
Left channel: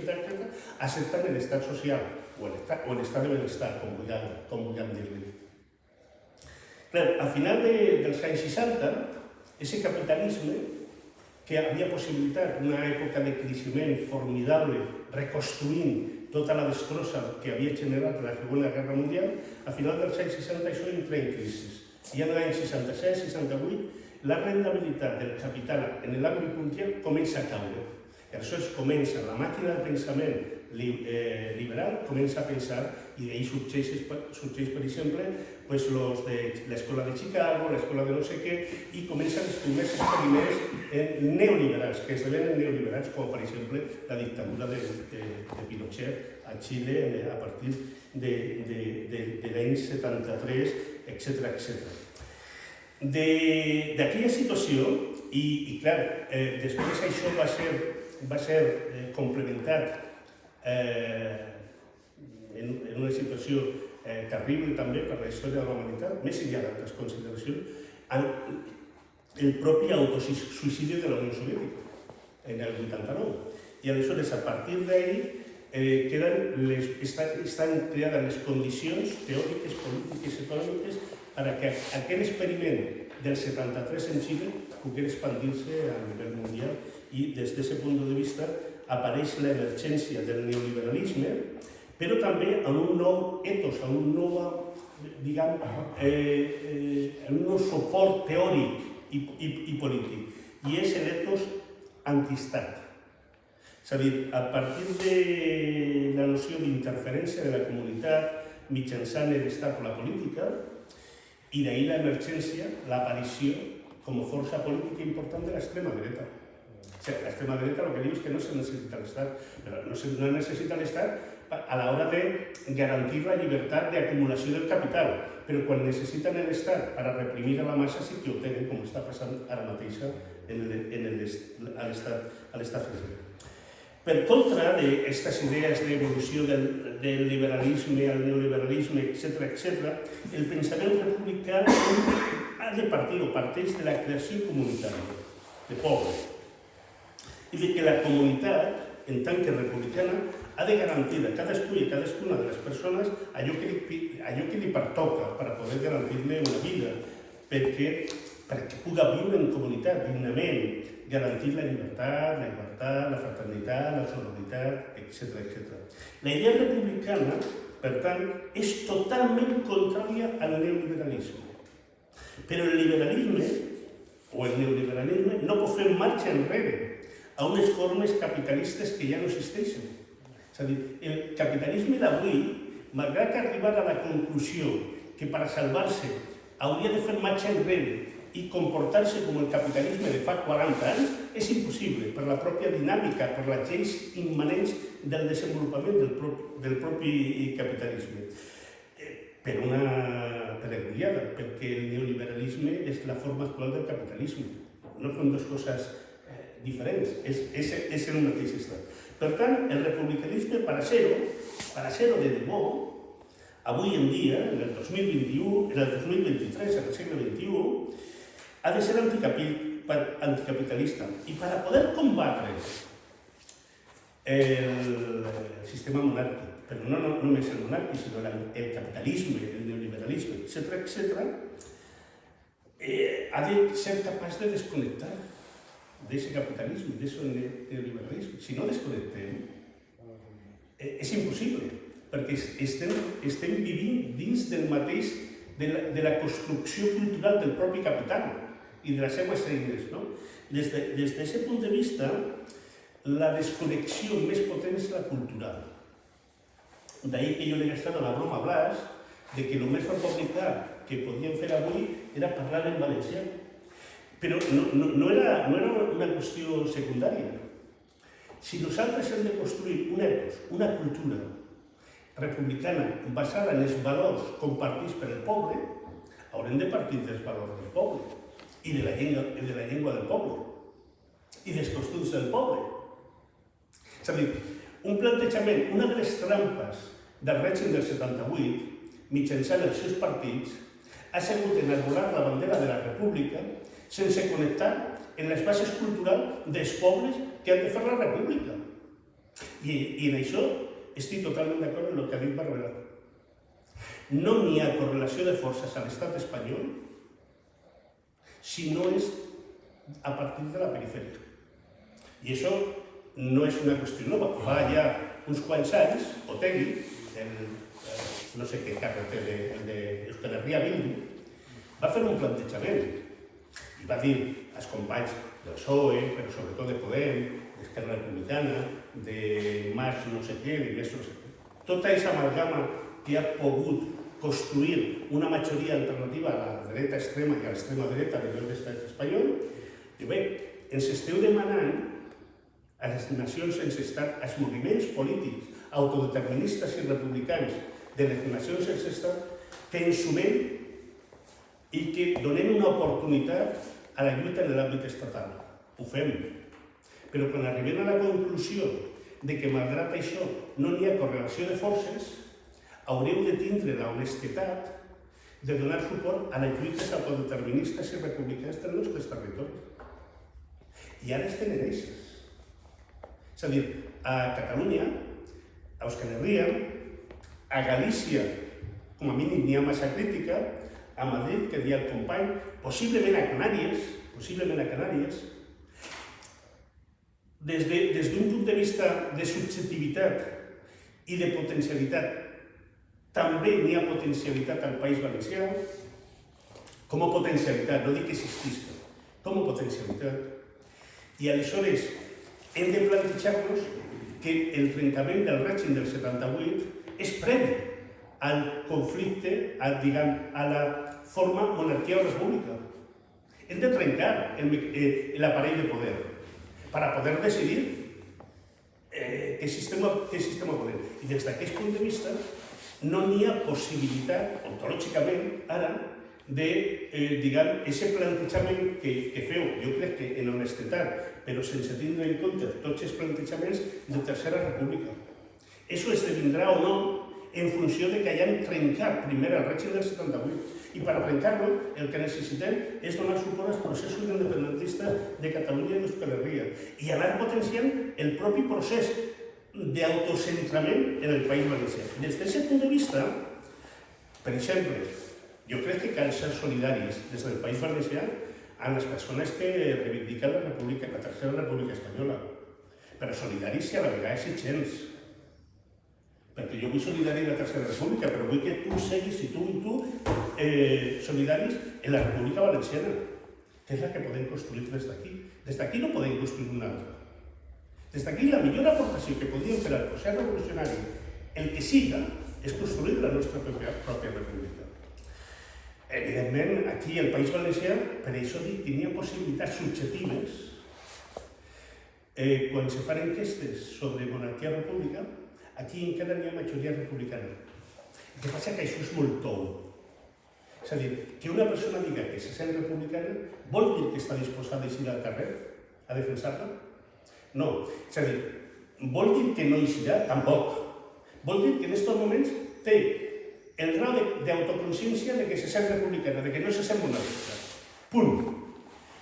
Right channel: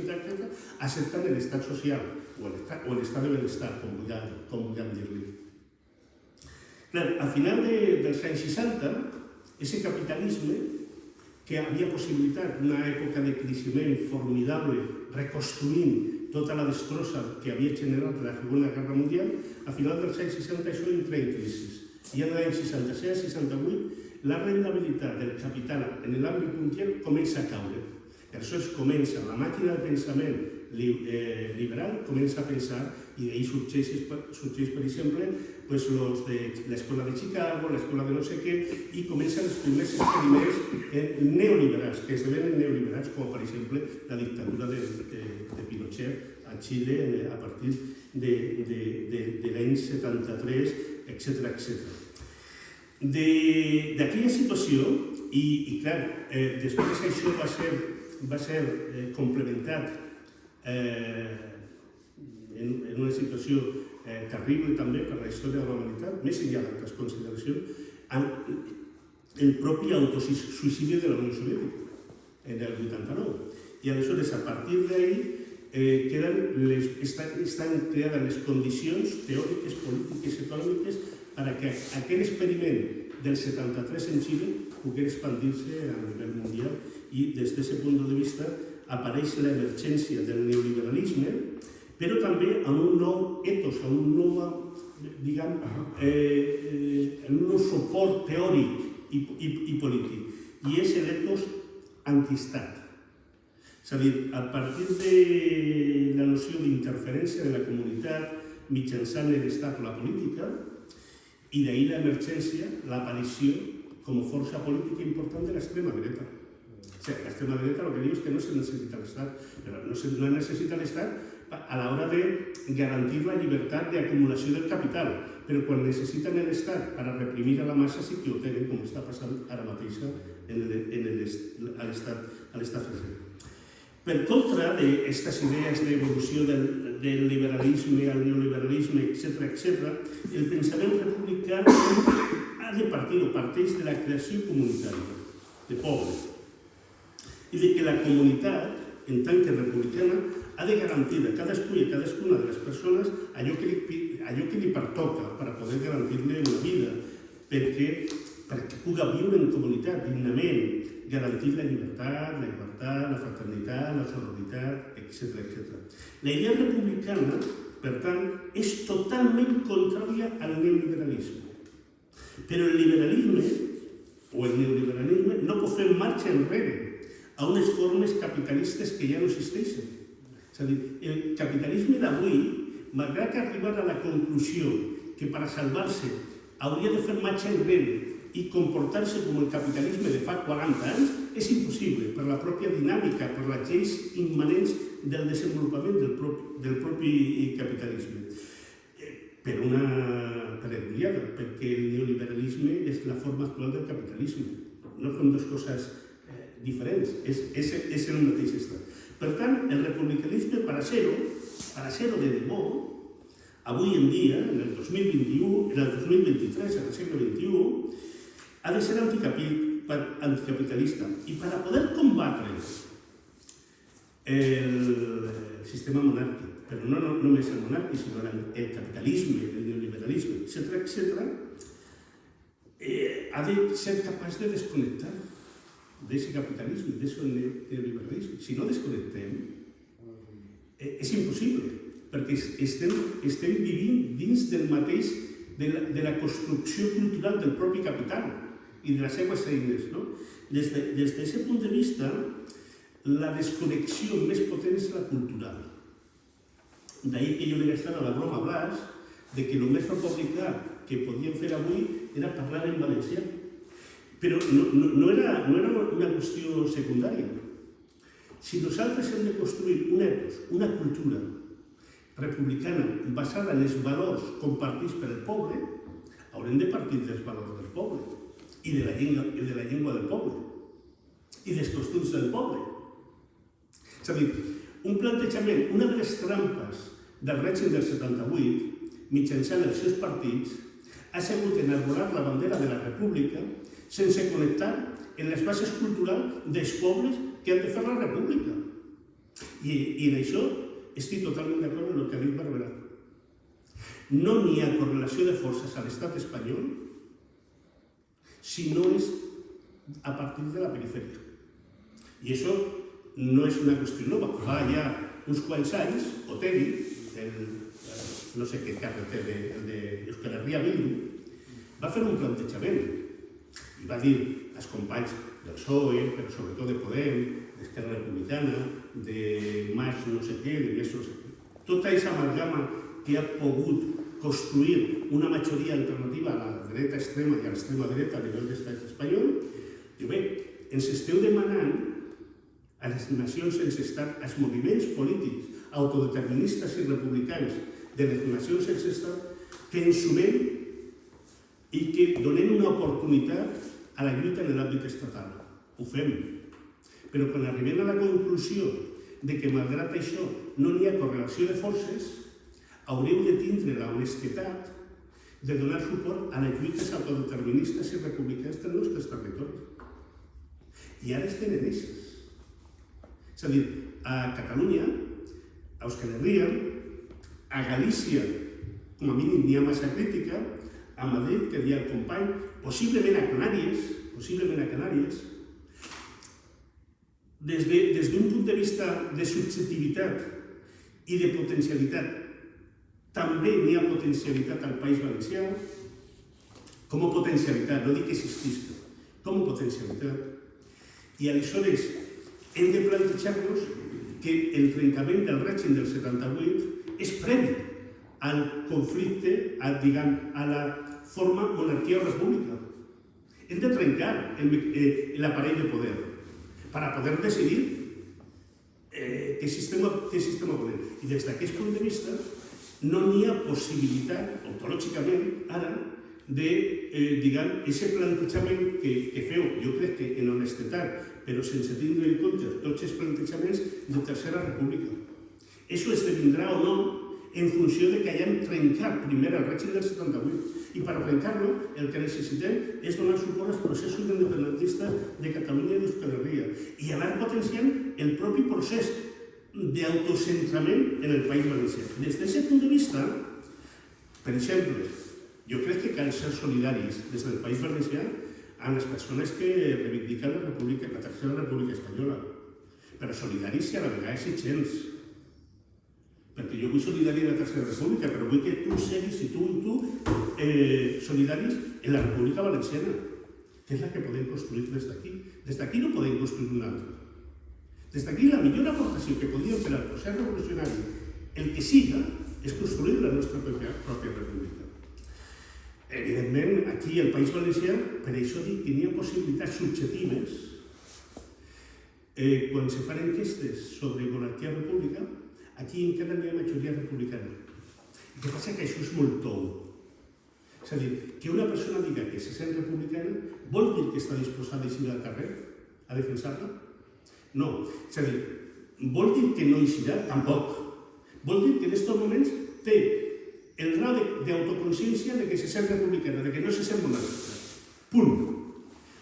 accepten l'estat social o l'estat de benestar, com vulguem dir-li. Al final dels anys 60, aquest capitalisme que havia possibilitat una època de creixement formidable, reconstruint tota la destrossa que havia generat la Segona Guerra Mundial, a final dels anys 60 això entra en crisi. I en l'any 67-68 la rendibilitat del capital en l'àmbit mundial comença a caure. I aleshores comença la màquina de pensament liberal comença a pensar, i d'ahir sorgeix, per exemple, pues, los de l'escola de Chicago, l'escola de no sé què, i comencen els primers experiments neoliberals, que esdevenen neoliberals, com per exemple la dictadura de Pinochet a Xile a partir de l'any 73, etc. D'aquella situació, i clar, després això va ser complementat en una situació terrible també per la història de la humanitat, més enllà d'altres consideracions, el propi autosuïcidi de la Unió Soviètica, en el 89. I aleshores, a partir d'ahir, estan creades les condicions teòriques, polítiques, econòmiques perquè aquell experiment del 73 en Xile pugui expandir-se a nivell mundial i des d'aquest punt de vista apareix l'emergència del neoliberalisme, però també amb un nou etos, amb un nou, diguem, un nou suport teòric i polític, i és l'etos antiestat. És a dir, a partir de la noció d'interferència de la comunitat mitjançant l'estat o la política, i d'ahir l'emergència, l'aparició com a força política important de l'extrema dreta. L'extrema dreta el que diu és que no se necessita l'Estat, però no necessita l'Estat a l'hora de garantir la llibertat d'acumulació del capital, però quan necessiten l'Estat per a reprimir a la massa sí que ho tenen, com està passant ara mateix a l'Estat francès. Per contra d'aquestes idees d'evolució del liberalisme al neoliberalisme, etc., el pensament republicà ha de partir o parteix de la creació comunitària, de poble, i de que la comunitat, en tant que republicana, ha de garantir a cadascú i a cadascuna de les persones allò que li pertoca per poder garantir-li una vida, perquè puga viure en comunitat dignament, garantir la llibertat, la igualtat, la fraternitat, la sororitat, etc. La idea republicana, per tant, és totalment contrària al neoliberalisme. Però el liberalisme, o el neoliberalisme, no pot fer marxa enrere a unes formes capitalistes que ja no existeixen. És a dir, el capitalisme d'avui, malgrat que arribar a la conclusió que per a salvar-se hauria de fer marxa enrere i comportar-se com el capitalisme de fa 40 anys, és impossible per la pròpia dinàmica, per les lleis immanents del desenvolupament del propi capitalisme. Per una perenniada, perquè el neoliberalisme és la forma actual del capitalisme. No són dues coses diferents, és el mateix estat. Per tant, el republicanisme, per a ser-ho de debò, avui en dia, en el 2021, en el 2023, en el segle XXI, ha de ser anticapitalista. I per a poder combatre el sistema monàrquic, però no només el monàrquic, sinó el capitalisme, el neoliberalisme, etc., ha de ser capaç de desconnectar d'aquest capitalisme, d'aquest neoliberalisme. Si no desconnectem, és impossible, perquè estem vivint dins del mateix, de la construcció cultural del propi capital i de les seves eines. Des d'aquest punt de vista, la desconnexió més potent és la cultural. D'ahir que jo li he estat a la broma a Blas de que el més republicà que podíem fer avui era parlar en valencià. Però no era una qüestió secundària. Si nosaltres hem de construir un etos, una cultura republicana basada en els valors compartits per el poble, haurem de partir dels valors del poble i de la llengua del poble i dels costums del poble. És a dir, un plantejament, una de les trampes del règim del 78, mitjançant els seus partits, ha sigut enarbolar la bandera de la república sense connectar en les bases culturals dels pobles que han de fer la república. I en això estic totalment d'acord amb el que ha dit Barberà. No n'hi ha correlació de forces a l'estat espanyol si no és a partir de la perifèria. I això no és una qüestió nova. Fa ja uns quants anys, Otegi, no sé què càrrec té, el d'Euskal Herria Bildu, va fer un plantejament i va dir als companys del PSOE, però sobretot de Podem, d'Esquerra Republicana, de Mas no sé què, de més no sé què. Tota aquesta amalgama que ha pogut construir una majoria alternativa a la dreta extrema i a l'extrema dreta a nivell d'estat espanyol, i bé, ens esteu demanant a les nacions sense estat, als moviments polítics autodeterministes i republicans de les nacions sense estat, que ens sumem i que donem una oportunitat a la lluita en l'àmbit estatal. Ho fem. Però quan arribem a la conclusió de que, malgrat això, no hi ha correlació de forces, haureu de tindre l'honestedat de donar suport a les lluites autodeterministes i republicanes dels nostres territoris. I ara estem en eixes. És a dir, a Catalunya, a Euskal Herria, a Galícia, com a mínim n'hi ha massa crítica, a Madrid, que deia el company, possiblement a Canàries, des d'un punt de vista de subjectivitat i de potencialitat, també n'hi ha potencialitat al País Valencià, com a potencialitat, no dic que existisca, com a potencialitat. I aleshores hem de plantejar-nos que el trencament del règim del 78 és previ al conflicte, a la forma monarquia o república. Hem de trencar l'aparell de poder per a poder decidir què sistema volem. I des d'aquest punt de vista no n'hi ha possibilitat, ontològicament, ara, de, aquest plantejament que feu, jo crec que en honestedat, però sense tindre en compte tots els plantejaments de Tercera República. Això esdevindrà o no en funció de que hagin trencat primer el règim del 78. I per trencar-lo, el que necessitem és donar suport als processos independentistes de Catalunya i d'Euskal Herria i anar potenciant el propi procés d'autocentrament en el País Valencià. Des d'aquest punt de vista, per exemple, jo crec que cal ser solidaris des del País Valencià amb les persones que reivindiquen la República, la Tercera República Espanyola, però solidaris si a la vegada és gens. Perquè jo vull solidari en la Tercera República, però vull que tu seguis, i tu, solidaris en la República Valenciana, que és la que podem construir des d'aquí. Des d'aquí no podem construir una altra. Des d'aquí la millor aportació que podríem fer al procés revolucionari, el que siga, és construir la nostra pròpia república. Evidentment, aquí al País Valencià, per això dic que n'hi ha possibilitats subjectives. Quan se fan enquestes sobre monarquia o república, aquí encara n'hi ha majoria republicana. El que passa que això és molt tou. És a dir, que una persona diga que se sent republicana vol dir que està disposada a eixir al carrer a defensar-la? No. És a dir, vol dir que no eixirà? Tampoc. Vol dir que en aquests moments té el grau d'autoconsciència de que se sent republicana, de que no se sent monàrquica. Punt.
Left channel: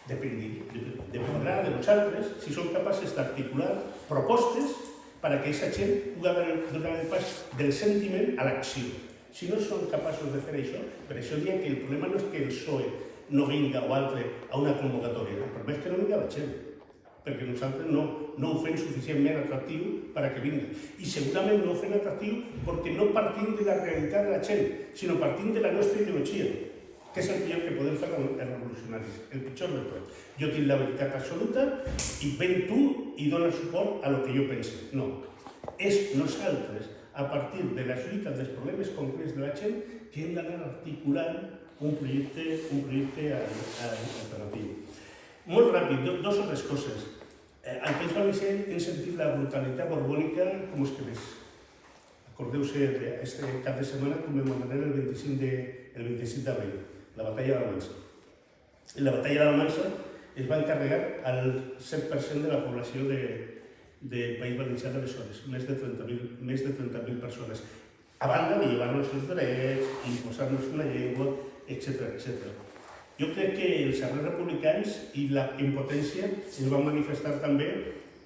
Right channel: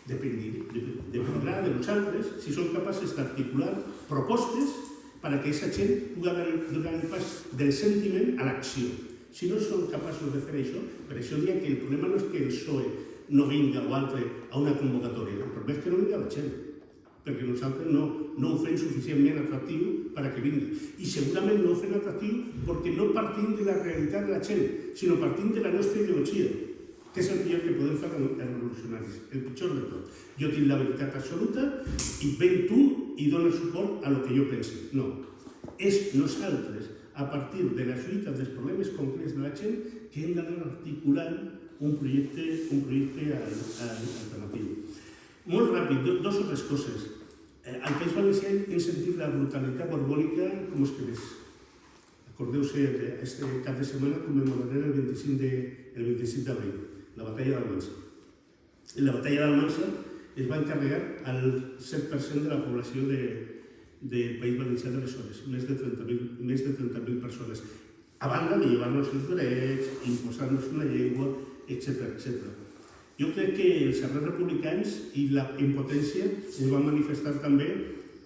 Dependrà de nosaltres si som capaces d'articular propostes perquè aquesta gent pugui donar el pas del sentiment a l'acció. Si no som capaços de fer això, per això diria que el problema no és que el PSOE no vinga o altre a una convocatòria, el problema és que no vinga la gent, perquè nosaltres no ho fem suficientment atractiu per a que vingui. I segurament no ho fem atractiu perquè no partim de la realitat de la gent, sinó partim de la nostra ideologia, que és el millor que podem fer els revolucionaris, el pitjor de tot. Jo tinc la veritat absoluta i ven tu i dona suport a lo que jo penso. No. És nosaltres, a partir de les lluites dels problemes concrets de la gent, que hem d'anar articulant un projecte alternatiu. Molt ràpid, dues o tres coses. Al País Valencià hem sentit la brutalitat borbònica com els que més. Acordeu-se, aquest cap de setmana commemorarem el 25 d'abril, la batalla de la Mansa. En la batalla de la Mansa es va encarregar al 7% de la població del País Valencià d'aleshores, més de 30.000 persones. A banda de llevar-nos els drets, imposar-nos una llengua, etc. Jo crec que els arrels republicans i la impotència es van manifestar també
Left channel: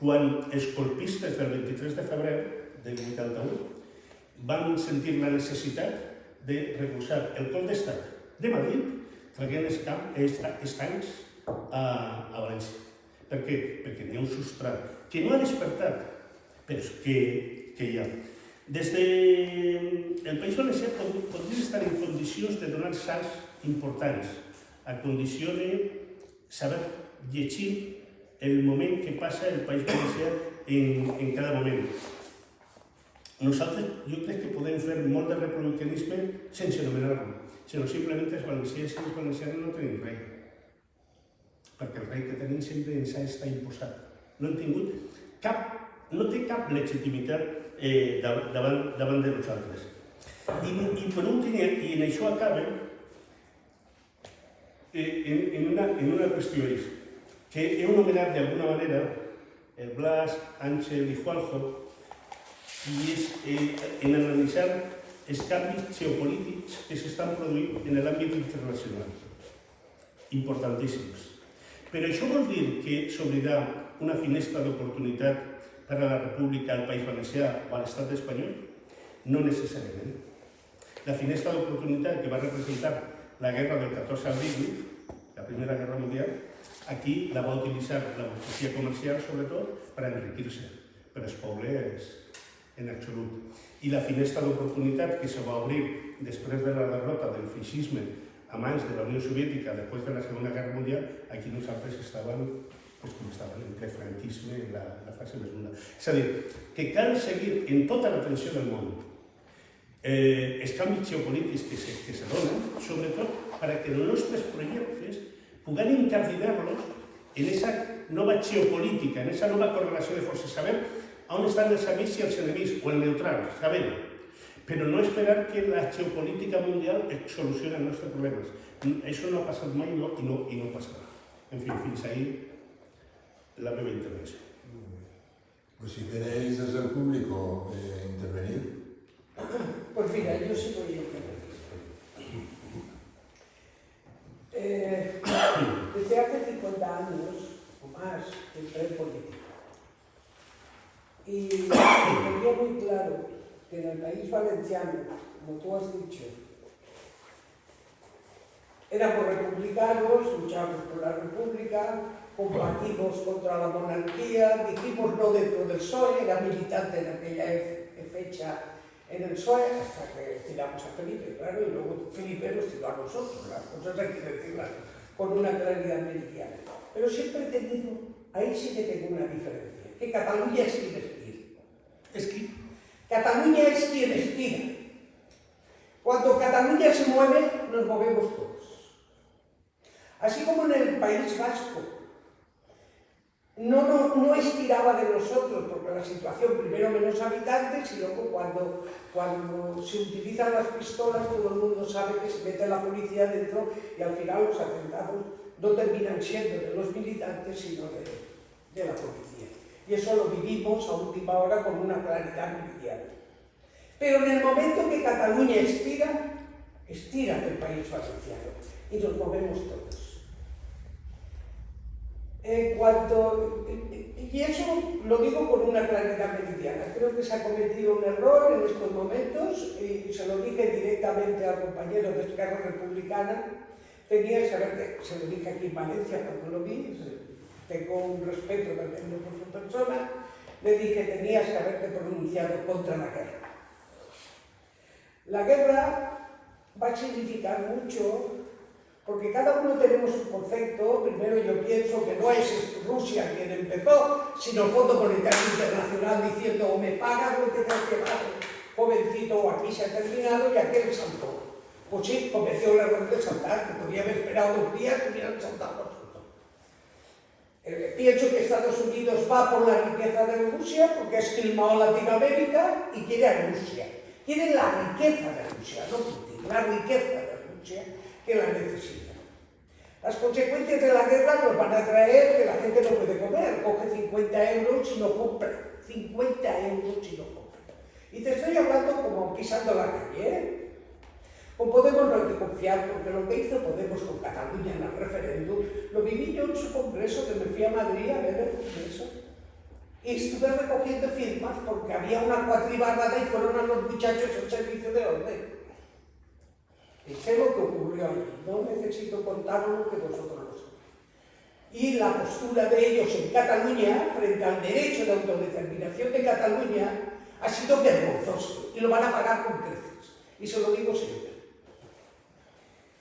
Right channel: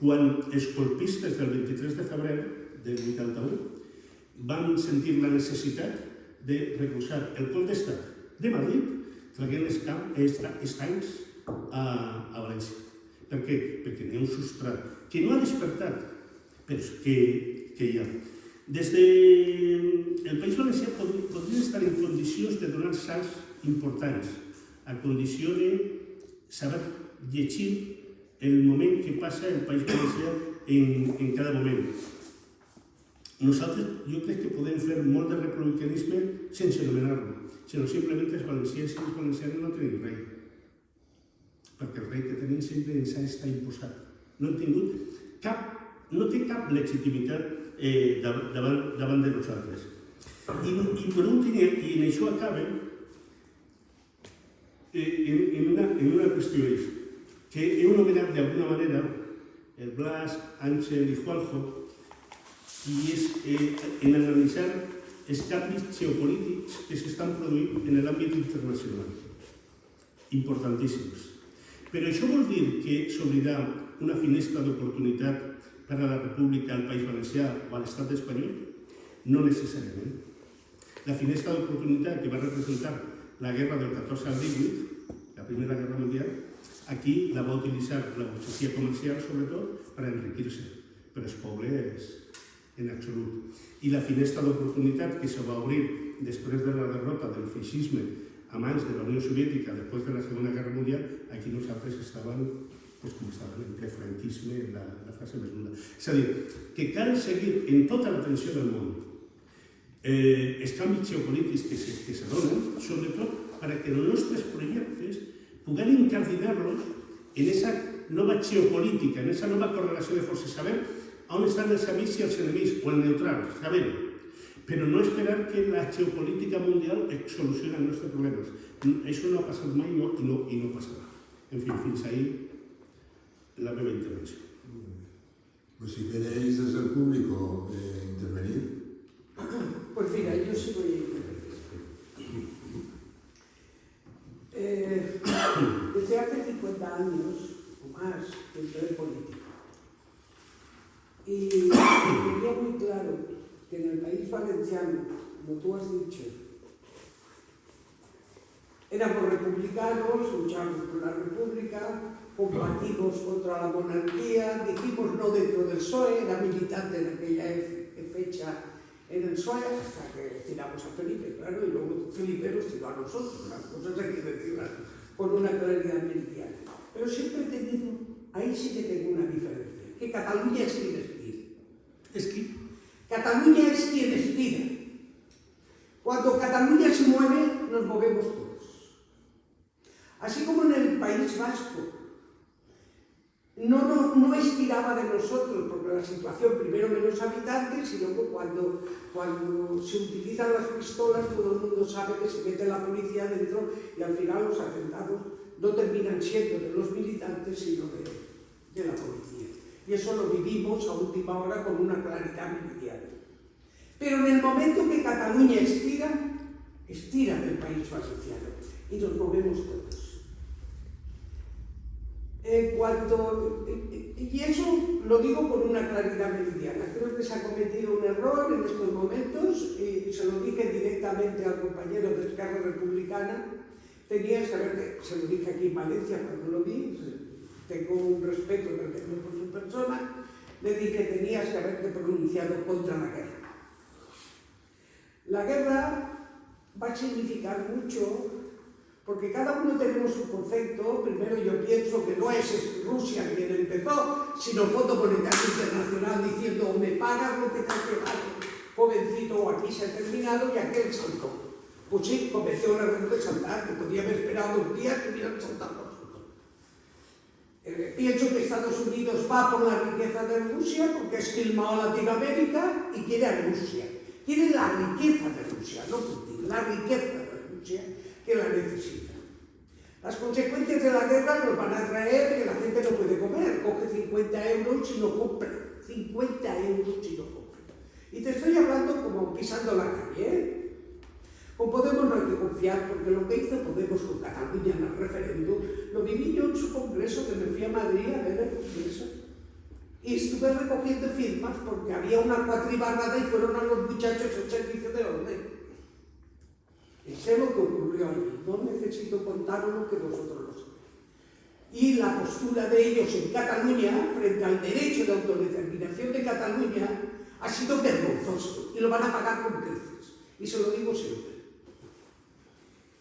quan els colpistes del 23 de febrer del 81 van sentir la necessitat de recolzar el cop d'estat de Madrid traient els tancs a València. Per què? Perquè n'hi ha un substrat que no ha despertat, però que hi ha. Des del País Valencià podria estar en condicions de donar salts importants, a condició de saber llegir el moment que passa el País Valencià en cada moment. Nosaltres, jo crec que podem fer molt de republicanisme sense anomenar-lo, sinó simplement els valencians i els valencians no tenim rei. Perquè el rei que tenim sempre ens ha estat imposat. No té cap legitimitat davant de nosaltres. I per últim, i en això acaba, en una qüestió és que he anomenat d'alguna manera el Blas, Àngel i Juanjo, i és en analitzar els canvis geopolítics que s'estan produint en l'àmbit internacional, importantíssims. Però això vol dir que s'obrirà una finestra d'oportunitat per a la República al País Valencià o a l'Estat espanyol? No necessàriament. La finestra d'oportunitat que va representar la guerra del 14 al 18, la Primera Guerra Mundial, aquí la va utilitzar la burgesia comercial, sobretot, per enriquir-se, per als pobles en absolut. I la finestra d'oportunitat que se va obrir després de la derrota del feixisme a mans de la Unió Soviètica després de la Segona Guerra Mundial, aquí nosaltres estàvem en ple franquisme en la fase més dura. És a dir, que cal seguir en tota la tensió del món els canvis geopolítics que se donen, sobretot perquè els nostres projectes puguem incardinar-los en aquesta nova geopolítica, en aquesta nova correlació de forces, saber on estan els amics i els enemics, o el neutral, saber-ho. Però no esperar que la geopolítica mundial solucioni els nostres problemes. Això no ha passat mai i no passarà. En fi, fins ahí la meva intervenció. Pues si queréis desde el público intervenir. Pues mira, yo sí voy a intervenir. Desde hace 50 años o más entré en política. Y tenía muy claro que en el país valenciano, como tú has dicho, éramos republicanos, luchábamos por la república, combatimos contra la monarquía, dijimos no dentro del PSOE, era militante en aquella fecha en el PSOE, hasta que tiramos a Felipe, claro, y luego Felipe nos tiró a nosotros, las cosas hay que decirlas con una claridad meridiana. Pero siempre he tenido, ahí sí que tengo una diferencia, que Cataluña es quien estira. Cataluña es quien estira. Cuando Cataluña se mueve, nos movemos todos. Así como en el País Vasco no estiraba de nosotros, porque la situación, primero menos habitantes, y luego cuando se utilizan las pistolas, todo el mundo sabe que se mete la policía dentro y al final los atentados no terminan siendo de los militantes, sino de la policía. Y eso lo vivimos a última hora con una claridad meridiana. Pero en el momento que Cataluña estira del País Valenciano y nos movemos todos. Y eso lo digo con una claridad meridiana. Creo que se ha cometido un error en estos momentos y se lo dije directamente al compañero de Esquerra Republicana. Tenía que saber, se lo dije aquí en Valencia cuando lo vi, tengo un respeto tremendo por su persona, le dije tenías que haberte pronunciado contra la guerra. La guerra va a significar mucho porque cada uno tenemos un concepto. Primero yo pienso que no es Rusia quien empezó, sino el Fondo Monetario Internacional diciendo o me pagas lo que te has llevado, jovencito, o aquí se ha terminado y aquel saltó. Pues sí, cometió el error de saltar, que podía haber esperado 2 días que hubieran saltado por supuesto. Pienso que Estados Unidos va por la riqueza de Rusia porque ha esquilmado a Latinoamérica y quiere a Rusia. Quiere la riqueza de Rusia, no Putin, la riqueza de Rusia que la necesita. Las consecuencias de la guerra nos van a traer que la gente no puede comer, coge 50 euros y no compra. 50 euros y no compra. Y te estoy hablando como pisando la calle, ¿eh? Con Podemos no hay que confiar, porque lo que hizo Podemos con Cataluña en el referéndum, lo viví yo en su congreso, que me fui a Madrid a ver el congreso. Y estuve recogiendo firmas porque había una cuatribarrada y fueron a los muchachos al servicio de orden. Y sé lo que ocurrió allí, no necesito contaros lo que vosotros lo sabéis. Y la postura de ellos en Cataluña, frente al derecho de autodeterminación de Cataluña, ha sido vergonzoso y lo van a pagar con creces. Y se lo digo siempre.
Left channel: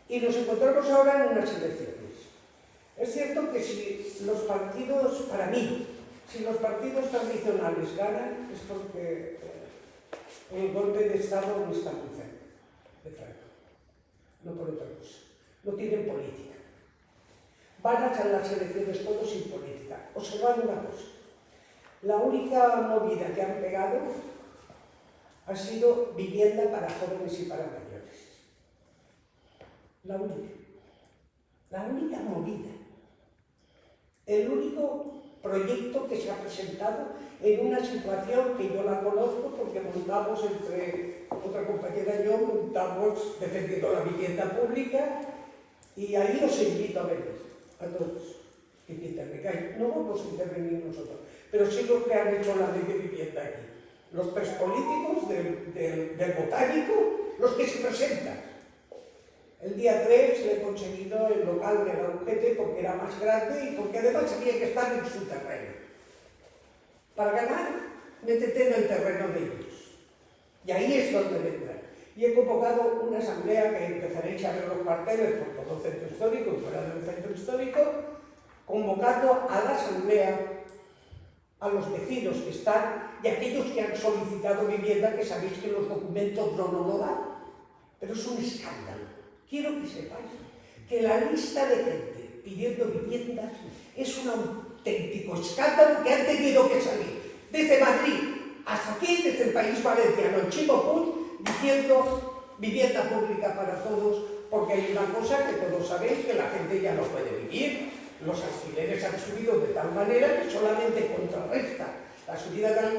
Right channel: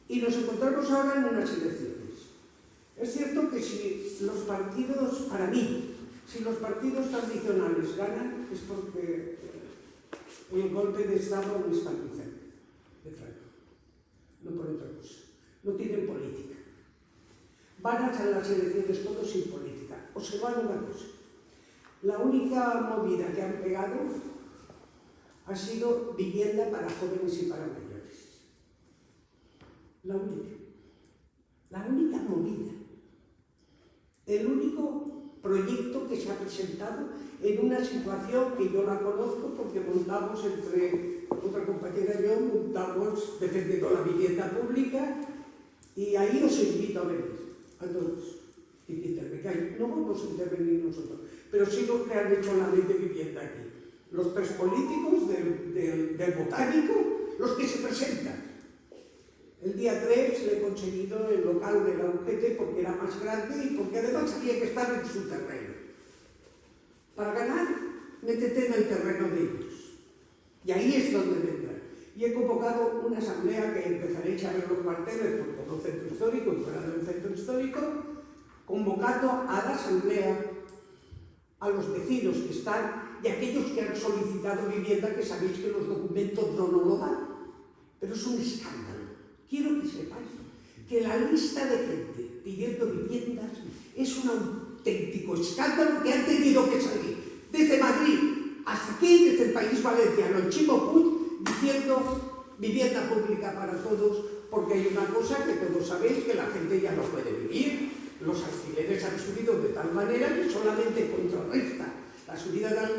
Y nos encontramos ahora en unas elecciones. Es cierto que si los partidos, para mí, Si los partidos tradicionales ganan es porque el golpe de Estado no está muy cerca de Franco, no por otra cosa. No tienen política. Van a echar las elecciones todos sin política. Observad una cosa. La única movida que han pegado ha sido vivienda para jóvenes y para mayores. La única movida. El único proyecto que se ha presentado en una situación que yo la conozco porque montamos entre otra compañera y yo, montamos defendiendo la vivienda pública y ahí os invito a venir, a todos. No vamos a intervenir nosotros, pero sí los que han hecho la ley de vivienda aquí. Los tres políticos del Botánico, los que se presentan. El día 3 le he conseguido el local de la UGT porque era más grande y porque además había que estar en su terreno. Para ganar, métete en el terreno de ellos. Y ahí es donde vendrá. Y he convocado una asamblea que empezaréis a ver los carteles por todo el centro histórico y fuera del centro histórico, convocando a la asamblea a los vecinos que están y aquellos que han solicitado vivienda, que sabéis que los documentos no lo dan. Pero es un escándalo. Quiero que sepáis que la lista de gente pidiendo viviendas es un auténtico escándalo que han tenido que salir desde Madrid hasta aquí, desde el País Valenciano, en Chimo Puig, diciendo vivienda pública para todos, porque hay una cosa que todos sabéis, que la gente ya no puede vivir. Los alquileres han subido de tal manera que solamente contrarresta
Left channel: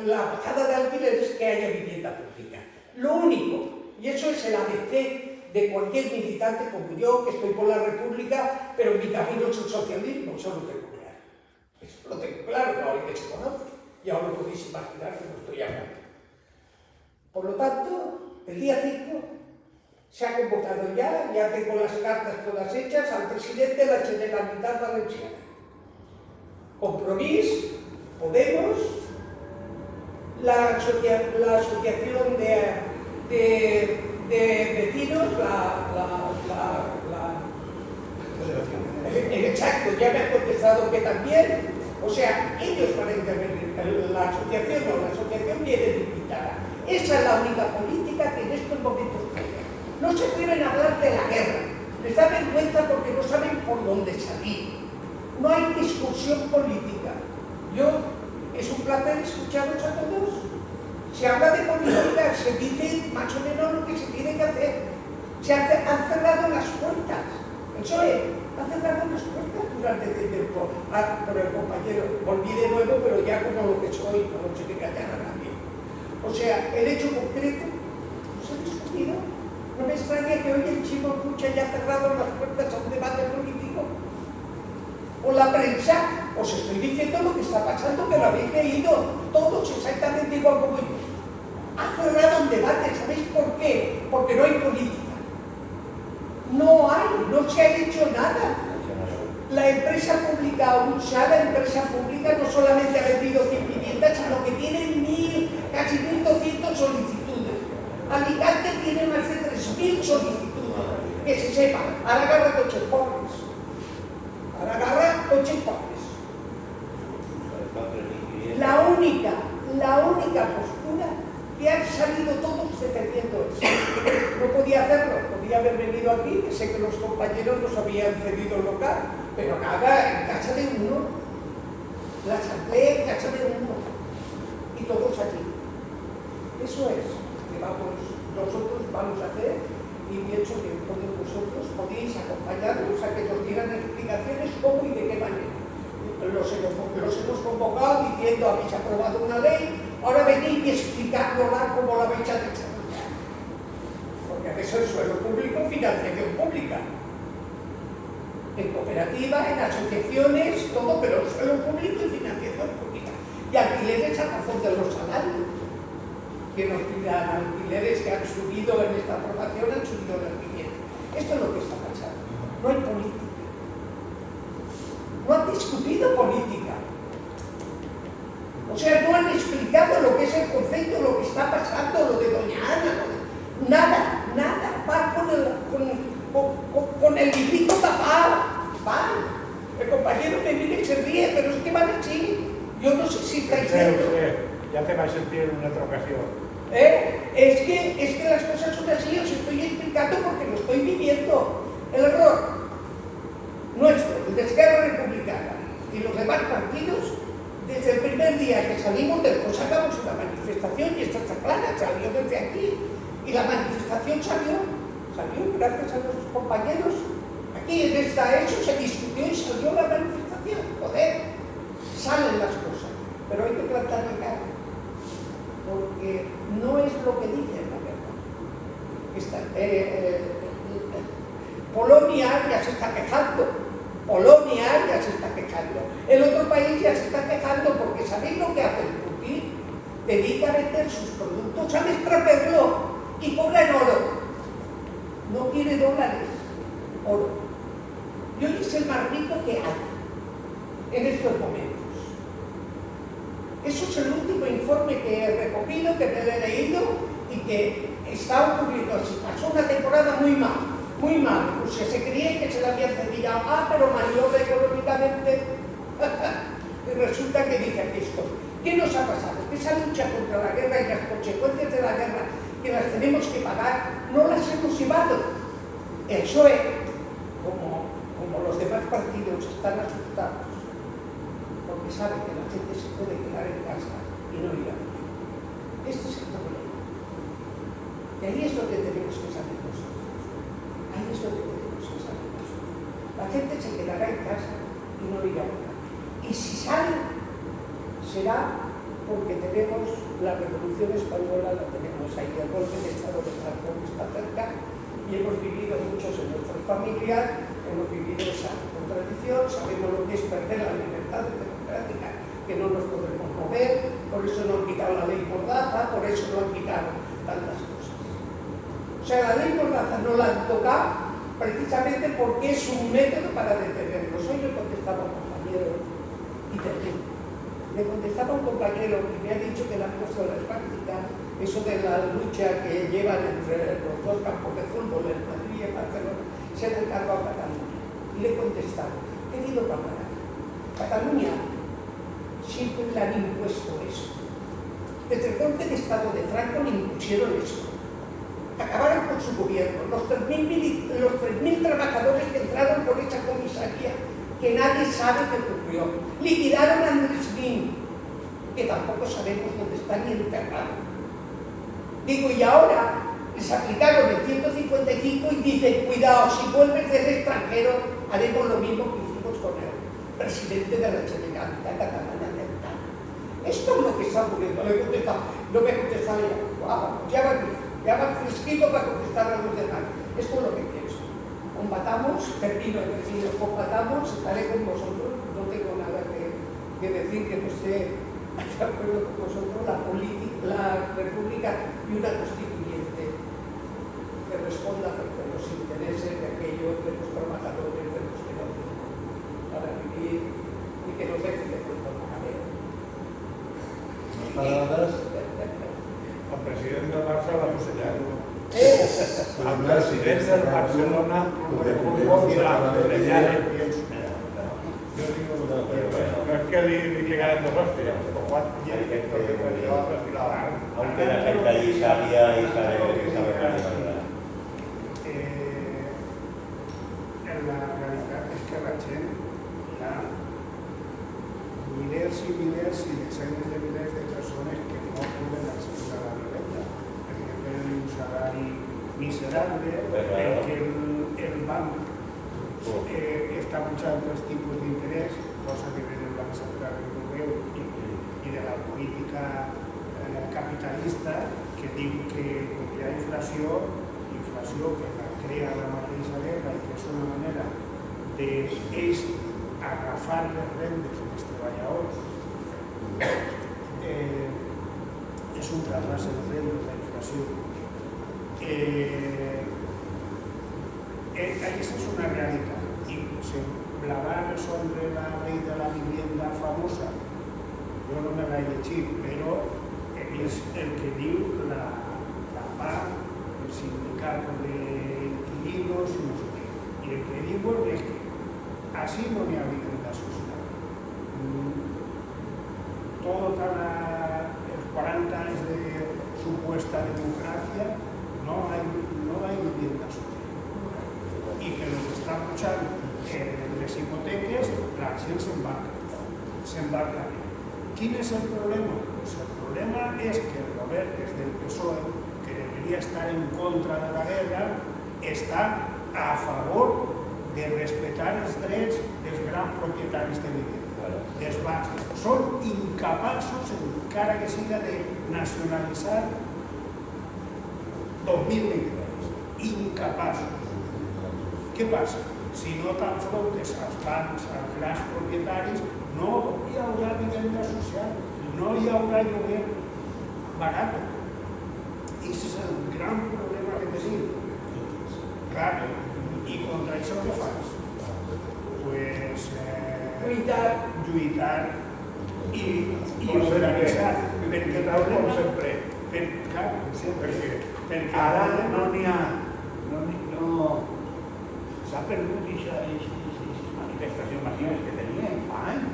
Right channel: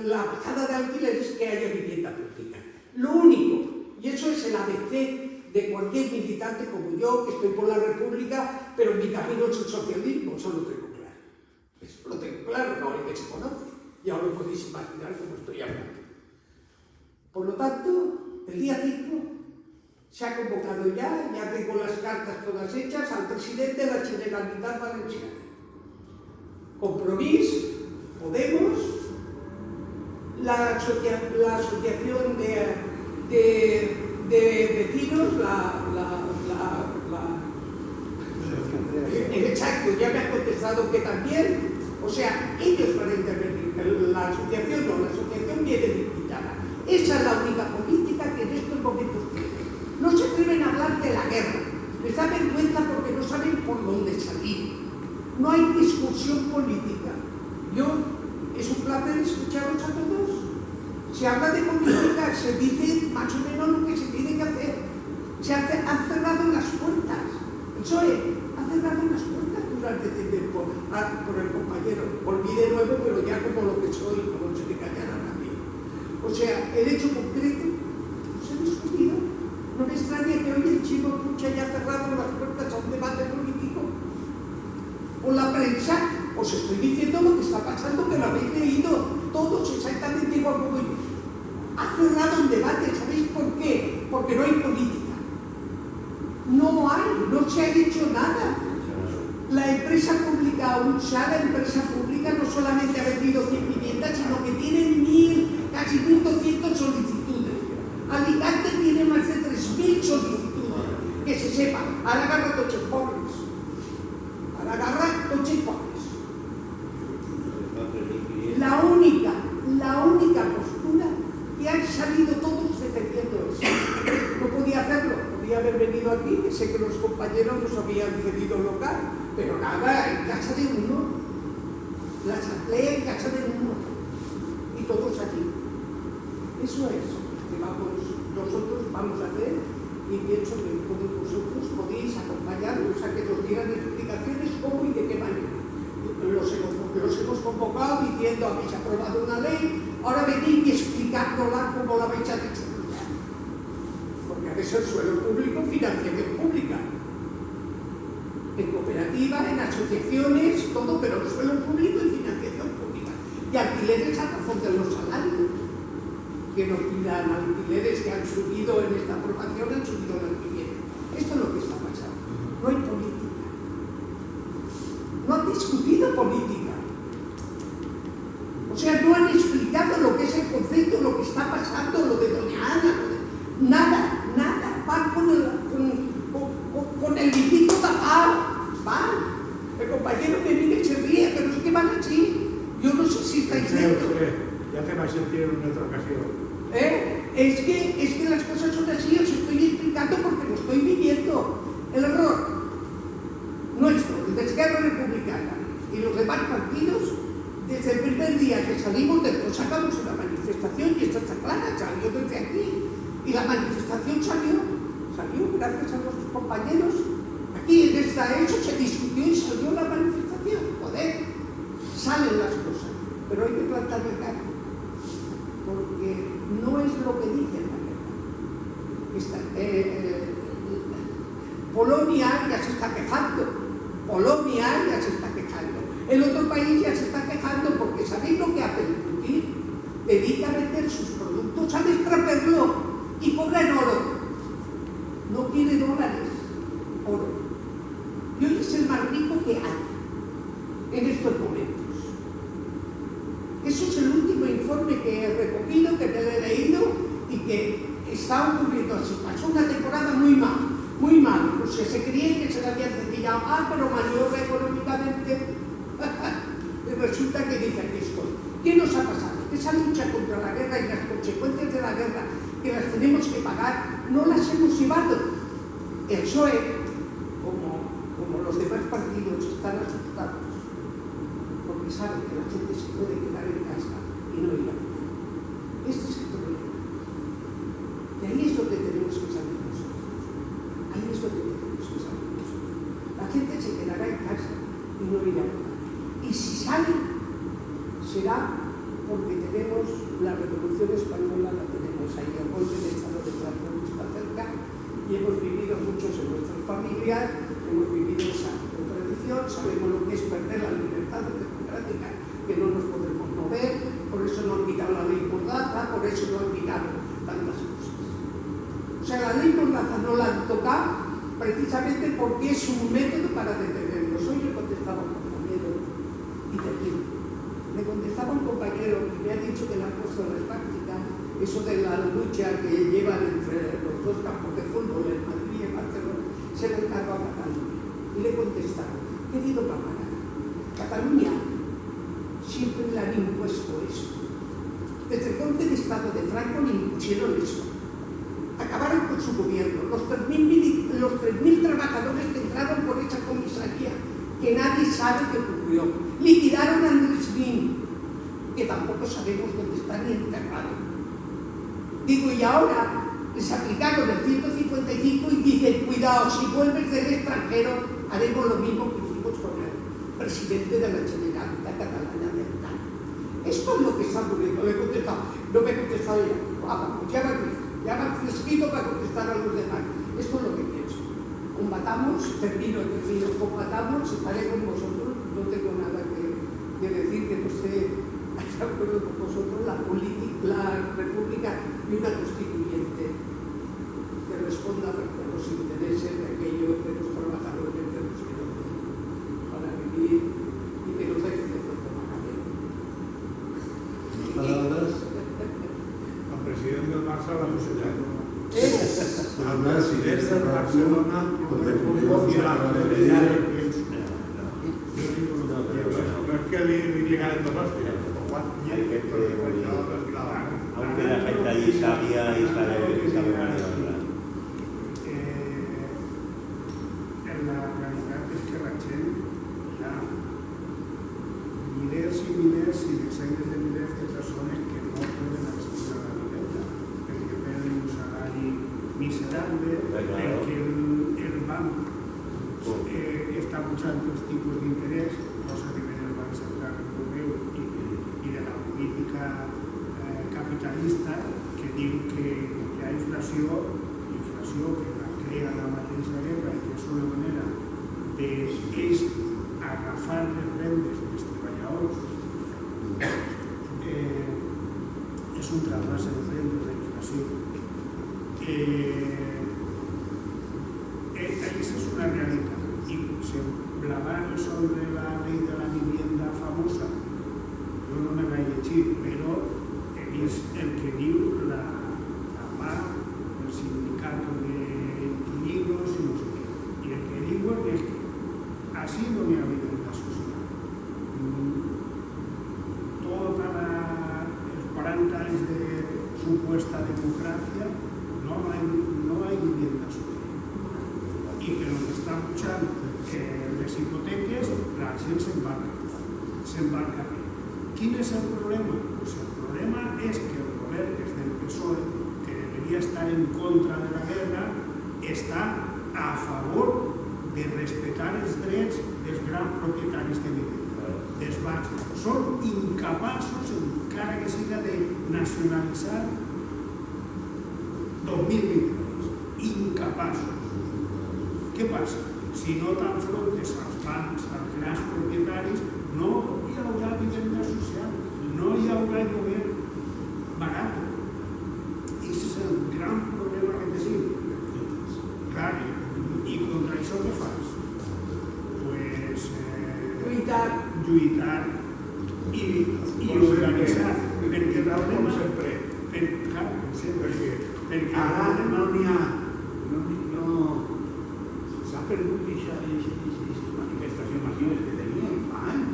la bajada de alquileres que haya vivienda pública. Lo único, y eso es el ABC de cualquier militante como yo, que estoy por la República, pero mi camino es el socialismo, eso lo tengo claro. Eso lo tengo claro, no hay que se conoce. Ya os lo podéis imaginar cómo estoy hablando. Por lo tanto, el día 5 se ha convocado ya tengo las cartas todas hechas al presidente de la Generalitat Valenciana. Compromís, Podemos, la asociación de vecinos, exacto, ya me han contestado que también, o sea, ellos van a intervenir, la asociación viene invitada. Esa es la única política que en estos momentos tienen. No se atreven a hablar de la guerra, les da vergüenza porque no saben por dónde salir. No hay discusión política. Es un placer escucharos a todos. Se habla de política, se dice más o menos lo que se tiene que hacer. Han cerrado las puertas. El PSOE ha cerrado las puertas durante este tiempo. Por el compañero, volví de nuevo, pero ya como lo que soy, no se me callar a nadie. O sea, el hecho concreto no se ha discutido. No me extraña que hoy el Chimo Puig haya cerrado las puertas a un debate político. Con la prensa, os estoy diciendo lo que está pasando, que lo habéis leído todos exactamente igual como yo. Ha cerrado un debate, ¿sabéis por qué? Porque no hay política. No se ha dicho nada. La empresa pública, la empresa pública no solamente ha vendido 100 viviendas, sino que tiene casi 1.200 solicitudes. Alicante tiene más de 3.000 solicitudes. Que se sepa, ahora agarra coches pobres. Ahora agarra coches pobres. La única postura que han salido todos defendiendo eso. No podía hacerlo, podía haber venido aquí, que sé que los compañeros nos habían cedido el local, pero nada, en casa de uno, la asamblea en casa de uno, y todos aquí. Eso es lo que nosotros vamos a hacer, y pienso que todos vosotros podéis acompañarnos a que nos dieran explicaciones cómo y de qué manera. Los hemos convocado diciendo, habéis aprobado una ley, ahora venid y explicárnosla cómo la vais a desarrollar. Porque a veces el suelo público, financiación pública. En cooperativa, en asociaciones, todo, pero el suelo público y financiación pública. Y alquileres a razón de los salarios. Que nos pidan alquileres que han subido en esta aprobación, han subido en el alquiler. Esto es lo que está pasando. No hay política. No han discutido política. O sea, no han explicado lo que es el concepto, lo que está pasando, lo de Doña Ana. Nada. Van con el librito tapado. Van. El compañero me mira y se ríe, pero es que van así. Yo no sé estáis viendo. Ya te vas a sentir en otra ocasión. Es que las cosas son así, os estoy explicando porque lo estoy viviendo. El error nuestro, el de Esquerra Republicana y los demás partidos, desde el primer día que salimos después sacamos una manifestación y esta está clara, salió desde aquí. Y la manifestación salió gracias a nuestros compañeros. Aquí en eso se discutió y salió la manifestación. Joder, salen las cosas, pero hay que plantarle cara. Porque no es lo que dicen la guerra. Polonia ya se está quejando. El otro país ya se está quejando porque ¿sabéis lo que hace el Putin? Dedica a vender sus productos al extraperlo y cobra en oro. No quiere dólares, oro. Y hoy es el más rico que hay en estos momentos. Eso es el último informe que he recogido, que me he leído y que está ocurriendo así. Pasó una temporada muy mal. Pues se creía que se la habían cepillado. Pero maniobra económicamente. Y resulta que dice aquí estoy. ¿Qué nos ha pasado? Que esa lucha contra la guerra y las consecuencias de la guerra que las tenemos que pagar, no las hemos llevado. El PSOE, como los demás partidos, están asustados. Porque saben que la gente se puede quedar en casa y no ir a votar. Este es el problema. Y ahí es donde tenemos que salir nosotros. La gente se quedará en casa y no irá a votar. Y si salen, será porque tenemos la Revolución Española, la tenemos ahí, el golpe de Estado de Franco está cerca y hemos vivido muchos en nuestras familias, hemos vivido esa contradicción, sabemos lo que es perder la libertad democrática, que no nos podemos mover, por eso no han quitado la ley Mordaza, por eso no han quitado tantas cosas. O sea, la ley Mordaza no la han tocado precisamente porque es un método para detenernos. Hoy le contestaba a un compañero y termino. Le contestaba a un compañero que me ha dicho que le han puesto en las prácticas eso de la lucha que llevan entre los dos campos de fútbol, en Madrid y en Barcelona, se ha encargado a Cataluña. Y le he contestado, querido camarada, Cataluña siempre le han impuesto eso. Desde el golpe de Estado de Franco le impusieron eso. Acabaron con su gobierno. Los 3.000 trabajadores que entraron por esa comisaría, que nadie sabe qué ocurrió. Liquidaron a Andrés Nin, que tampoco sabemos dónde está ni enterrado. Digo, y ahora les aplicaron el 155 y dicen, cuidado, si vuelves del extranjero, haremos lo mismo que hicimos con el presidente de la Generalitat Catalana de Artana. Esto es lo que está ocurriendo. Le he contestado, no me ha contestado ya. Ya va fresquito para contestar a los demás. Esto es lo que pienso. Combatamos, termino, combatamos, estaré con vosotros. No tengo nada que decir que no esté de acuerdo con vosotros. La República y una constituyente que responda frente a los intereses de aquellos de los trabajadores, de los que no tienen para vivir y que nos dejen de pronto maravilla. El presidente del Barça va a señalar. El presidente del Barcelona de fútbol y la Federal. No es que le llegaran dos hostias, aunque la gente allí sabía y sabe más de verdad. La realidad es que la gent hi ha milers i desenes de milers de persones que no poden accedir a la vivienda perquè tenen un salari miserable, perquè el banc està pujant els tipus d'interès, cosa que ve del Banc Central Europeu i de la política capitalista, que diu que hi ha inflació que la crea la mateixa guerra i que és una manera d'ells agafar les rendes dels treballadors. És un traspàs de rendes, la inflació. Aquesta és una realitat. I hablar sobre la ley de la vivienda famosa, jo no me l'he llegit, però és el que diu la PAC, el sindicato de inquilinos y no sé qué. Y el que digo es que así no me ha vivienda social. Todo tal esta democracia no hay vivienda social. Y que lo que está luchando les hipoteques, la gent s'embarca. Quin és el problema? Pues el problema és que el govern, que és del PSOE, que debería estar en contra de la guerra, està a favor de respetar els drets dels grans propietaris de l'illa, dels bancs. Són incapaços, encara que siga de nacionalitzar 2.000 milions. Incapaços. Què passa? Si no t'enfrontes als bancs, als grans propietaris, no hi haurà vivenda social, no hi haurà lloguer barat. I aquest és el gran problema que tenim. Clar, i contra això què fas? Pues lluitar i organitzar. Perquè el problema... sempre. Clar, sempre. Perquè Ara no n'hi ha... S'ha perdut aquesta manifestació massiva que teníem fa anys.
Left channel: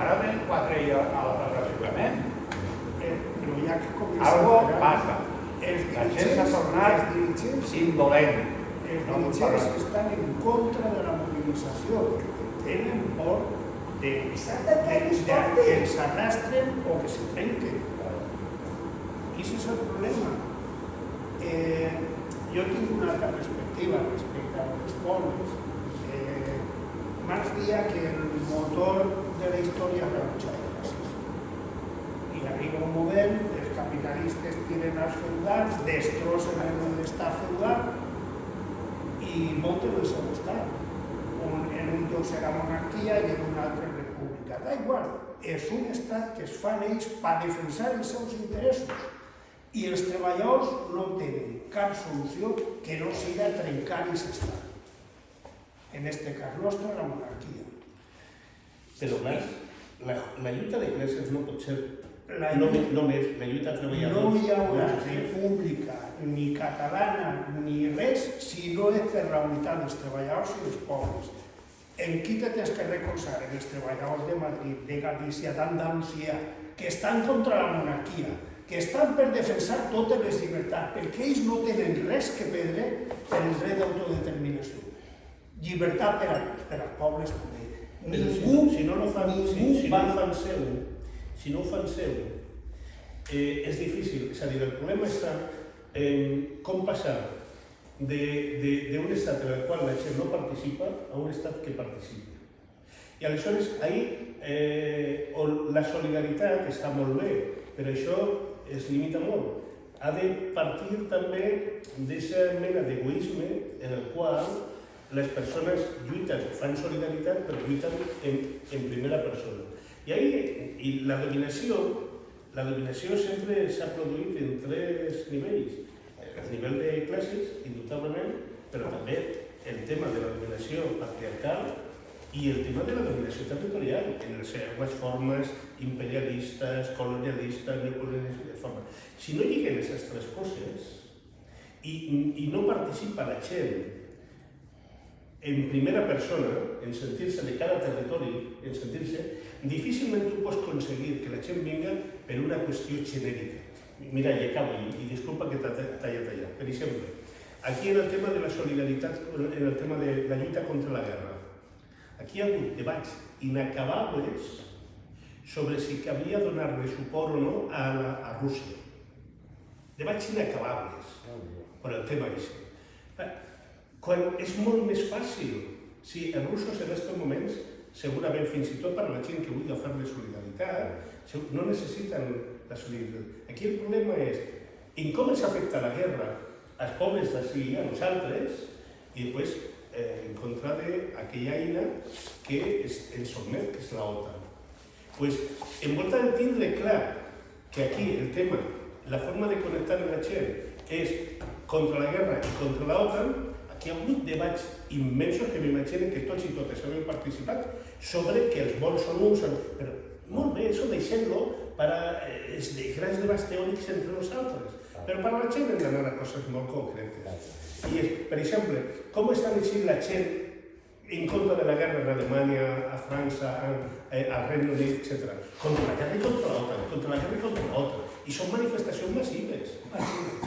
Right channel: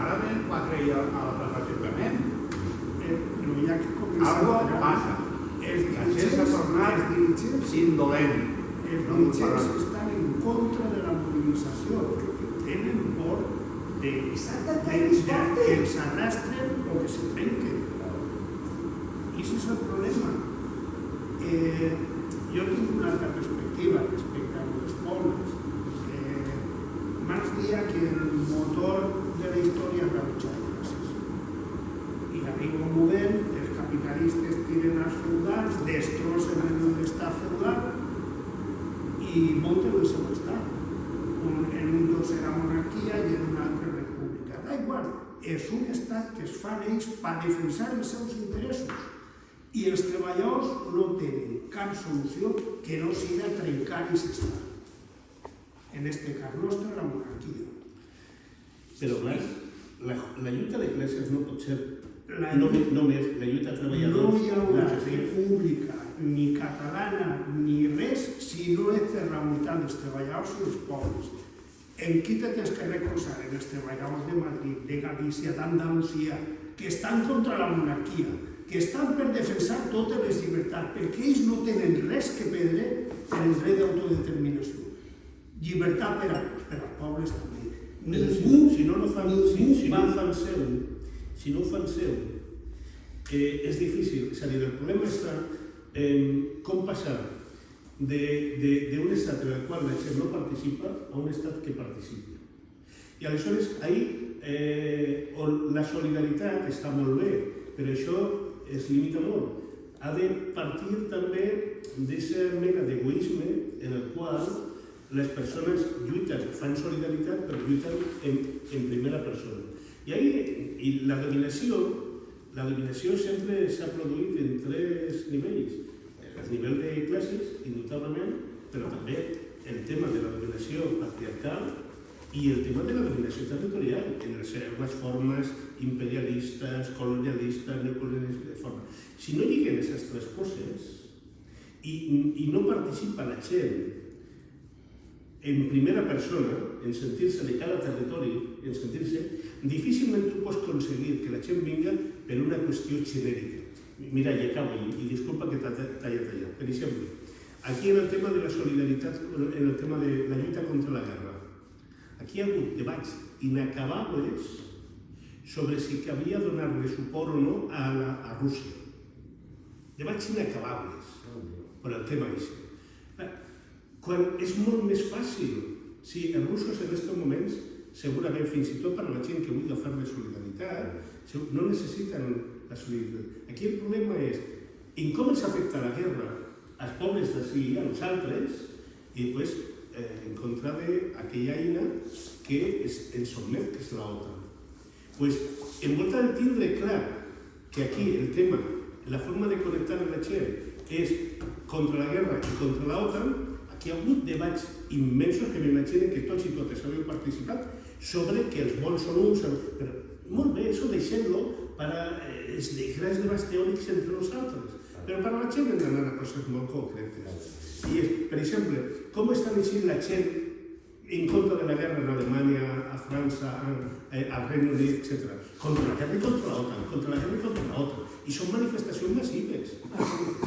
Ara ven 4 a la plaça Ciutadament. Però hi ha que començar... Algo passa. La gent s'ha tornat indolent. Els dirigents estan en contra de la mobilització. Tenen por de que els arrastren o que se trenquen. I aquest és el problema. Jo tinc una altra perspectiva respecte a els pobles. Marx deia que el motor de la història és la lucha de classes. I arriba un moment, els capitalistes tiren els feudals, destrossen l'estat feudal i munten el seu estat. En un lloc serà monarquia i en un altre república. Da igual, és un estat que es fan ells per defensar els seus interessos. I els treballadors no tenen cap solució que no siga trencar aquest estat. En este cas nostre, la monarquia. Però clar, la lluita de classes no pot ser només la lluita de treballadors. No hi haurà república ni catalana ni res si no és per la unitat dels treballadors i dels pobles. En qui te tens que recolzar? En els treballadors de Madrid, de Galícia, d'Andalusia, que estan contra la monarquia, que estan per defensar totes les llibertats, perquè ells no tenen res que perdre per el dret d'autodeterminació. Llibertat per als pobles també. Si no ho fan seu, és difícil. És a dir, el problema està en com passar d'un estat en el qual la gent no participa a un estat que participa. I aleshores, la solidaritat està molt bé, però això es limita molt. Ha de partir també d'aquesta mena d'egoisme en el qual les persones lluiten, fan solidaritat, però lluiten en primera persona. I la dominació sempre s'ha produït en 3 nivells. El nivell de classes, indubtablement, però també el tema de la dominació patriarcal i el tema de la dominació territorial, en les seves formes imperialistes, colonialistes, neocolonialistes. Si no lliguen aquestes 3 coses i no participa la gent en primera persona, en sentir-se de cada territori, difícilment tu pots aconseguir que la gent vingui per una qüestió genèrica. Mira, i acabo, i disculpa que t'ha tallat allà. Per exemple, aquí en el tema de la solidaritat, en el tema de la lluita contra la guerra, aquí hi ha hagut debats inacabables sobre si calia donar-li suport o no a Rússia. Debats inacabables per al tema aquest. Quan és molt més fàcil, si els russos en aquests moments, segurament fins i tot per a la gent que vulgui fer-li solidaritat, no necessiten la solidaritat. Aquí el problema és en com ens afecta la guerra als pobles d'ací i a nosaltres i després en contra d'aquella eina que ens sotmet, que és l'OTAN. En volta de tindre clar que aquí el tema, la forma de connectar amb la gent és contra la guerra i contra l'OTAN, aquí hi ha hagut debats immensos que m'imagino que tots i totes haveu participat sobre que els vols són uns... Però molt bé, això deixem-lo per als grans debats teòrics entre nosaltres. Però per a la gent hem d'anar a coses molt concretes. I, per exemple, com està dient la gent en contra de la guerra en Alemanya, a França, al Regne Unit, etc. Contra la guerra i contra l'OTAN, contra la guerra i contra l'OTAN. i són manifestacions massives.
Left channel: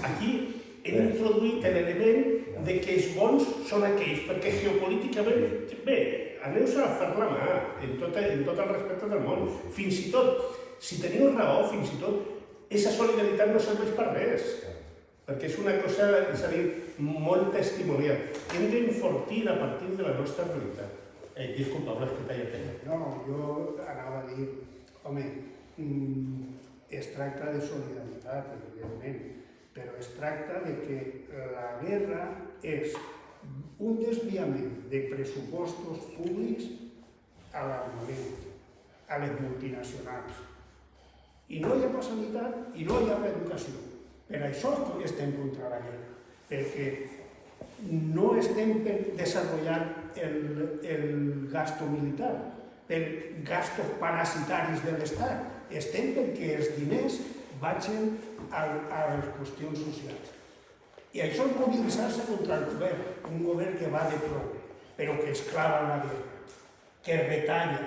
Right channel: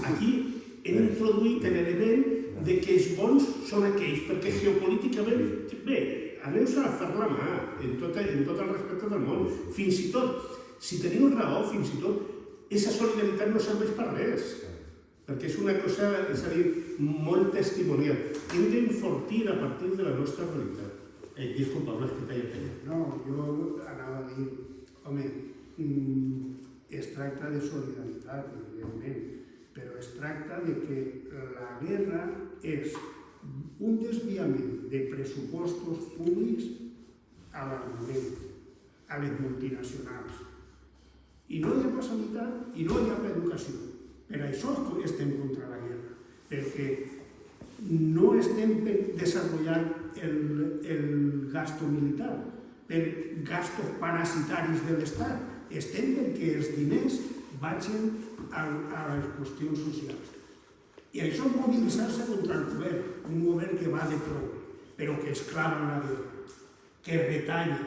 Aquí hem introduït l'element de que els bons són aquells, perquè geopolíticament, bé, aneu a fer la mà en tot el respecte del món. Fins i tot, si teniu raó, fins i tot, aquesta solidaritat no serveix per res, perquè és una cosa, és a dir, molt testimonial. Hem d'enfortir a partir de la nostra realitat. Disculpa, una explica ja tenia. No, jo anava a dir, home, es tracta de solidaritat, evidentment, però es tracta de que la guerra és un desviament de pressupostos públics a l'armament, a les multinacionals. I no hi ha sanitat i no hi ha educació. Per això estem contra la guerra, perquè no estem desenvolupant el gasto militar, per gastos parasitaris de l'Estat. Estem perquè els diners vagin a les qüestions socials. I això és mobilitzar-se contra el govern, un govern que va de prou, però que es clava en la guerra, que retalla,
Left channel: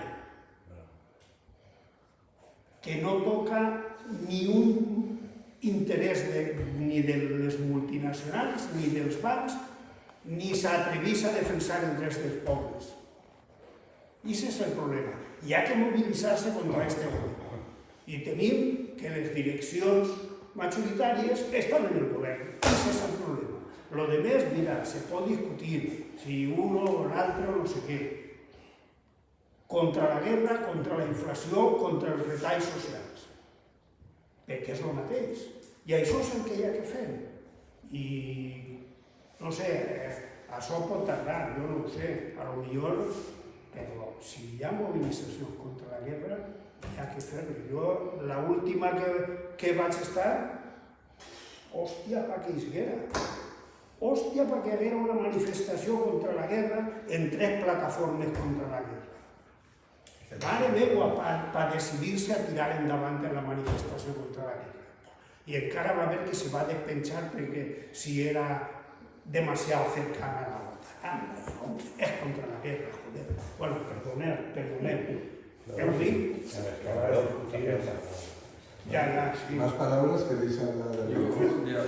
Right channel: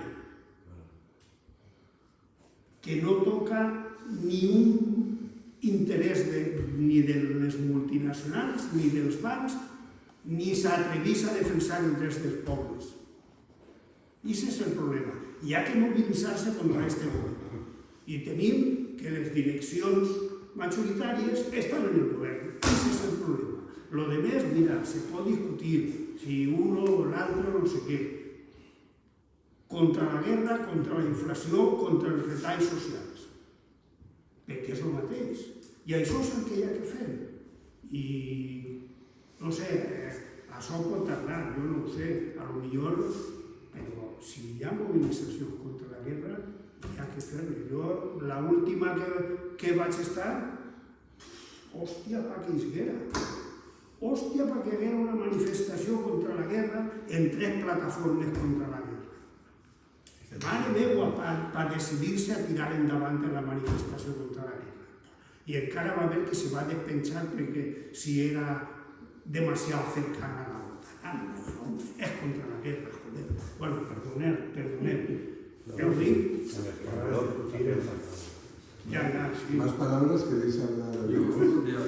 que no toca ni un interès ni de les multinacionals, ni dels bancs, ni s'atreveix a defensar els drets dels pobles. I aquest és el problema. Hi ha que mobilitzar-se contra aquest govern. I tenim que les direccions majoritàries estan en el govern. Aquest és el problema. Lo de més, mira, se pot discutir si uno o l'altre o no sé què. Contra la guerra, contra la inflació, contra els retalls socials. Perquè és el mateix. I això és el que hi ha que fer. I, no sé, això pot tardar, jo no ho sé, a lo millor, però si hi ha mobilització contra la guerra, hi ha que fer-ho. Jo, l'última que vaig estar, hòstia, pa que isguera. Hòstia, pa que haguera una manifestació contra la guerra en 3 plataformes contra la guerra. Mare meva, per decidir-se a tirar endavant en la manifestació contra la guerra. I encara va haver que se va despenjar perquè si era demasiado cercana a la otra. No, és contra la guerra, joder. Bueno, perdoneu. Heu dit? Ja, sí. Más palabras que hablar de Yo voldria,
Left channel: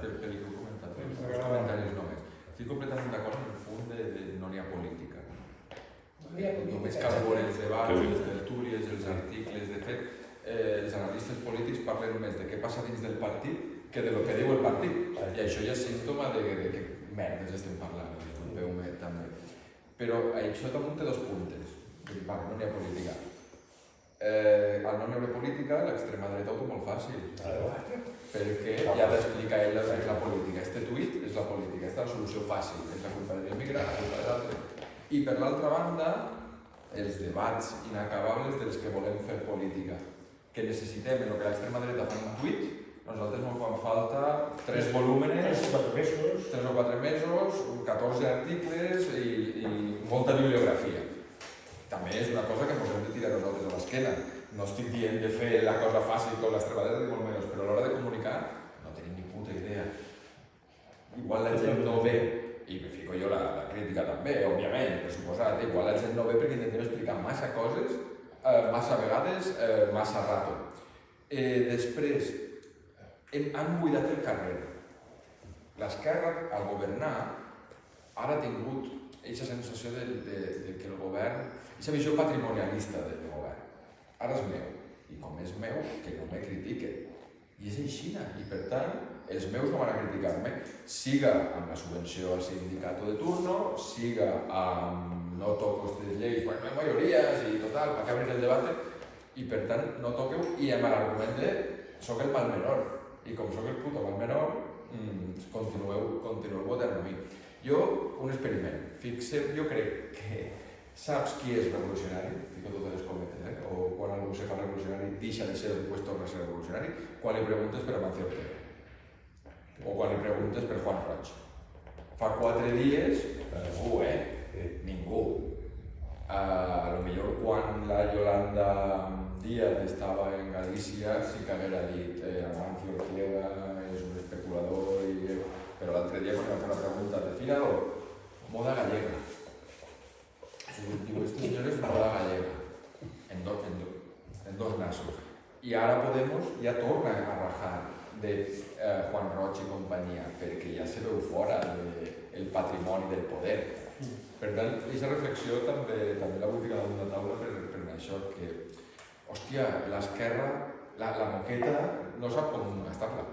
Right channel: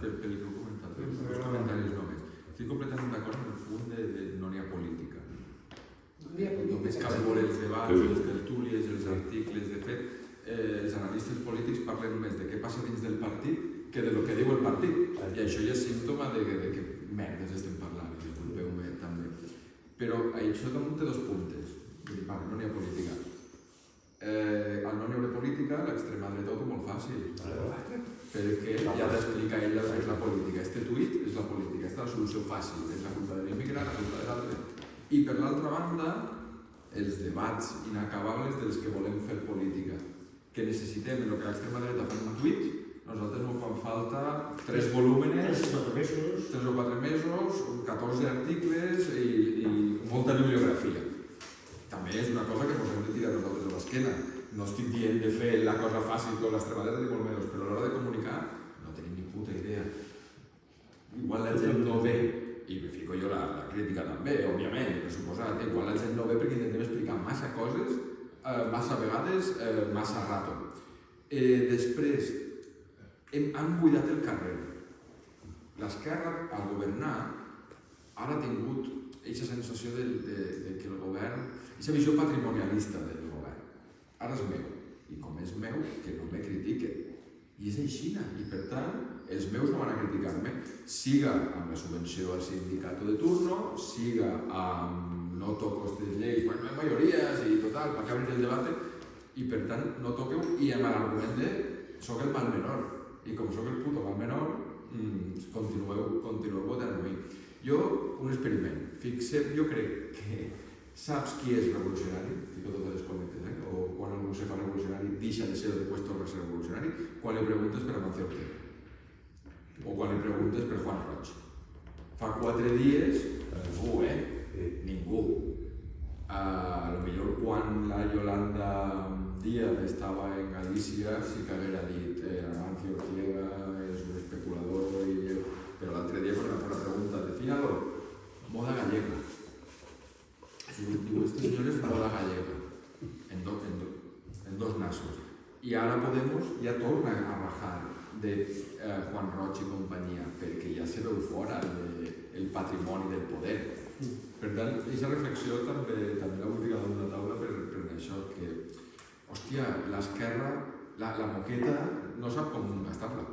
pel que heu comentat, dos comentaris només. Estic completament d'acord en el punt de no n'hi ha política. Només cal veure els debats, les tertúlies, els articles. De fet, els analistes polítics parlen més de què passa dins del partit que de lo que diu el partit. I això ja és símptoma de que merdes estem parlant, disculpeu-me també. Però això damunt té 2 puntes. Vale, no n'hi ha política. Al no n'hi haver política, l'extrema dreta ho té molt fàcil. Perquè ja ha d'explicar ella què és la política. Este tuit és la política, aquesta és la solució fàcil. És la culpa de l'immigrant, la culpa de l'altre. I per l'altra banda, els debats inacabables dels que volem fer política, que necessitem en el que l'extrema dreta fa un tuit, nosaltres no fan falta 3 volúmenes, 3 o 4 mesos, 14 articles i molta bibliografia. També és una cosa que ens hem de tirar nosaltres a l'esquena. No estic dient de fer la cosa fàcil com l'extrema dreta, ni molt menys, però a l'hora de comunicar no tenim ni puta idea. Igual la gent no ve, i me fico jo la crítica també, òbviament, per suposat, igual la gent no ve perquè intentem explicar massa coses, massa vegades, massa rato. Després, han buidat el carrer. L'esquerra, al governar, ara ha tingut aquesta sensació de que el govern, aquesta visió patrimonialista del govern. Ara és meu, i com és meu, que no me critique. I és així, i per tant, els meus no van a criticar-me, siga amb la subvenció al sindicato de turno, siga amb no toco aquestes lleis, bueno, no hi ha majories i total, per obrir el debat, i per tant no toqueu, i amb l'argument de soc el mal menor, i com soc el puto mal menor, continueu votant a mi. Jo, un experiment, fixeu, jo crec que saps qui és revolucionari, fico totes les cometes, o quan algú se fa revolucionari deixa de ser després torna a ser revolucionari, quan li preguntes per Amancio Ortega. O quan li preguntes per Juan Roig. Fa 4 dies, ningú, ningú. Potser quan la Yolanda Díaz estava en Galícia sí que haguera dit Amancio Ortega és un especulador, però l'altre dia quan em va fer una pregunta de Fígaro, moda gallega. Diu, este senyor és moda gallega, en dos nassos. I ara Podemos ja torna a de Juan Roig i companyia, perquè ja se veu fora el patrimoni del poder. Per tant, aquesta reflexió també la vull ficar damunt la taula per això, que, hòstia, l'esquerra, la moqueta, no sap com gastar-la.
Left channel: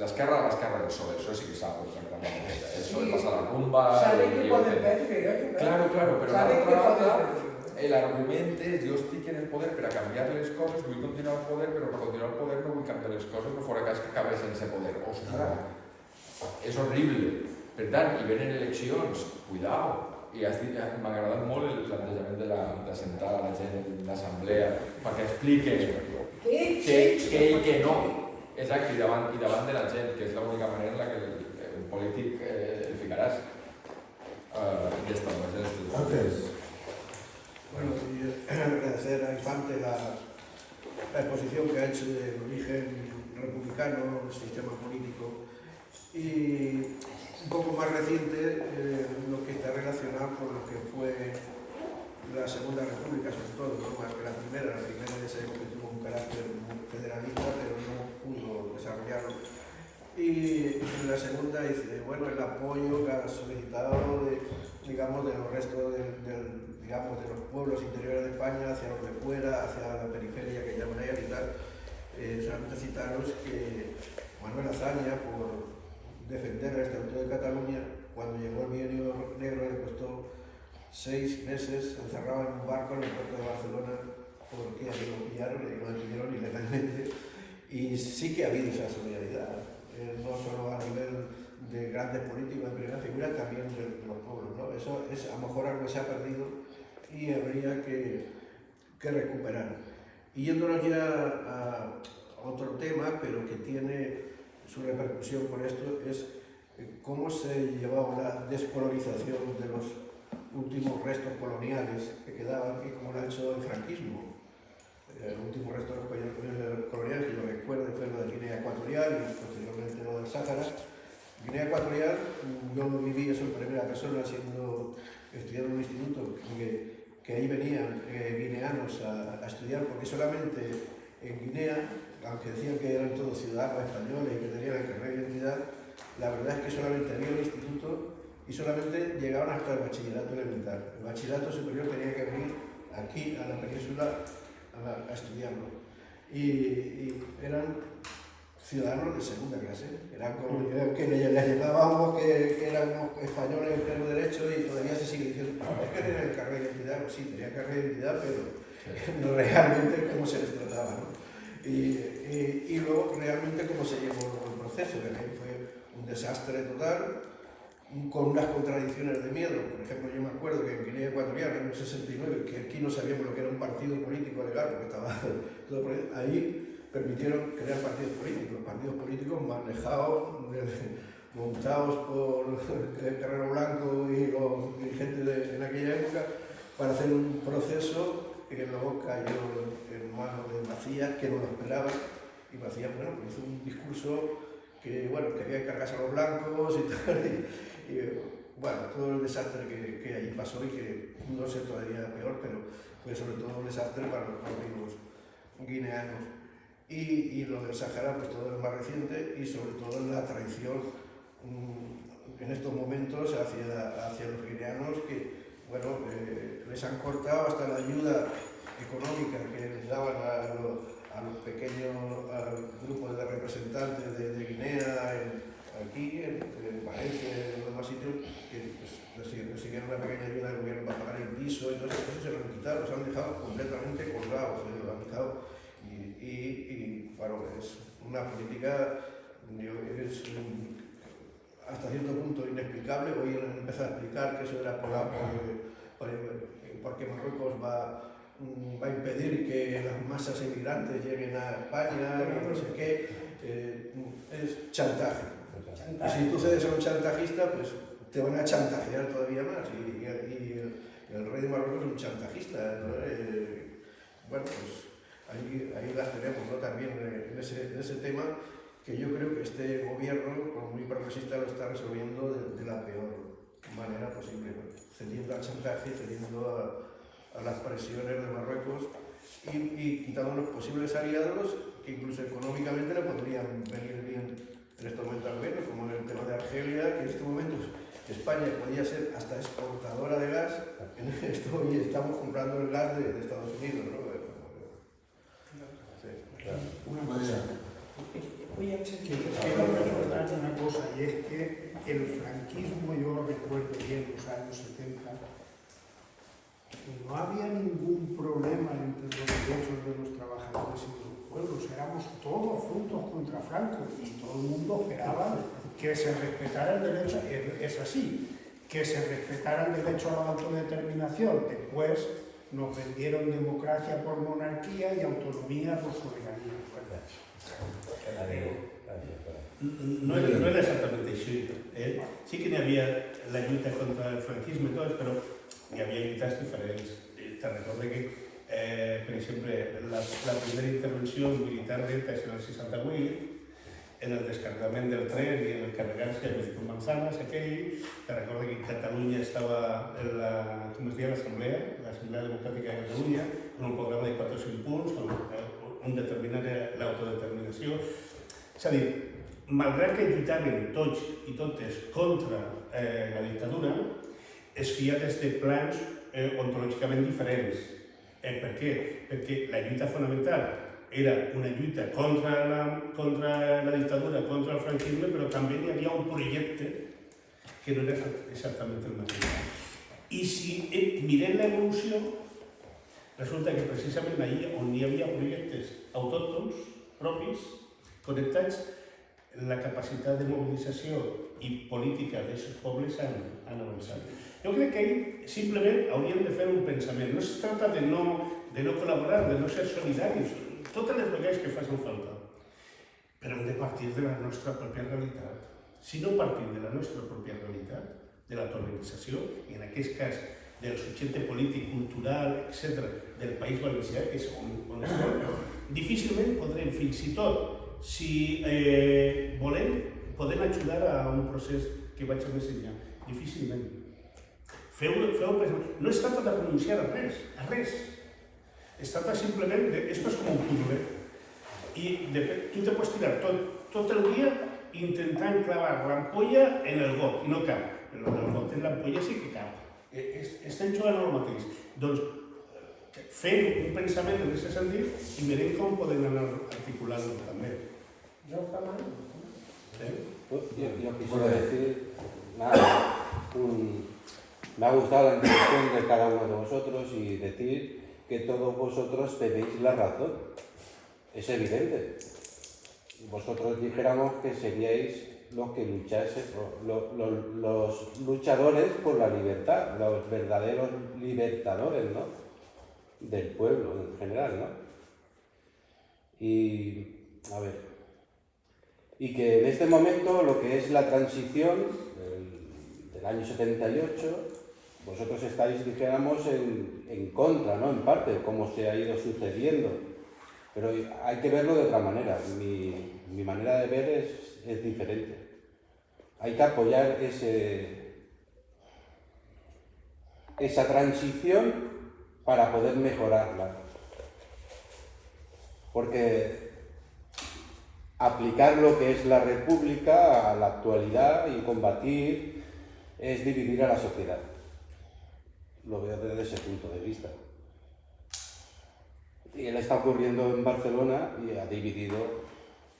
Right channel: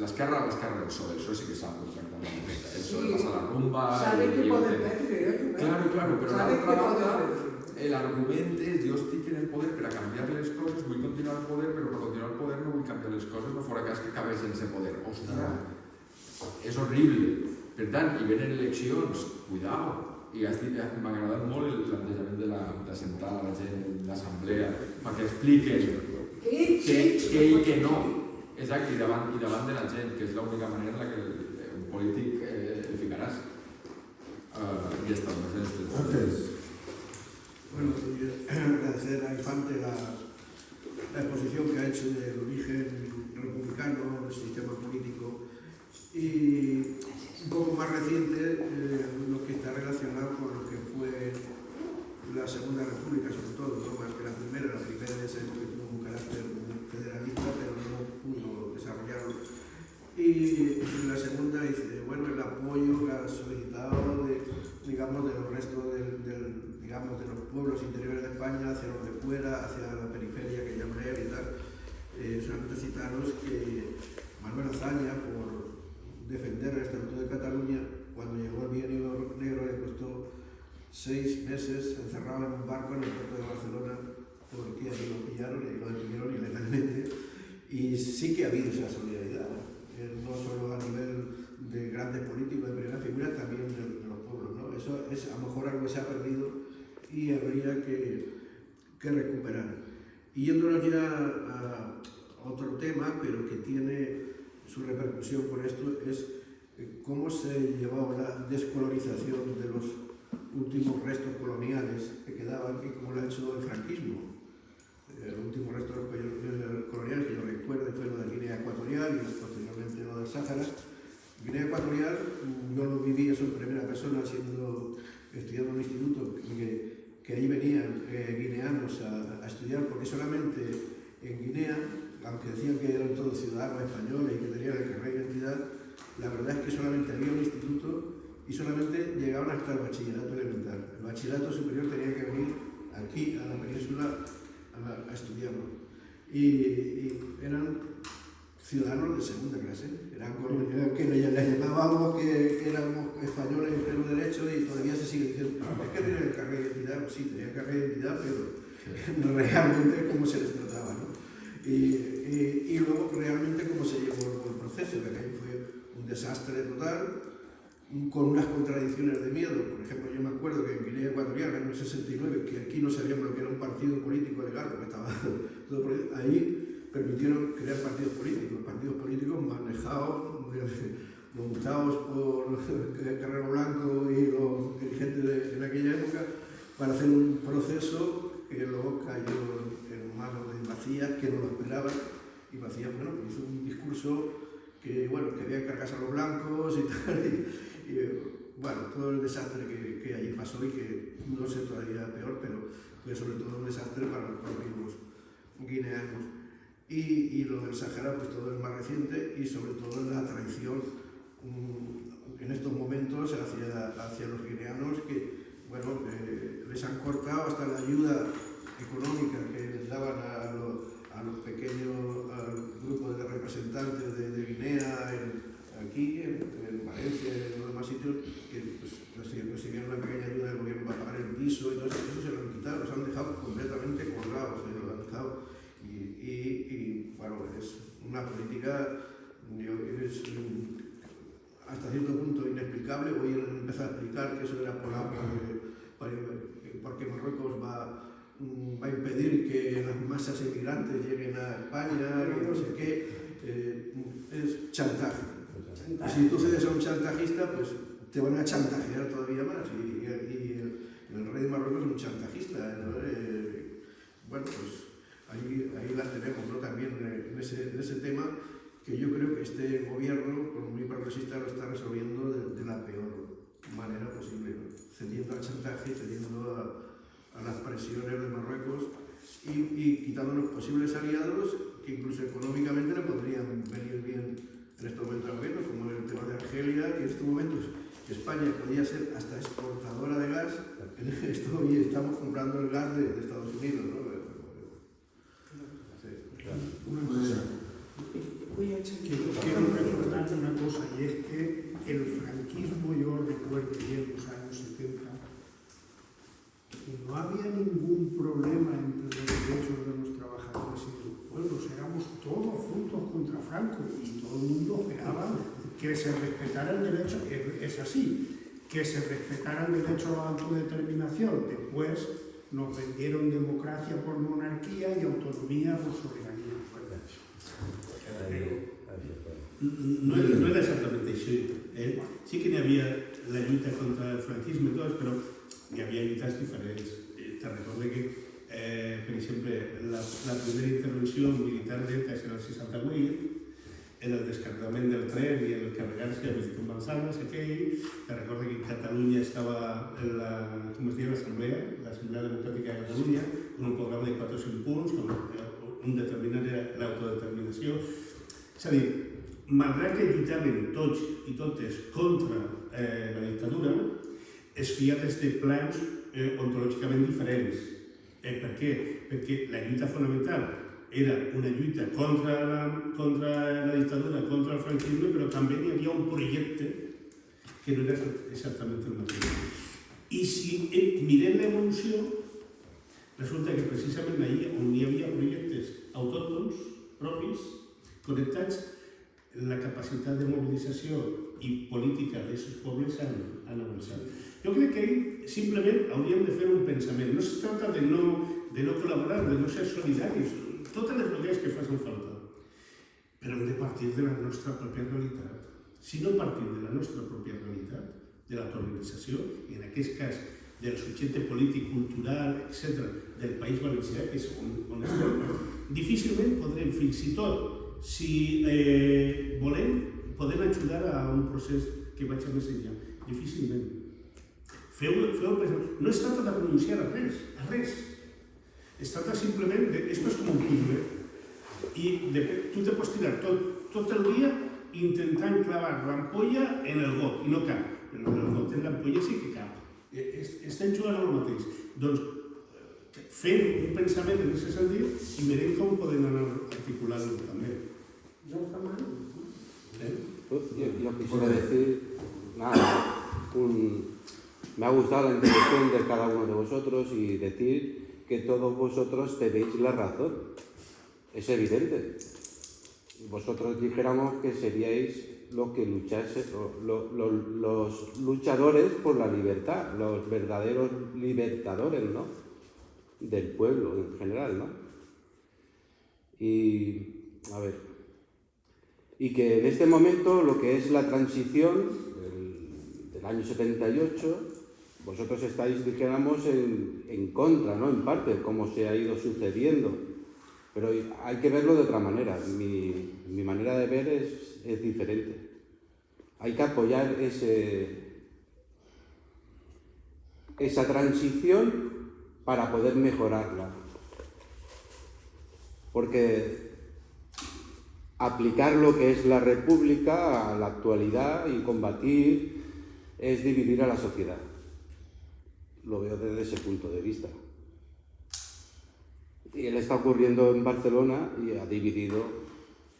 L'esquerra del PSOE, el PSOE sí que sap com gastar la moqueta. El PSOE passa la rumba... Saben que poden perdre, Claro, però saben que l'altra poden banda, perdre. l'argument és jo estic en el poder per a canviar les coses, vull continuar al poder, però per continuar al poder no vull canviar les coses, no fora cas que acabi sense poder. Ostres, és horrible. Per tant, hi venen eleccions, cuidao. I m'ha agradat molt el plantejament de sentar a la gent de l'assemblea perquè expliquen que no. Exacte, i davant de la gent, que és l'única manera en la que un polític el ficaràs. I ja està, Antes. Bueno, y agradecer a Infante la exposición que ha hecho del origen republicano del sistema político y un poco más reciente lo que está relacionado con lo que fue la Segunda República, sobre todo, no más que la primera ya se que tuvo un carácter federalista, pero no pudo desarrollarlo. Y en la segunda dice, bueno, el apoyo que ha solicitado digamos, de los restos digamos, de los pueblos interiores de España hacia lo que fuera, hacia la periferia que llaman ellos y tal. Solamente citaros que Manuel Azaña, por defender el Estatuto de Cataluña, cuando llegó el Bienio Negro le costó 6 meses encerrado en un barco en el puerto de Barcelona porque lo pillaron y lo detuvieron ilegalmente. Y sí que ha habido esa solidaridad, no solo a nivel de grandes políticos de primera figura, también de los pueblos, ¿no? Eso es a lo mejor algo que se ha perdido y habría que recuperar. Y yéndonos ya a otro tema, pero que tiene su repercusión con esto, es cómo se llevaba la descolonización de los últimos restos coloniales que quedaban y cómo lo ha hecho el franquismo. El último resto colonial que yo recuerdo fue lo de Guinea Ecuatorial y posteriormente lo del Sáhara. Guinea Ecuatorial, yo lo viví eso en primera persona estudiando en un instituto que ahí venían guineanos a estudiar, porque solamente en Guinea, aunque decían que eran todos ciudadanos españoles y que tenían el carnet de identidad, la verdad es que solamente había un instituto y solamente llegaban hasta el bachillerato elemental. El bachillerato superior tenía que venir aquí a la península a estudiarlo. Y eran ciudadanos de segunda clase, eran como que les llamábamos que éramos españoles en pleno derecho y todavía se sigue diciendo, es que tenían el carnet de identidad, pues sí, tenían el carnet de identidad, pero realmente cómo se les trataba, ¿no? Y luego realmente cómo se llevó el proceso, que fue un desastre total, con unas contradicciones de miedo. Por ejemplo, yo me acuerdo que en Guinea Ecuatorial, en el 69, que aquí no sabíamos lo que era un partido político legal, porque estaba todo por ahí, ahí permitieron crear partidos políticos manejados, montados por Carrero Blanco y los dirigentes en aquella época, para hacer un proceso que luego cayó en manos de Macías, que no lo esperaba, y Macías, bueno, hizo un discurso que, bueno, que había que cargarse a los blancos y tal, y bueno, todo el desastre que allí pasó y que no sé todavía peor, pero fue sobre todo un desastre para los propios guineanos. Y lo del Sahara, pues todo es más reciente y sobre todo la traición en estos momentos hacia los guineanos que, bueno, les han cortado hasta la ayuda económica que les daban a los pequeños grupos de representantes de Guinea, aquí, en Valencia y en los demás sitios, que pues, recibieron una pequeña ayuda del gobierno para pagar el piso, entonces eso se lo han quitado, los han dejado completamente colgados, lo han dejado. Y bueno, es una política es hasta cierto punto inexplicable. Hoy han empezado a explicar que eso era porque Marruecos va a impedir que las masas emigrantes lleguen a España, no sé qué, es chantaje. Si tú cedes a un chantajista, pues te van a chantajear todavía más. Y el rey de Marruecos es un chantajista, ¿no? Bueno, pues ahí las tenemos, ¿no? También en ese tema, que yo creo que este gobierno, como muy progresista, lo está resolviendo de la peor manera posible, ¿no? Cediendo al chantaje, cediendo a las presiones de Marruecos y quitando los posibles aliados que incluso económicamente le podrían venir bien en este momento al gobierno, como en el tema de Argelia, que en estos momentos España podía ser hasta exportadora de gas, en esto hoy estamos comprando el gas de Estados Unidos, ¿no? Una cosa, quiero recordar una cosa, y es que el franquismo, yo recuerdo bien los años 70, no había ningún problema entre los derechos de los trabajadores y los pueblos, éramos todos juntos contra Franco y todo el mundo esperaba que se respetara el derecho, es así, que se respetara el derecho a la autodeterminación. Después nos vendieron democracia por monarquía y autonomía por soberanía. No era exactamente així. Sí que n'hi havia la lluita contra el franquisme i tot, però hi havia lluites diferents. Te recordo que, per exemple, la primera intervenció militar d'ETA en el 68, en el descargament del tren i el carregar-se de manzanas, aquell, te recordo que Catalunya estava en l'Assemblea Democràtica de Catalunya, en un programa de 4 o 5 punts, on determinava l'autodeterminació. És a dir, malgrat que lluitaven tots i totes contra la dictadura, es feia des de plans ontològicament diferents. Per què? Perquè la lluita fonamental era una lluita contra la dictadura, contra el franquisme, però també hi havia un projecte que no era exactament el mateix. I si mirem l'evolució, resulta que precisament allà on hi havia projectes autòctons propis, connectats, la capacitat de mobilització i política d'aquests pobles han avançat. Jo crec que ahí simplement hauríem de fer un pensament. No es tracta de no col·laborar, de no ser solidaris, totes les vegades que facin falta, però hem de partir de la nostra pròpia realitat. Si no partim de la nostra pròpia realitat, de l'autoorganització, i en aquest cas del subjecte polític, cultural, etc., del País Valencià, que és on estem, difícilment podrem, fins i tot, si volem, podem ajudar a un procés que vagi més enllà. Difícilment. Feu pensament. No es tracta de renunciar a res. Es tracta simplement de... Esto es como un puzzle. Y tú te puedes tirar tot el dia intentant clavar l'ampolla en el got, i no cap. Però en el got, en l'ampolla sí que cap. Estem jugant al mateix. Doncs fem un pensament en aquest sentit i mirem com podem anar articulant-lo també. Yo jamás. Yo quisiera decir, nada, me ha gustado la introducción de cada uno de vosotros y decir que todos vosotros tenéis la razón. Es evidente. Vosotros dijéramos que seríais los que luchasen, los luchadores por la libertad, los verdaderos libertadores, ¿no? Del pueblo en general, ¿no? Y, a ver, y que en este momento lo que es la transición del año 78, vosotros estáis, dijéramos, en contra, ¿no? En parte, cómo se ha ido sucediendo. Pero hay que verlo de otra manera. Mi manera de ver es diferente. Hay que apoyar esa transición para poder mejorarla. Porque aplicar lo que es la República a la actualidad y combatir es dividir a la sociedad. Lo veo desde ese punto de vista. Y él está ocurriendo en Barcelona y ha dividido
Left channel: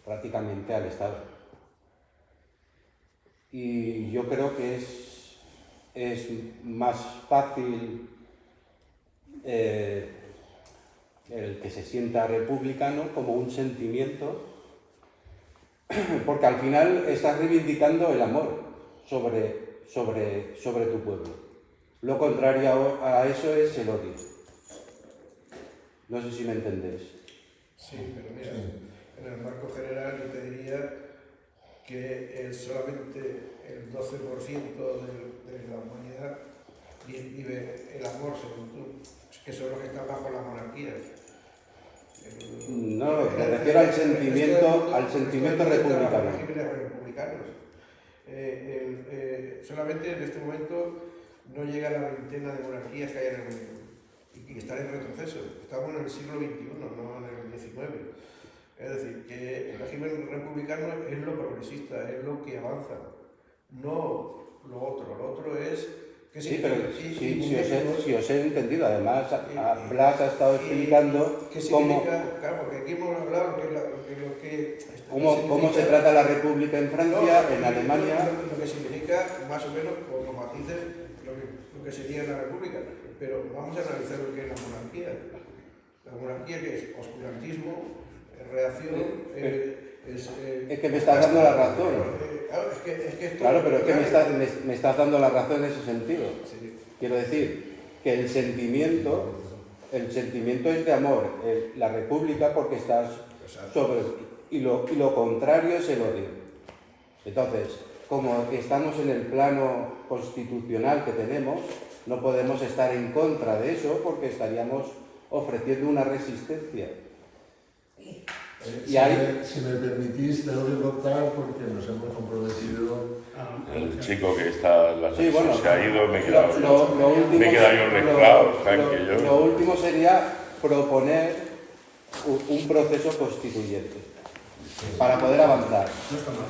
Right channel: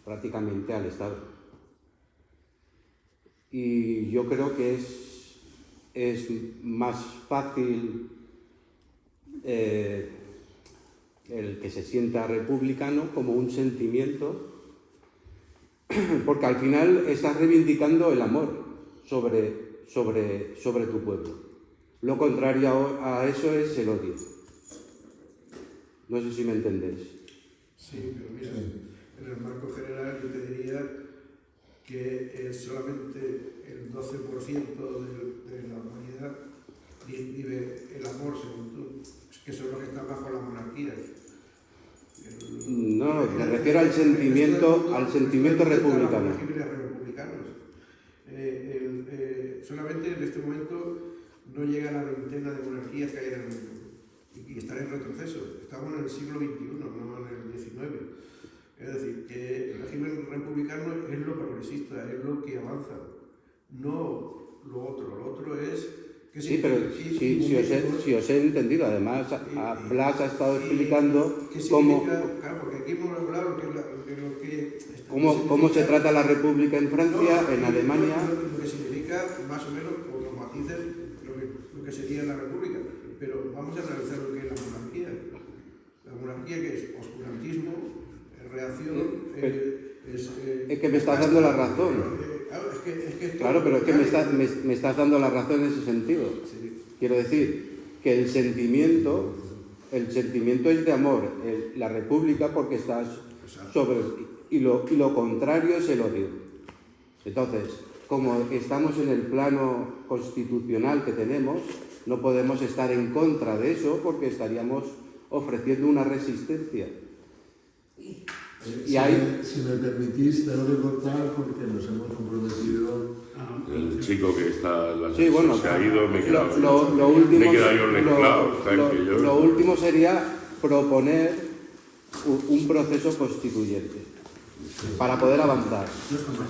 prácticamente al Estado. Y yo creo que es más fácil el que se sienta republicano como un sentimiento, porque al final estás reivindicando el amor sobre tu pueblo. Lo contrario a eso es el odio. No sé si me entendéis. Sí, pero mira, en el marco general yo te diría que solamente el 12% de la humanidad vive el amor, según tú, que son los que están bajo la monarquía. No, me refiero al sentimiento republicano. Solamente en este momento no llega a la veintena de monarquías que hay en el mundo y están en retroceso. Estamos en el siglo XXI, no en el XIX. Es decir, que el régimen republicano es lo progresista, es lo que avanza, no lo otro. Lo otro es que Sí, pero si os he entendido. Además, Blas ha estado explicando ¿qué cómo, significa? Claro, porque aquí hemos hablado lo que cómo se trata la República en Francia, No, en Alemania. Lo que significa, más o menos, por los matices, lo que sería la República. Pero vamos a analizar lo que es la monarquía. La monarquía, que es oscurantismo, reacción, Es que me estás dando la razón. Claro, Claro, pero es que me estás dando la razón en ese sentido. Sí. Quiero decir que el sentimiento es de amor. La República porque estás sobre... Y lo contrario es el odio. Entonces, como estamos en el plano constitucional que tenemos, no podemos estar en contra de eso porque estaríamos ofreciendo una resistencia. Si me permitís, tengo que cortar porque nos hemos comprometido. El chico que está Sí, bueno, se ha ido, me he quedado lo último, me he quedado yo mezclado, Jaime, que yo. lo último sería proponer un proceso constituyente para poder avanzar. No está mal.